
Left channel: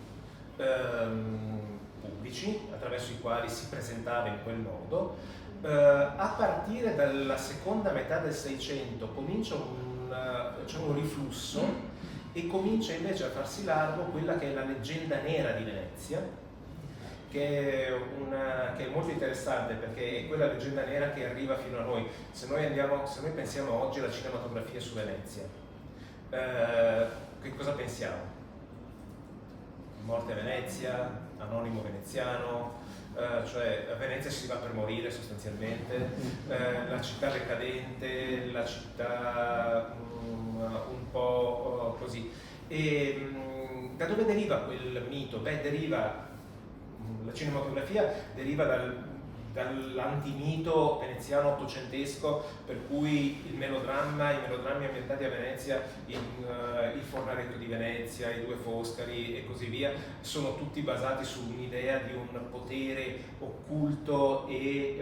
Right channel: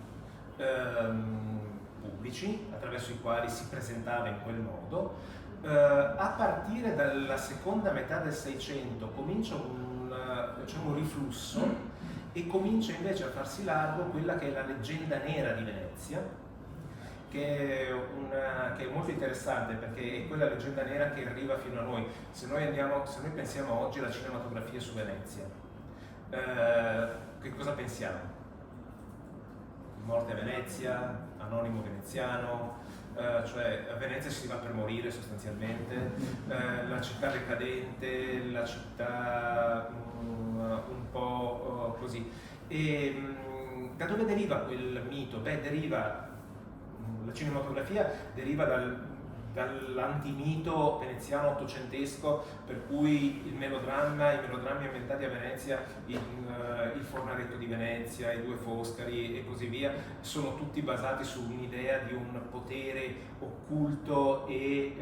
pubblici, attraverso i quali si presentava in quel modo. A partire dalla seconda metà del Seicento c'è un riflusso e comincia invece a farsi largo quella che è la leggenda nera di Venezia, che è molto interessante, perché è quella leggenda nera che arriva fino a noi. Se noi pensiamo oggi alla cinematografia su Venezia, che cosa pensiamo? Morte a Venezia, anonimo veneziano, cioè a Venezia si va per morire sostanzialmente, la città decadente, la città un po' così. E da dove deriva quel mito? La cinematografia deriva dall'antimito veneziano ottocentesco, per cui i melodrammi ambientati a Venezia, il Fornaretto di Venezia, i Due Foscari e così via, sono tutti basati su un'idea di un potere occulto e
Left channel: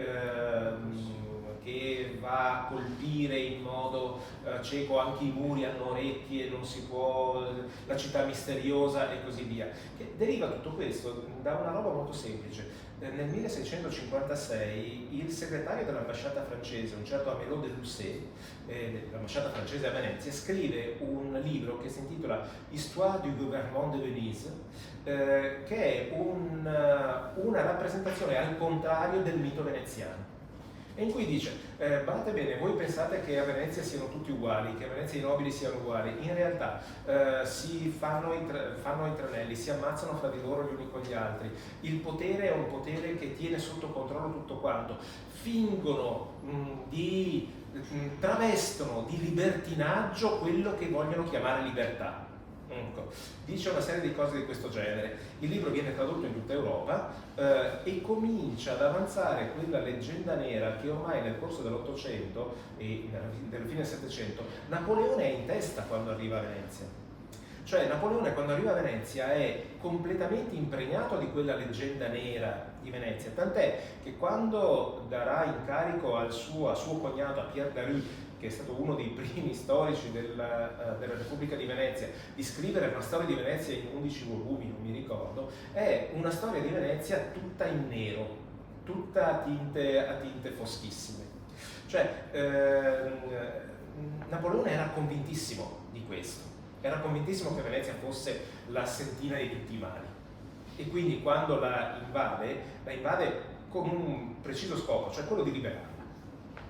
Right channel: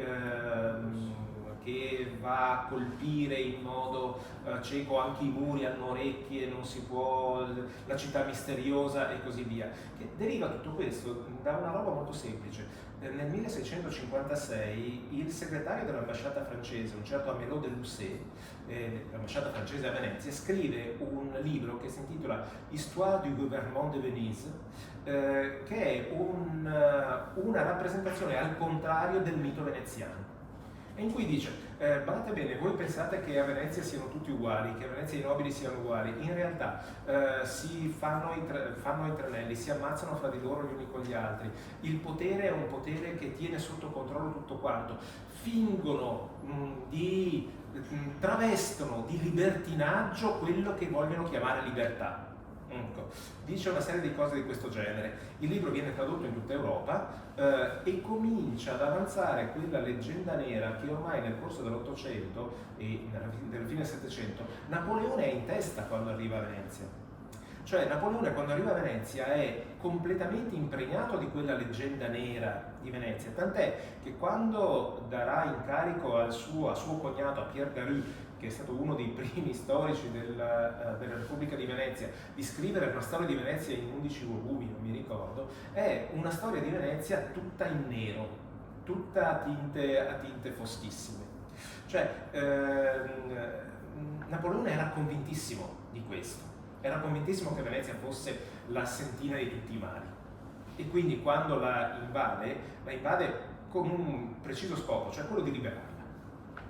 che va a colpire in modo cieco. Anche i muri hanno orecchie, non si può, la città misteriosa e così via. Che deriva tutto questo da una roba molto semplice. Nel 1656 il segretario dell'ambasciata francese, un certo Amelot de Lucé, l'ambasciata francese a Venezia, scrive un libro che si intitola Histoire du gouvernement de Venise, che è una rappresentazione al contrario del mito veneziano, e in cui dice, badate bene, voi pensate che a Venezia siano tutti uguali, che a Venezia i nobili siano uguali, in realtà si fanno i tranelli, si ammazzano fra di loro gli uni con gli altri, il potere è un potere che tiene sotto controllo tutto quanto, fingono travestono di libertinaggio quello che vogliono chiamare libertà. Ecco, dice una serie di cose di questo genere. Il libro viene tradotto in tutta Europa e comincia ad avanzare quella leggenda nera che ormai nel corso dell'Ottocento e nella fine del Settecento Napoleone è in testa quando arriva a Venezia. Cioè Napoleone quando arriva a Venezia è completamente impregnato di quella leggenda nera di Venezia, tant'è che quando darà incarico a suo cognato, a Pierre Daru, che è stato uno dei primi storici della Repubblica di Venezia, di scrivere una storia di Venezia in 11 volumi, non mi ricordo, è una storia di Venezia tutta in nero, tutta a tinte foschissime. Cioè, Napoleone era convintissimo di questo, era convintissimo che Venezia fosse la sentina di tutti i mali, e quindi quando la invade con un preciso scopo, cioè quello di liberarla.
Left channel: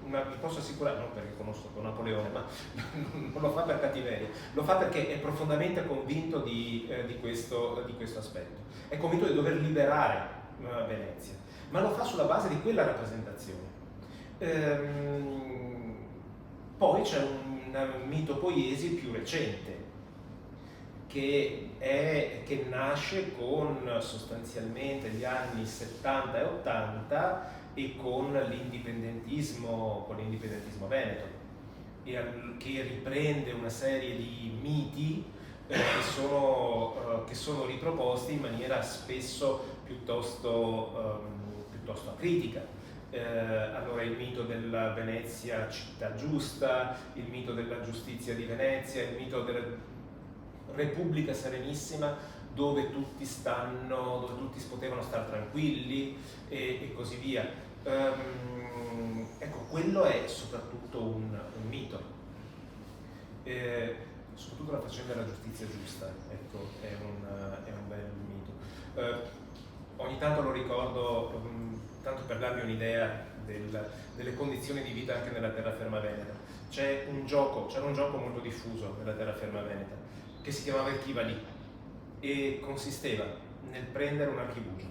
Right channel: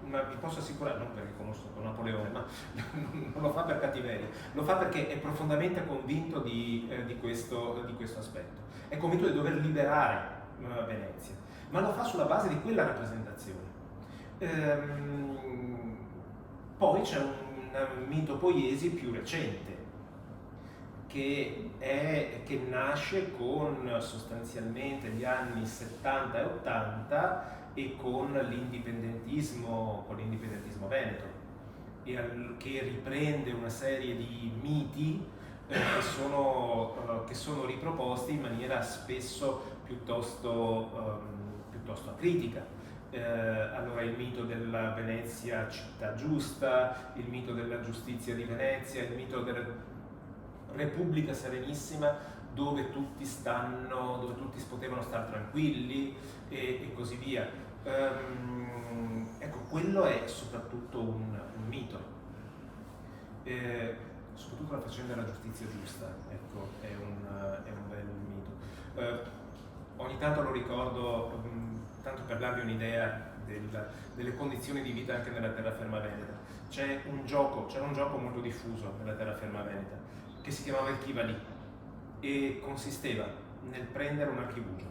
Ma vi posso assicurare, non perché conosco Napoleone, ma non lo fa per cattiveria, lo fa perché è profondamente convinto di questo aspetto. È convinto di dover liberare Venezia, ma lo fa sulla base di quella rappresentazione. Poi c'è un mito poiesi più recente, che nasce con sostanzialmente gli anni 70 e 80 e con l'indipendentismo veneto, che riprende una serie di miti che sono riproposti in maniera spesso piuttosto acritica. Allora il mito della Venezia città giusta, il mito della giustizia di Venezia, il mito della Repubblica Serenissima, dove tutti potevano stare tranquilli e così via. Ecco, quello è soprattutto un mito, soprattutto la faccenda della giustizia giusta, ecco, è un bel mito. ogni tanto lo ricordo, tanto per darvi un'idea delle condizioni di vita anche nella terraferma veneta. C'era un gioco molto diffuso nella terraferma veneta che si chiamava il Chi va lì e consisteva nel prendere un archibugio.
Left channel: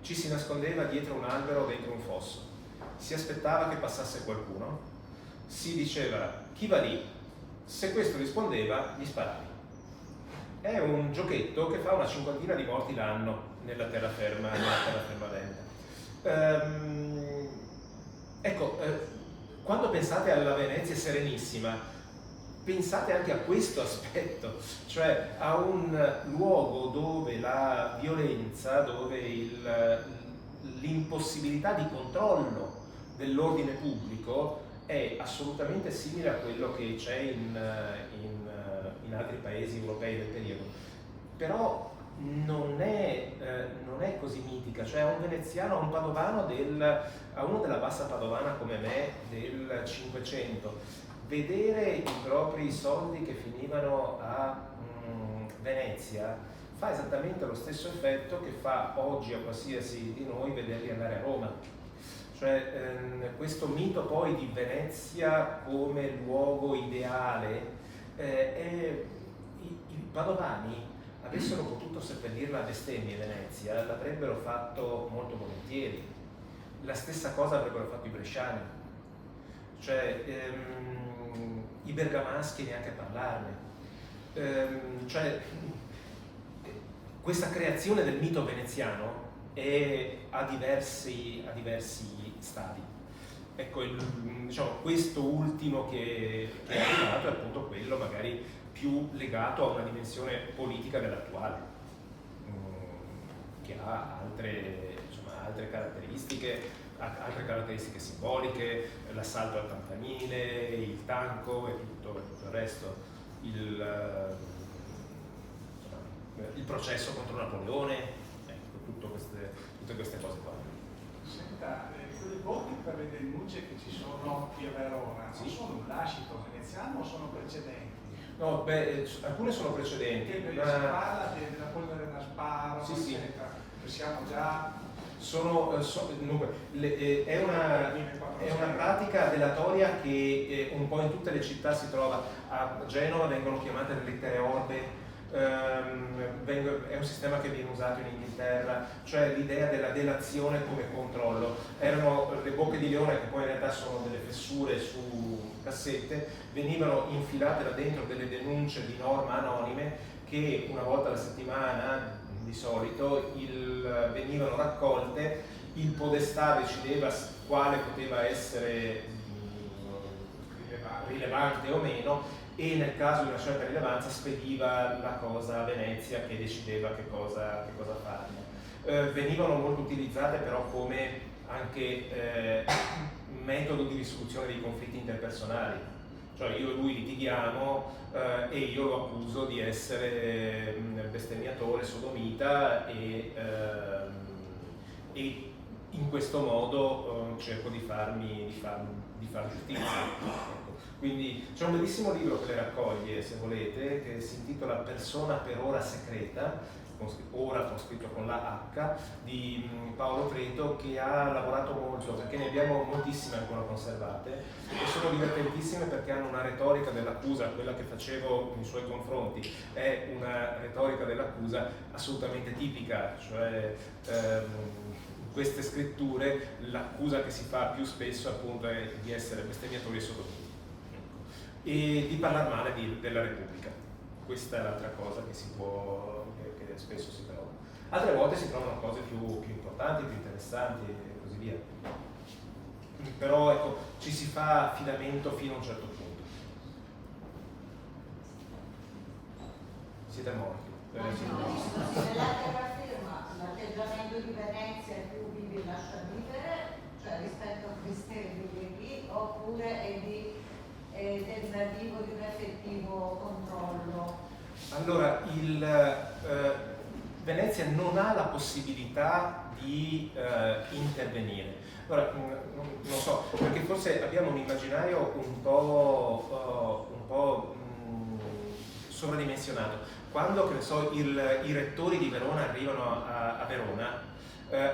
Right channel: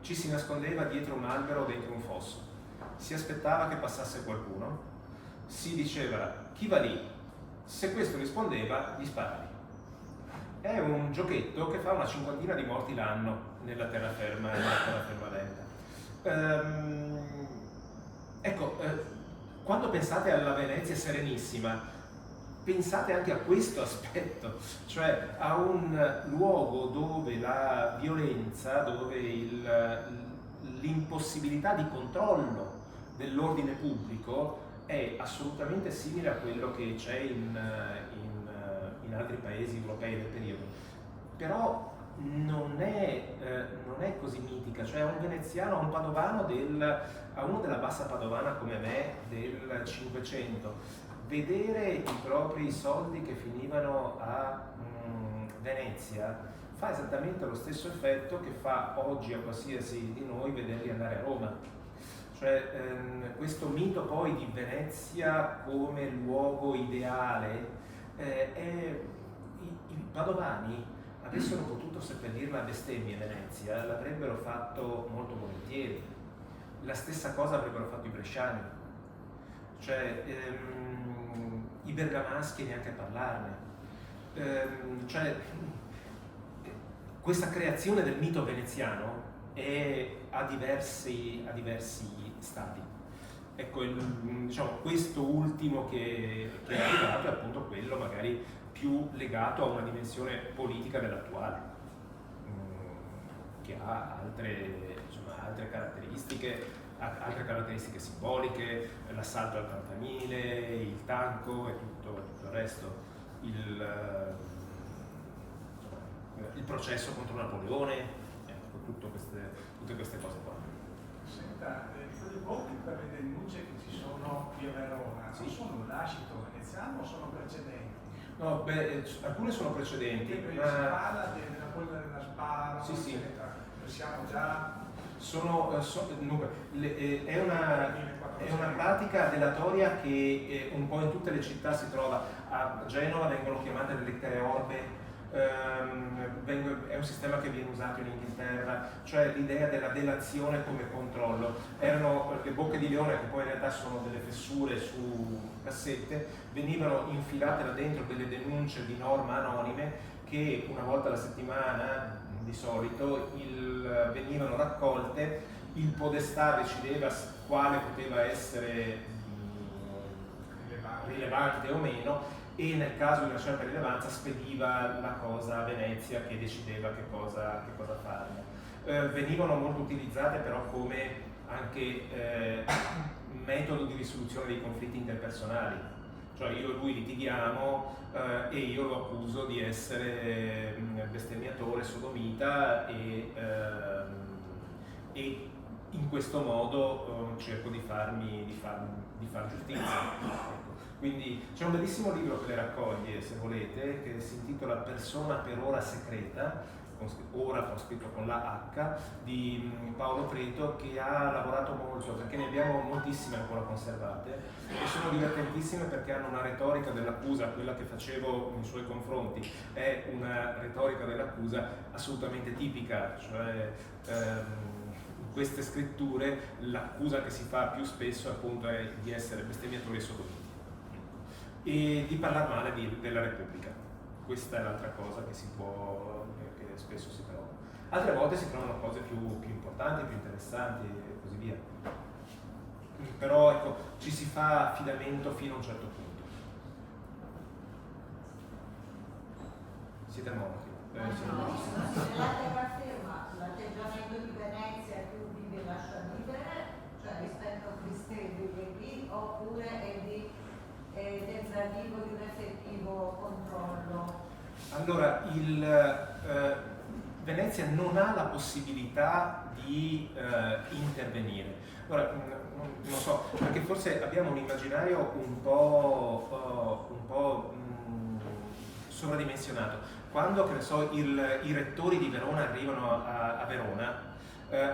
Ci si nascondeva dietro un albero o dentro un fosso, si aspettava che passasse qualcuno, si diceva chi va lì, se questo rispondeva gli sparavi. È un giochetto che fa una cinquantina di morti l'anno nella terraferma veneta. Quando pensate alla Venezia Serenissima, pensate anche a questo aspetto, cioè a un luogo dove la violenza, dove l'impossibilità di controllo dell'ordine pubblico è assolutamente simile a quello che c'è in altri paesi europei del periodo. Però non è così mitica, cioè a un veneziano, a un padovano, a uno della bassa padovana come me del 500, vedere i propri soldi che finivano a Venezia fa esattamente lo stesso effetto che fa oggi a qualsiasi di noi vederli andare a Roma. Cioè questo mito poi di Venezia come luogo ideale, i padovani avessero potuto seppellirla a bestemmie Venezia, l'avrebbero fatto molto volentieri. La stessa cosa avrebbero fatto i bresciani, cioè i bergamaschi neanche a parlarne. Cioè, questa creazione del mito veneziano è a diversi stadi. Ecco, diciamo, questo ultimo che è arrivato è appunto quello magari più legato a una dimensione politica dell'attuale, che ha altre caratteristiche simboliche, l'assalto al campanile, il tanco e tutto il resto, il processo contro Napoleone, ecco, tutte queste cose qua. Senta, quei voti per le denunce che ci sono qui a Verona, Sì. non sono un lascito veneziano o sono precedenti? No, alcune sono precedenti. Si parla della polvere da sparo, Sì, sì. eccetera. Siamo già... Dunque, è una pratica delatoria che un po' in tutte le città si trova. A Genova vengono chiamate le lettere orbe, è un sistema che viene usato in Inghilterra, cioè l'idea della delazione come controllo. Erano le bocche di leone, che poi in realtà sono delle fessure su cassette, venivano infilate là dentro delle denunce di norma anonime che una volta alla settimana di solito venivano raccolte, il podestà decideva quale poteva essere rilevante o meno, e nel caso di una certa rilevanza spediva la cosa a Venezia, che decideva che cosa farne. Venivano molto utilizzate però come anche metodo di risoluzione dei conflitti interpersonali, cioè io e lui litighiamo e io lo accuso di essere bestemmiatore, sodomita, e in questo modo cerco di far giustizia. Ecco. Quindi c'è un bellissimo libro che le raccoglie, se volete, che si intitola Persona per ora secreta, ora ho scritto con la H, di Paolo Preto, che ha lavorato molto, perché ne abbiamo moltissime ancora conservate, e sono divertentissime perché hanno una retorica dell'accusa, quella che facevo nei suoi confronti, è una retorica dell'accusa assolutamente tipica, cioè in queste scritture l'accusa che si fa più spesso appunto è di essere bestemmiatori e sodomiti, e di parlare male della Repubblica. Questa è l'altra cosa che che spesso si trova. Altre volte si trovano cose più importanti, più interessanti e così via. Però ecco, ci si fa affidamento fino a un certo punto. Siete morti. Nella terraferma l'atteggiamento di Venezia è più vivi e lascia vivere, cioè rispetto a questi qui, oppure è tentativo di un effettivo controllo? Allora, Venezia non ha la possibilità di intervenire. Allora, non so, perché forse abbiamo un immaginario un po' sovradimensionato. Quando, che ne so, i rettori di Verona arrivano a Verona,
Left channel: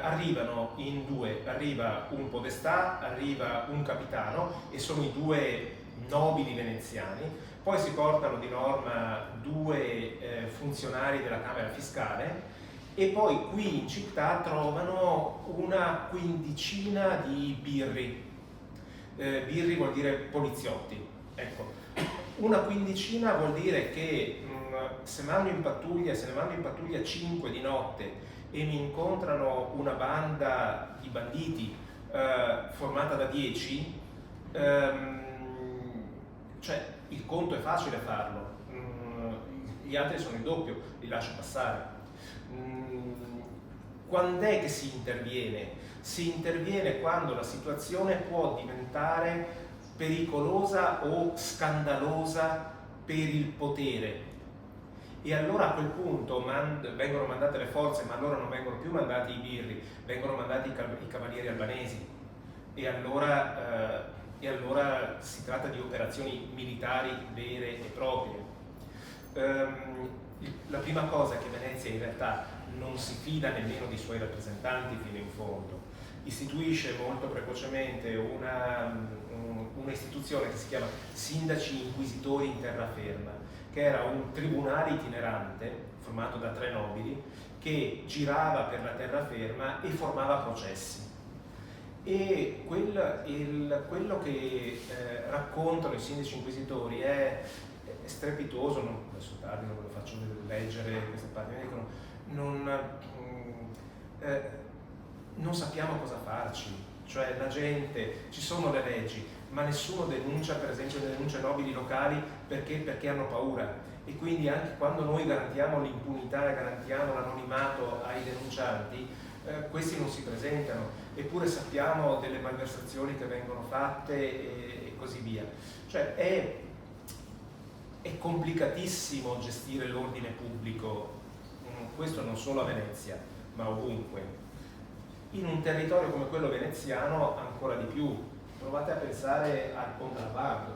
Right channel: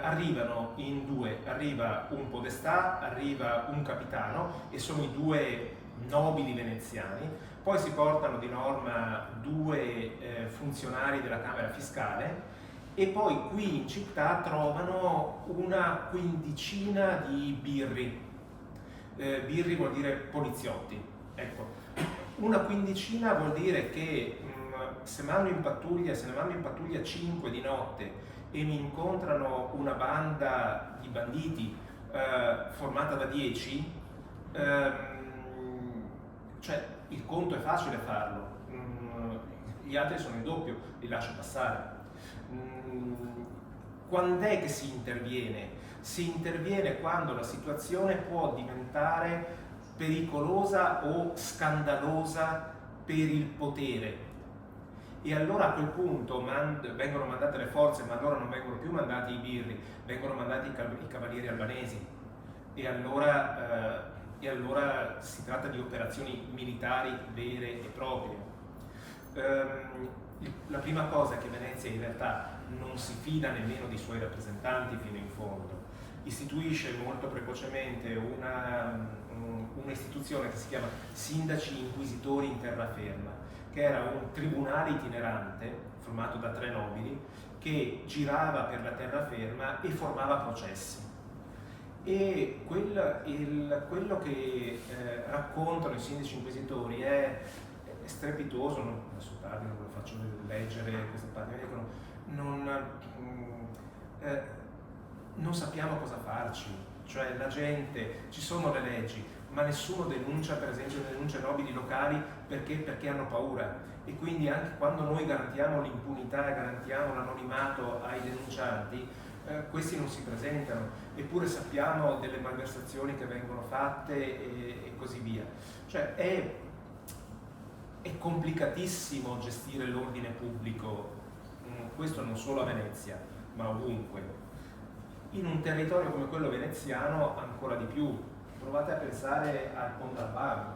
arrivano in due, arriva un podestà, arriva un capitano e sono i due nobili veneziani, poi si portano di norma due funzionari della Camera Fiscale e poi qui in città trovano una quindicina di birri. Birri vuol dire poliziotti, ecco. Una quindicina vuol dire che se ne mando in pattuglia 5 di notte e mi incontrano una banda di banditi formata da 10, cioè il conto è facile farlo, gli altri sono il doppio, li lascio passare. Quando è che si interviene? Si interviene quando la situazione può diventare pericolosa o scandalosa per il potere. E allora a quel punto vengono mandate le forze, ma allora non vengono più mandati i birri, vengono mandati i cavalieri albanesi. E allora si tratta di operazioni militari vere e proprie. La prima cosa è che Venezia in realtà non si fida nemmeno dei suoi rappresentanti fino in fondo. Istituisce molto precocemente un'istituzione che si chiama Sindaci Inquisitori in Terraferma, che era un tribunale itinerante formato da 3 nobili che girava per la terraferma e formava processi. E quello che raccontano i sindaci inquisitori è strepitoso. Adesso tardi non lo faccio leggere queste parti, mi dicono non sappiamo cosa farci, cioè la gente, ci sono le leggi, ma nessuno denuncia, per esempio denuncia nobili locali perché hanno paura, e quindi anche quando noi garantiamo l'impunità e garantiamo l'anonimato ai denuncianti, questi non si presentano, eppure sappiamo delle malversazioni che vengono fatte e così via. Cioè è complicatissimo gestire l'ordine pubblico, questo non solo a Venezia, ma ovunque. In un territorio come quello veneziano ancora di più. Provate a pensare al contrabbando,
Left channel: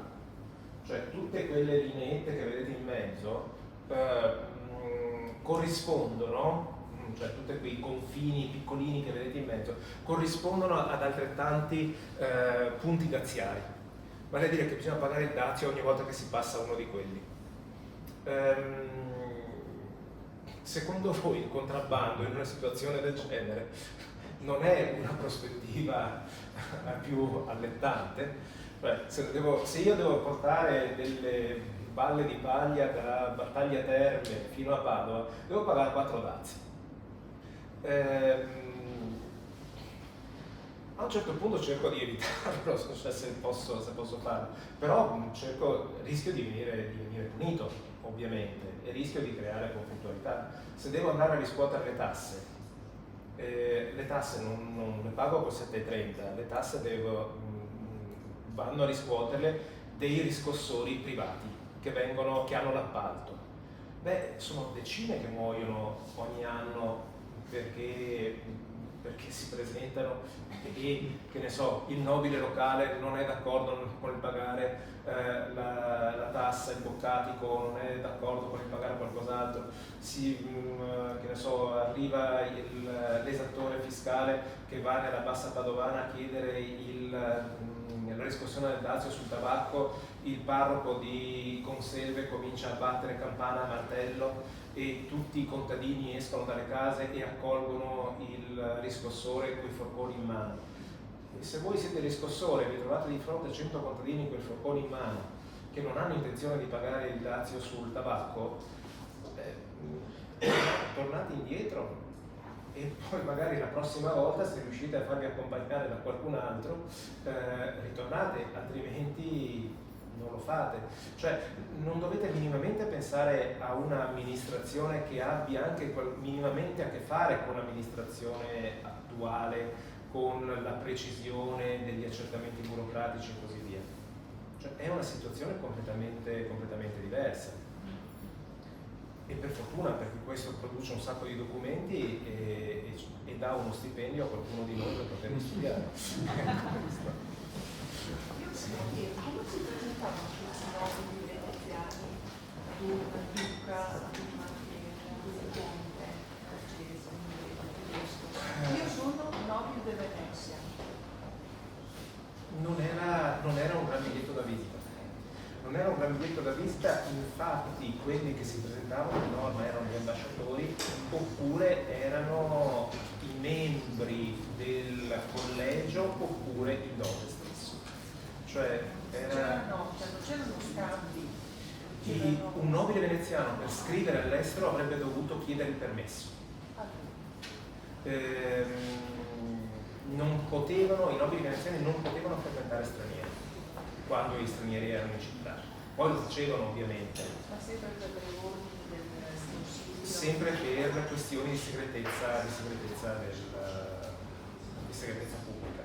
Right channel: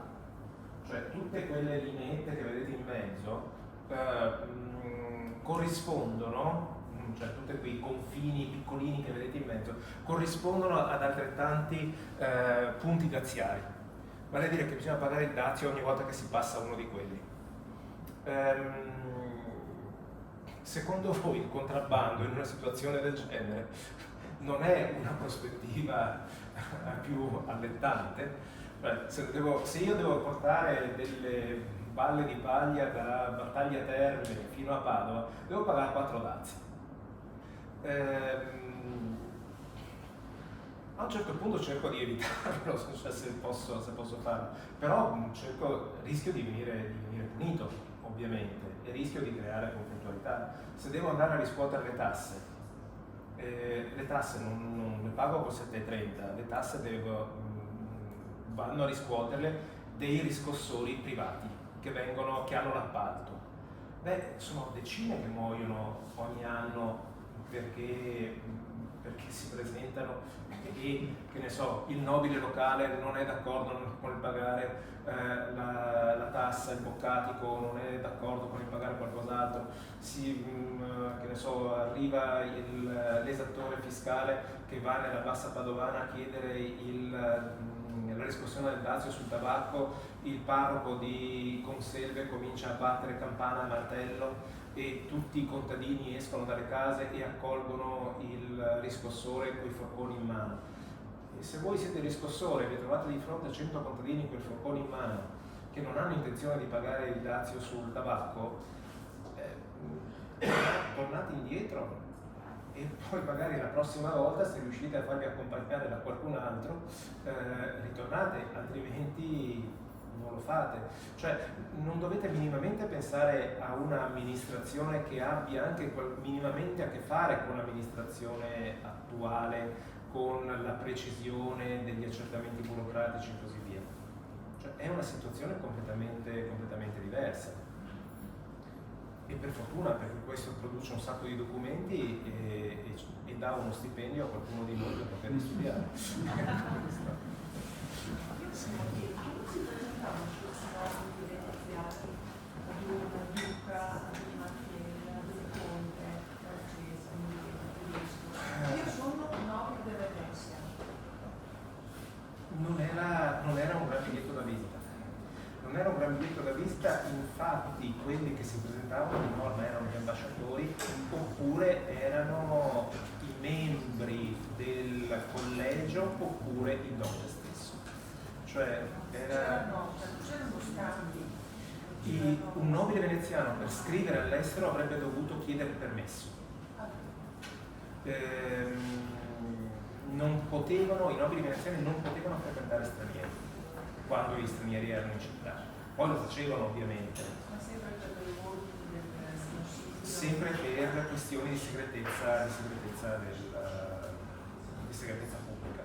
cioè tutte quelle lineette che vedete in mezzo corrispondono, cioè tutti quei confini piccolini che vedete in mezzo, corrispondono ad altrettanti punti daziari. Vale a dire che bisogna pagare il dazio ogni volta che si passa uno di quelli. Secondo voi il contrabbando in una situazione del genere non è una prospettiva più allettante? Se io devo portare delle balle di paglia da Battaglia Terme fino a Padova, devo pagare 4 dazi. A un certo punto cerco di evitarlo, cioè se posso farlo, però rischio di venire punito, ovviamente, e rischio di creare conflittualità. Se devo andare a riscuotere le tasse non le pago col 7,30, le tasse vanno a riscuoterle dei riscossori privati che hanno l'appalto. Sono decine che muoiono ogni anno perché si presentano e, che ne so, il nobile locale non è d'accordo con il pagare la tassa, il boccatico non è d'accordo con il pagare qualcos'altro, che ne so, arriva l'esattore fiscale che va nella bassa padovana a chiedere la riscossione del dazio sul tabacco, il parroco di Conselve comincia a battere campana a martello e tutti i contadini escono dalle case e accolgono il riscossore con i forconi in mano. E se voi siete riscossore e vi trovate di fronte a 100 contadini con il forcone in mano che non hanno intenzione di pagare il dazio sul tabacco, tornate indietro e poi magari la prossima volta, se riuscite a farvi accompagnare da qualcun altro, ritornate, altrimenti non lo fate. Cioè non dovete minimamente pensare a un'amministrazione che abbia anche minimamente a che fare con l'amministrazione attuale, con la precisione degli accertamenti burocratici e così via. Cioè è una situazione completamente diversa. E per fortuna, perché questo produce un sacco di documenti e dà uno stipendio a qualcuno di noi per poter studiare. Io volevo chiedere, come si presentavano questi ragazzi veneziani era un gran biglietto da visita, infatti quelli che si presentavano di norma erano gli ambasciatori oppure erano i membri del collegio oppure il doge stesso. Cioè c'erano scambi. un nobile veneziano per scrivere all'estero avrebbe dovuto chiedere il permesso. I nobili veneziani non potevano frequentare stranieri quando gli stranieri erano in città. Poi lo facevano ovviamente. Ma sempre per le ordini del consiglio. Sempre per questioni di segretezza pubblica.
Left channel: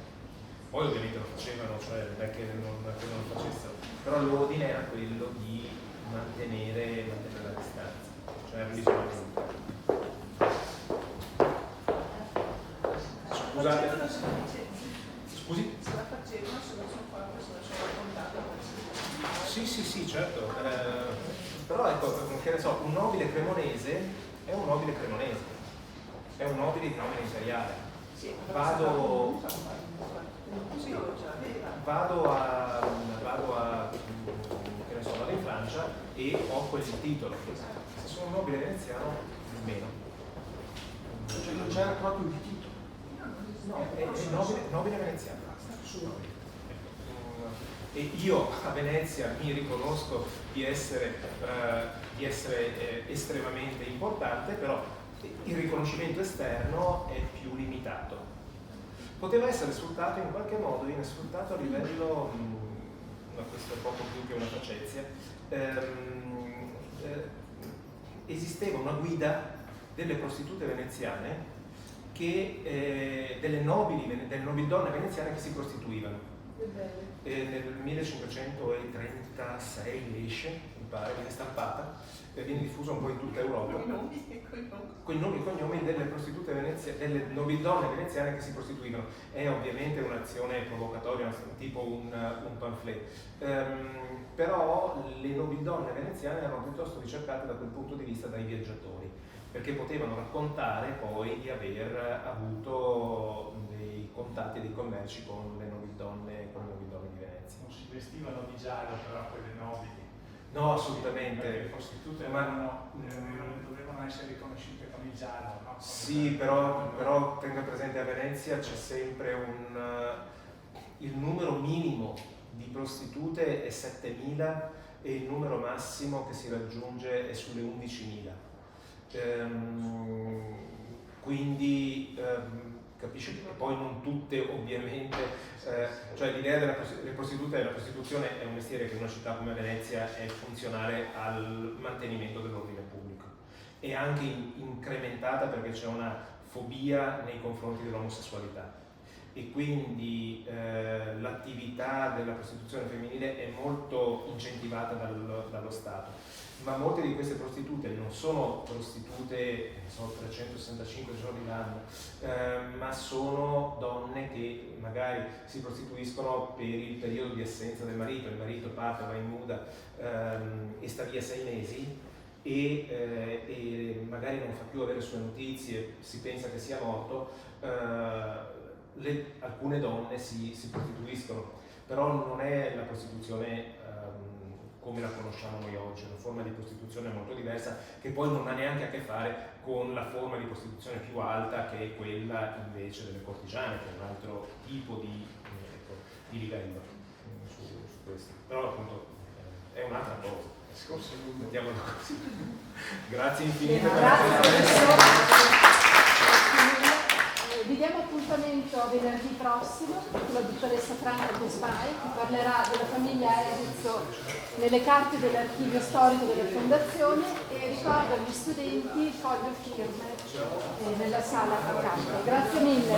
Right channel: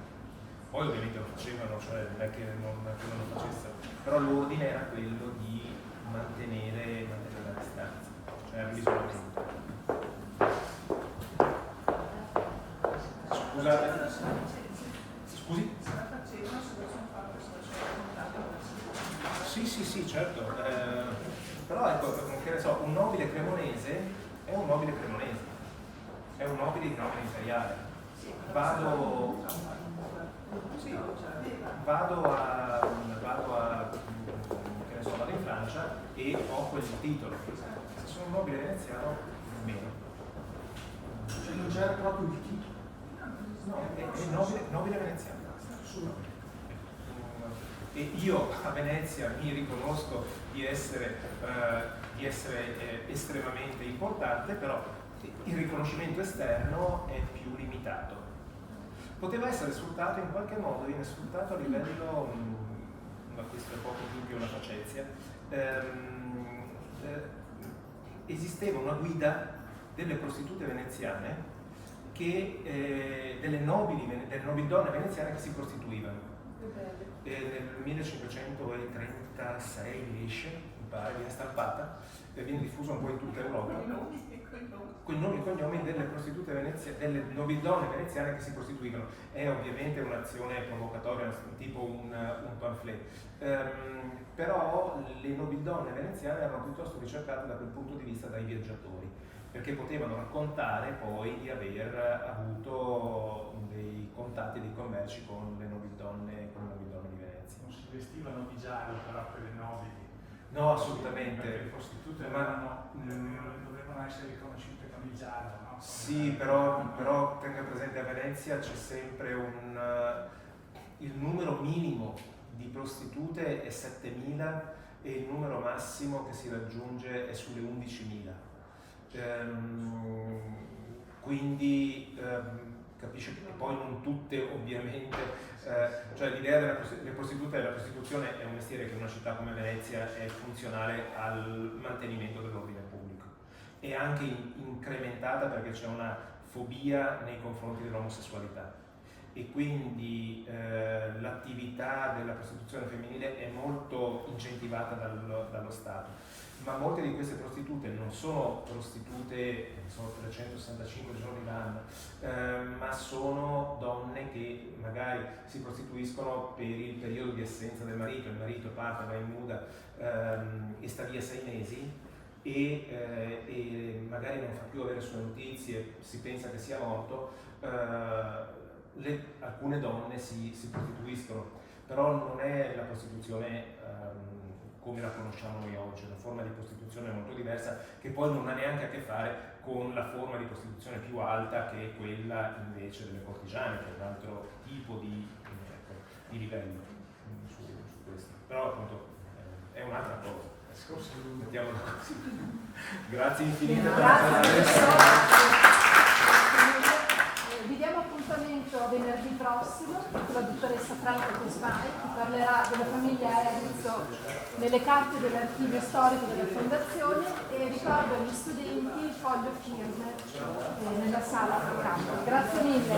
Poi ovviamente lo facevano, cioè non è che non lo facessero, però l'ordine era quello di mantenere la distanza, cioè l'isolamento. Scusate. Scusi? Se la facevano, se lo sono fatto, se lo sono contato. Sì, certo. Però ecco, che ne so, un nobile cremonese è un nobile cremonese, è un nobile di nomina imperiale. Vado in Francia e ho quel titolo. Se sono un nobile veneziano, meno. Cioè non c'era proprio il titolo. No, è nobile veneziano. E io a Venezia mi riconosco di essere estremamente importante, però il riconoscimento esterno è più limitato. Poteva essere sfruttato in qualche modo, viene sfruttato a livello, ma questo è poco più che una facezia, esisteva una guida delle prostitute veneziane, delle nobildonne veneziane che si prostituivano. Nel 1536 esce, mi pare, viene stampata, viene diffusa un po' in tutta Europa. Con i nomi e cognomi delle prostitute veneziane, delle nobildonne veneziane che si prostituivano. È ovviamente un'azione provocatoria, tipo un pamphlet. Però le nobildonne veneziane erano piuttosto ricercate da quel punto di vista dai viaggiatori, perché potevano raccontare poi di aver avuto dei contatti e dei commerci con le nobildonne di Venezia. Non si vestivano di giallo però per le nobili. No, assolutamente. Perché le prostitute dovevano essere riconosciute come il giallo, no? Sì, però tenga presente, a Venezia c'è sempre il numero minimo di prostitute è 7.000 e il numero massimo che si raggiunge è sulle 11.000. Quindi capisce che poi non tutte ovviamente, cioè l'idea della prostituta e la prostituzione è un mestiere che in una città come Venezia è funzionale al mantenimento dell'ordine pubblico, è anche incrementata perché c'è una fobia nei confronti dell'omosessualità e quindi l'attività della prostituzione femminile è molto incentivata dallo Stato. Ma molte di queste prostitute non sono prostitute, sono 365 giorni l'anno, ma sono donne che magari si prostituiscono per il periodo di assenza del marito parte, va in muda e sta via 6 mesi e magari non fa più avere sue notizie, si pensa che sia morto, alcune donne si prostituiscono, però non è la prostituzione come la conosciamo noi oggi, una forma di prostituzione molto diversa che poi non ha neanche a che fare con la forma di prostituzione più alta che è quella invece delle cortigiane, che è un altro tipo di livello su questo, però appunto è un'altra cosa. Mettiamolo così. Grazie infinite per la presenza. Vi diamo appuntamento a venerdì prossimo, la dottoressa Franca Cosmai parlerà della famiglia Erizzo nelle carte dell'archivio storico della fondazione e ricordo agli studenti il foglio firme nella sala a campo. Grazie mille.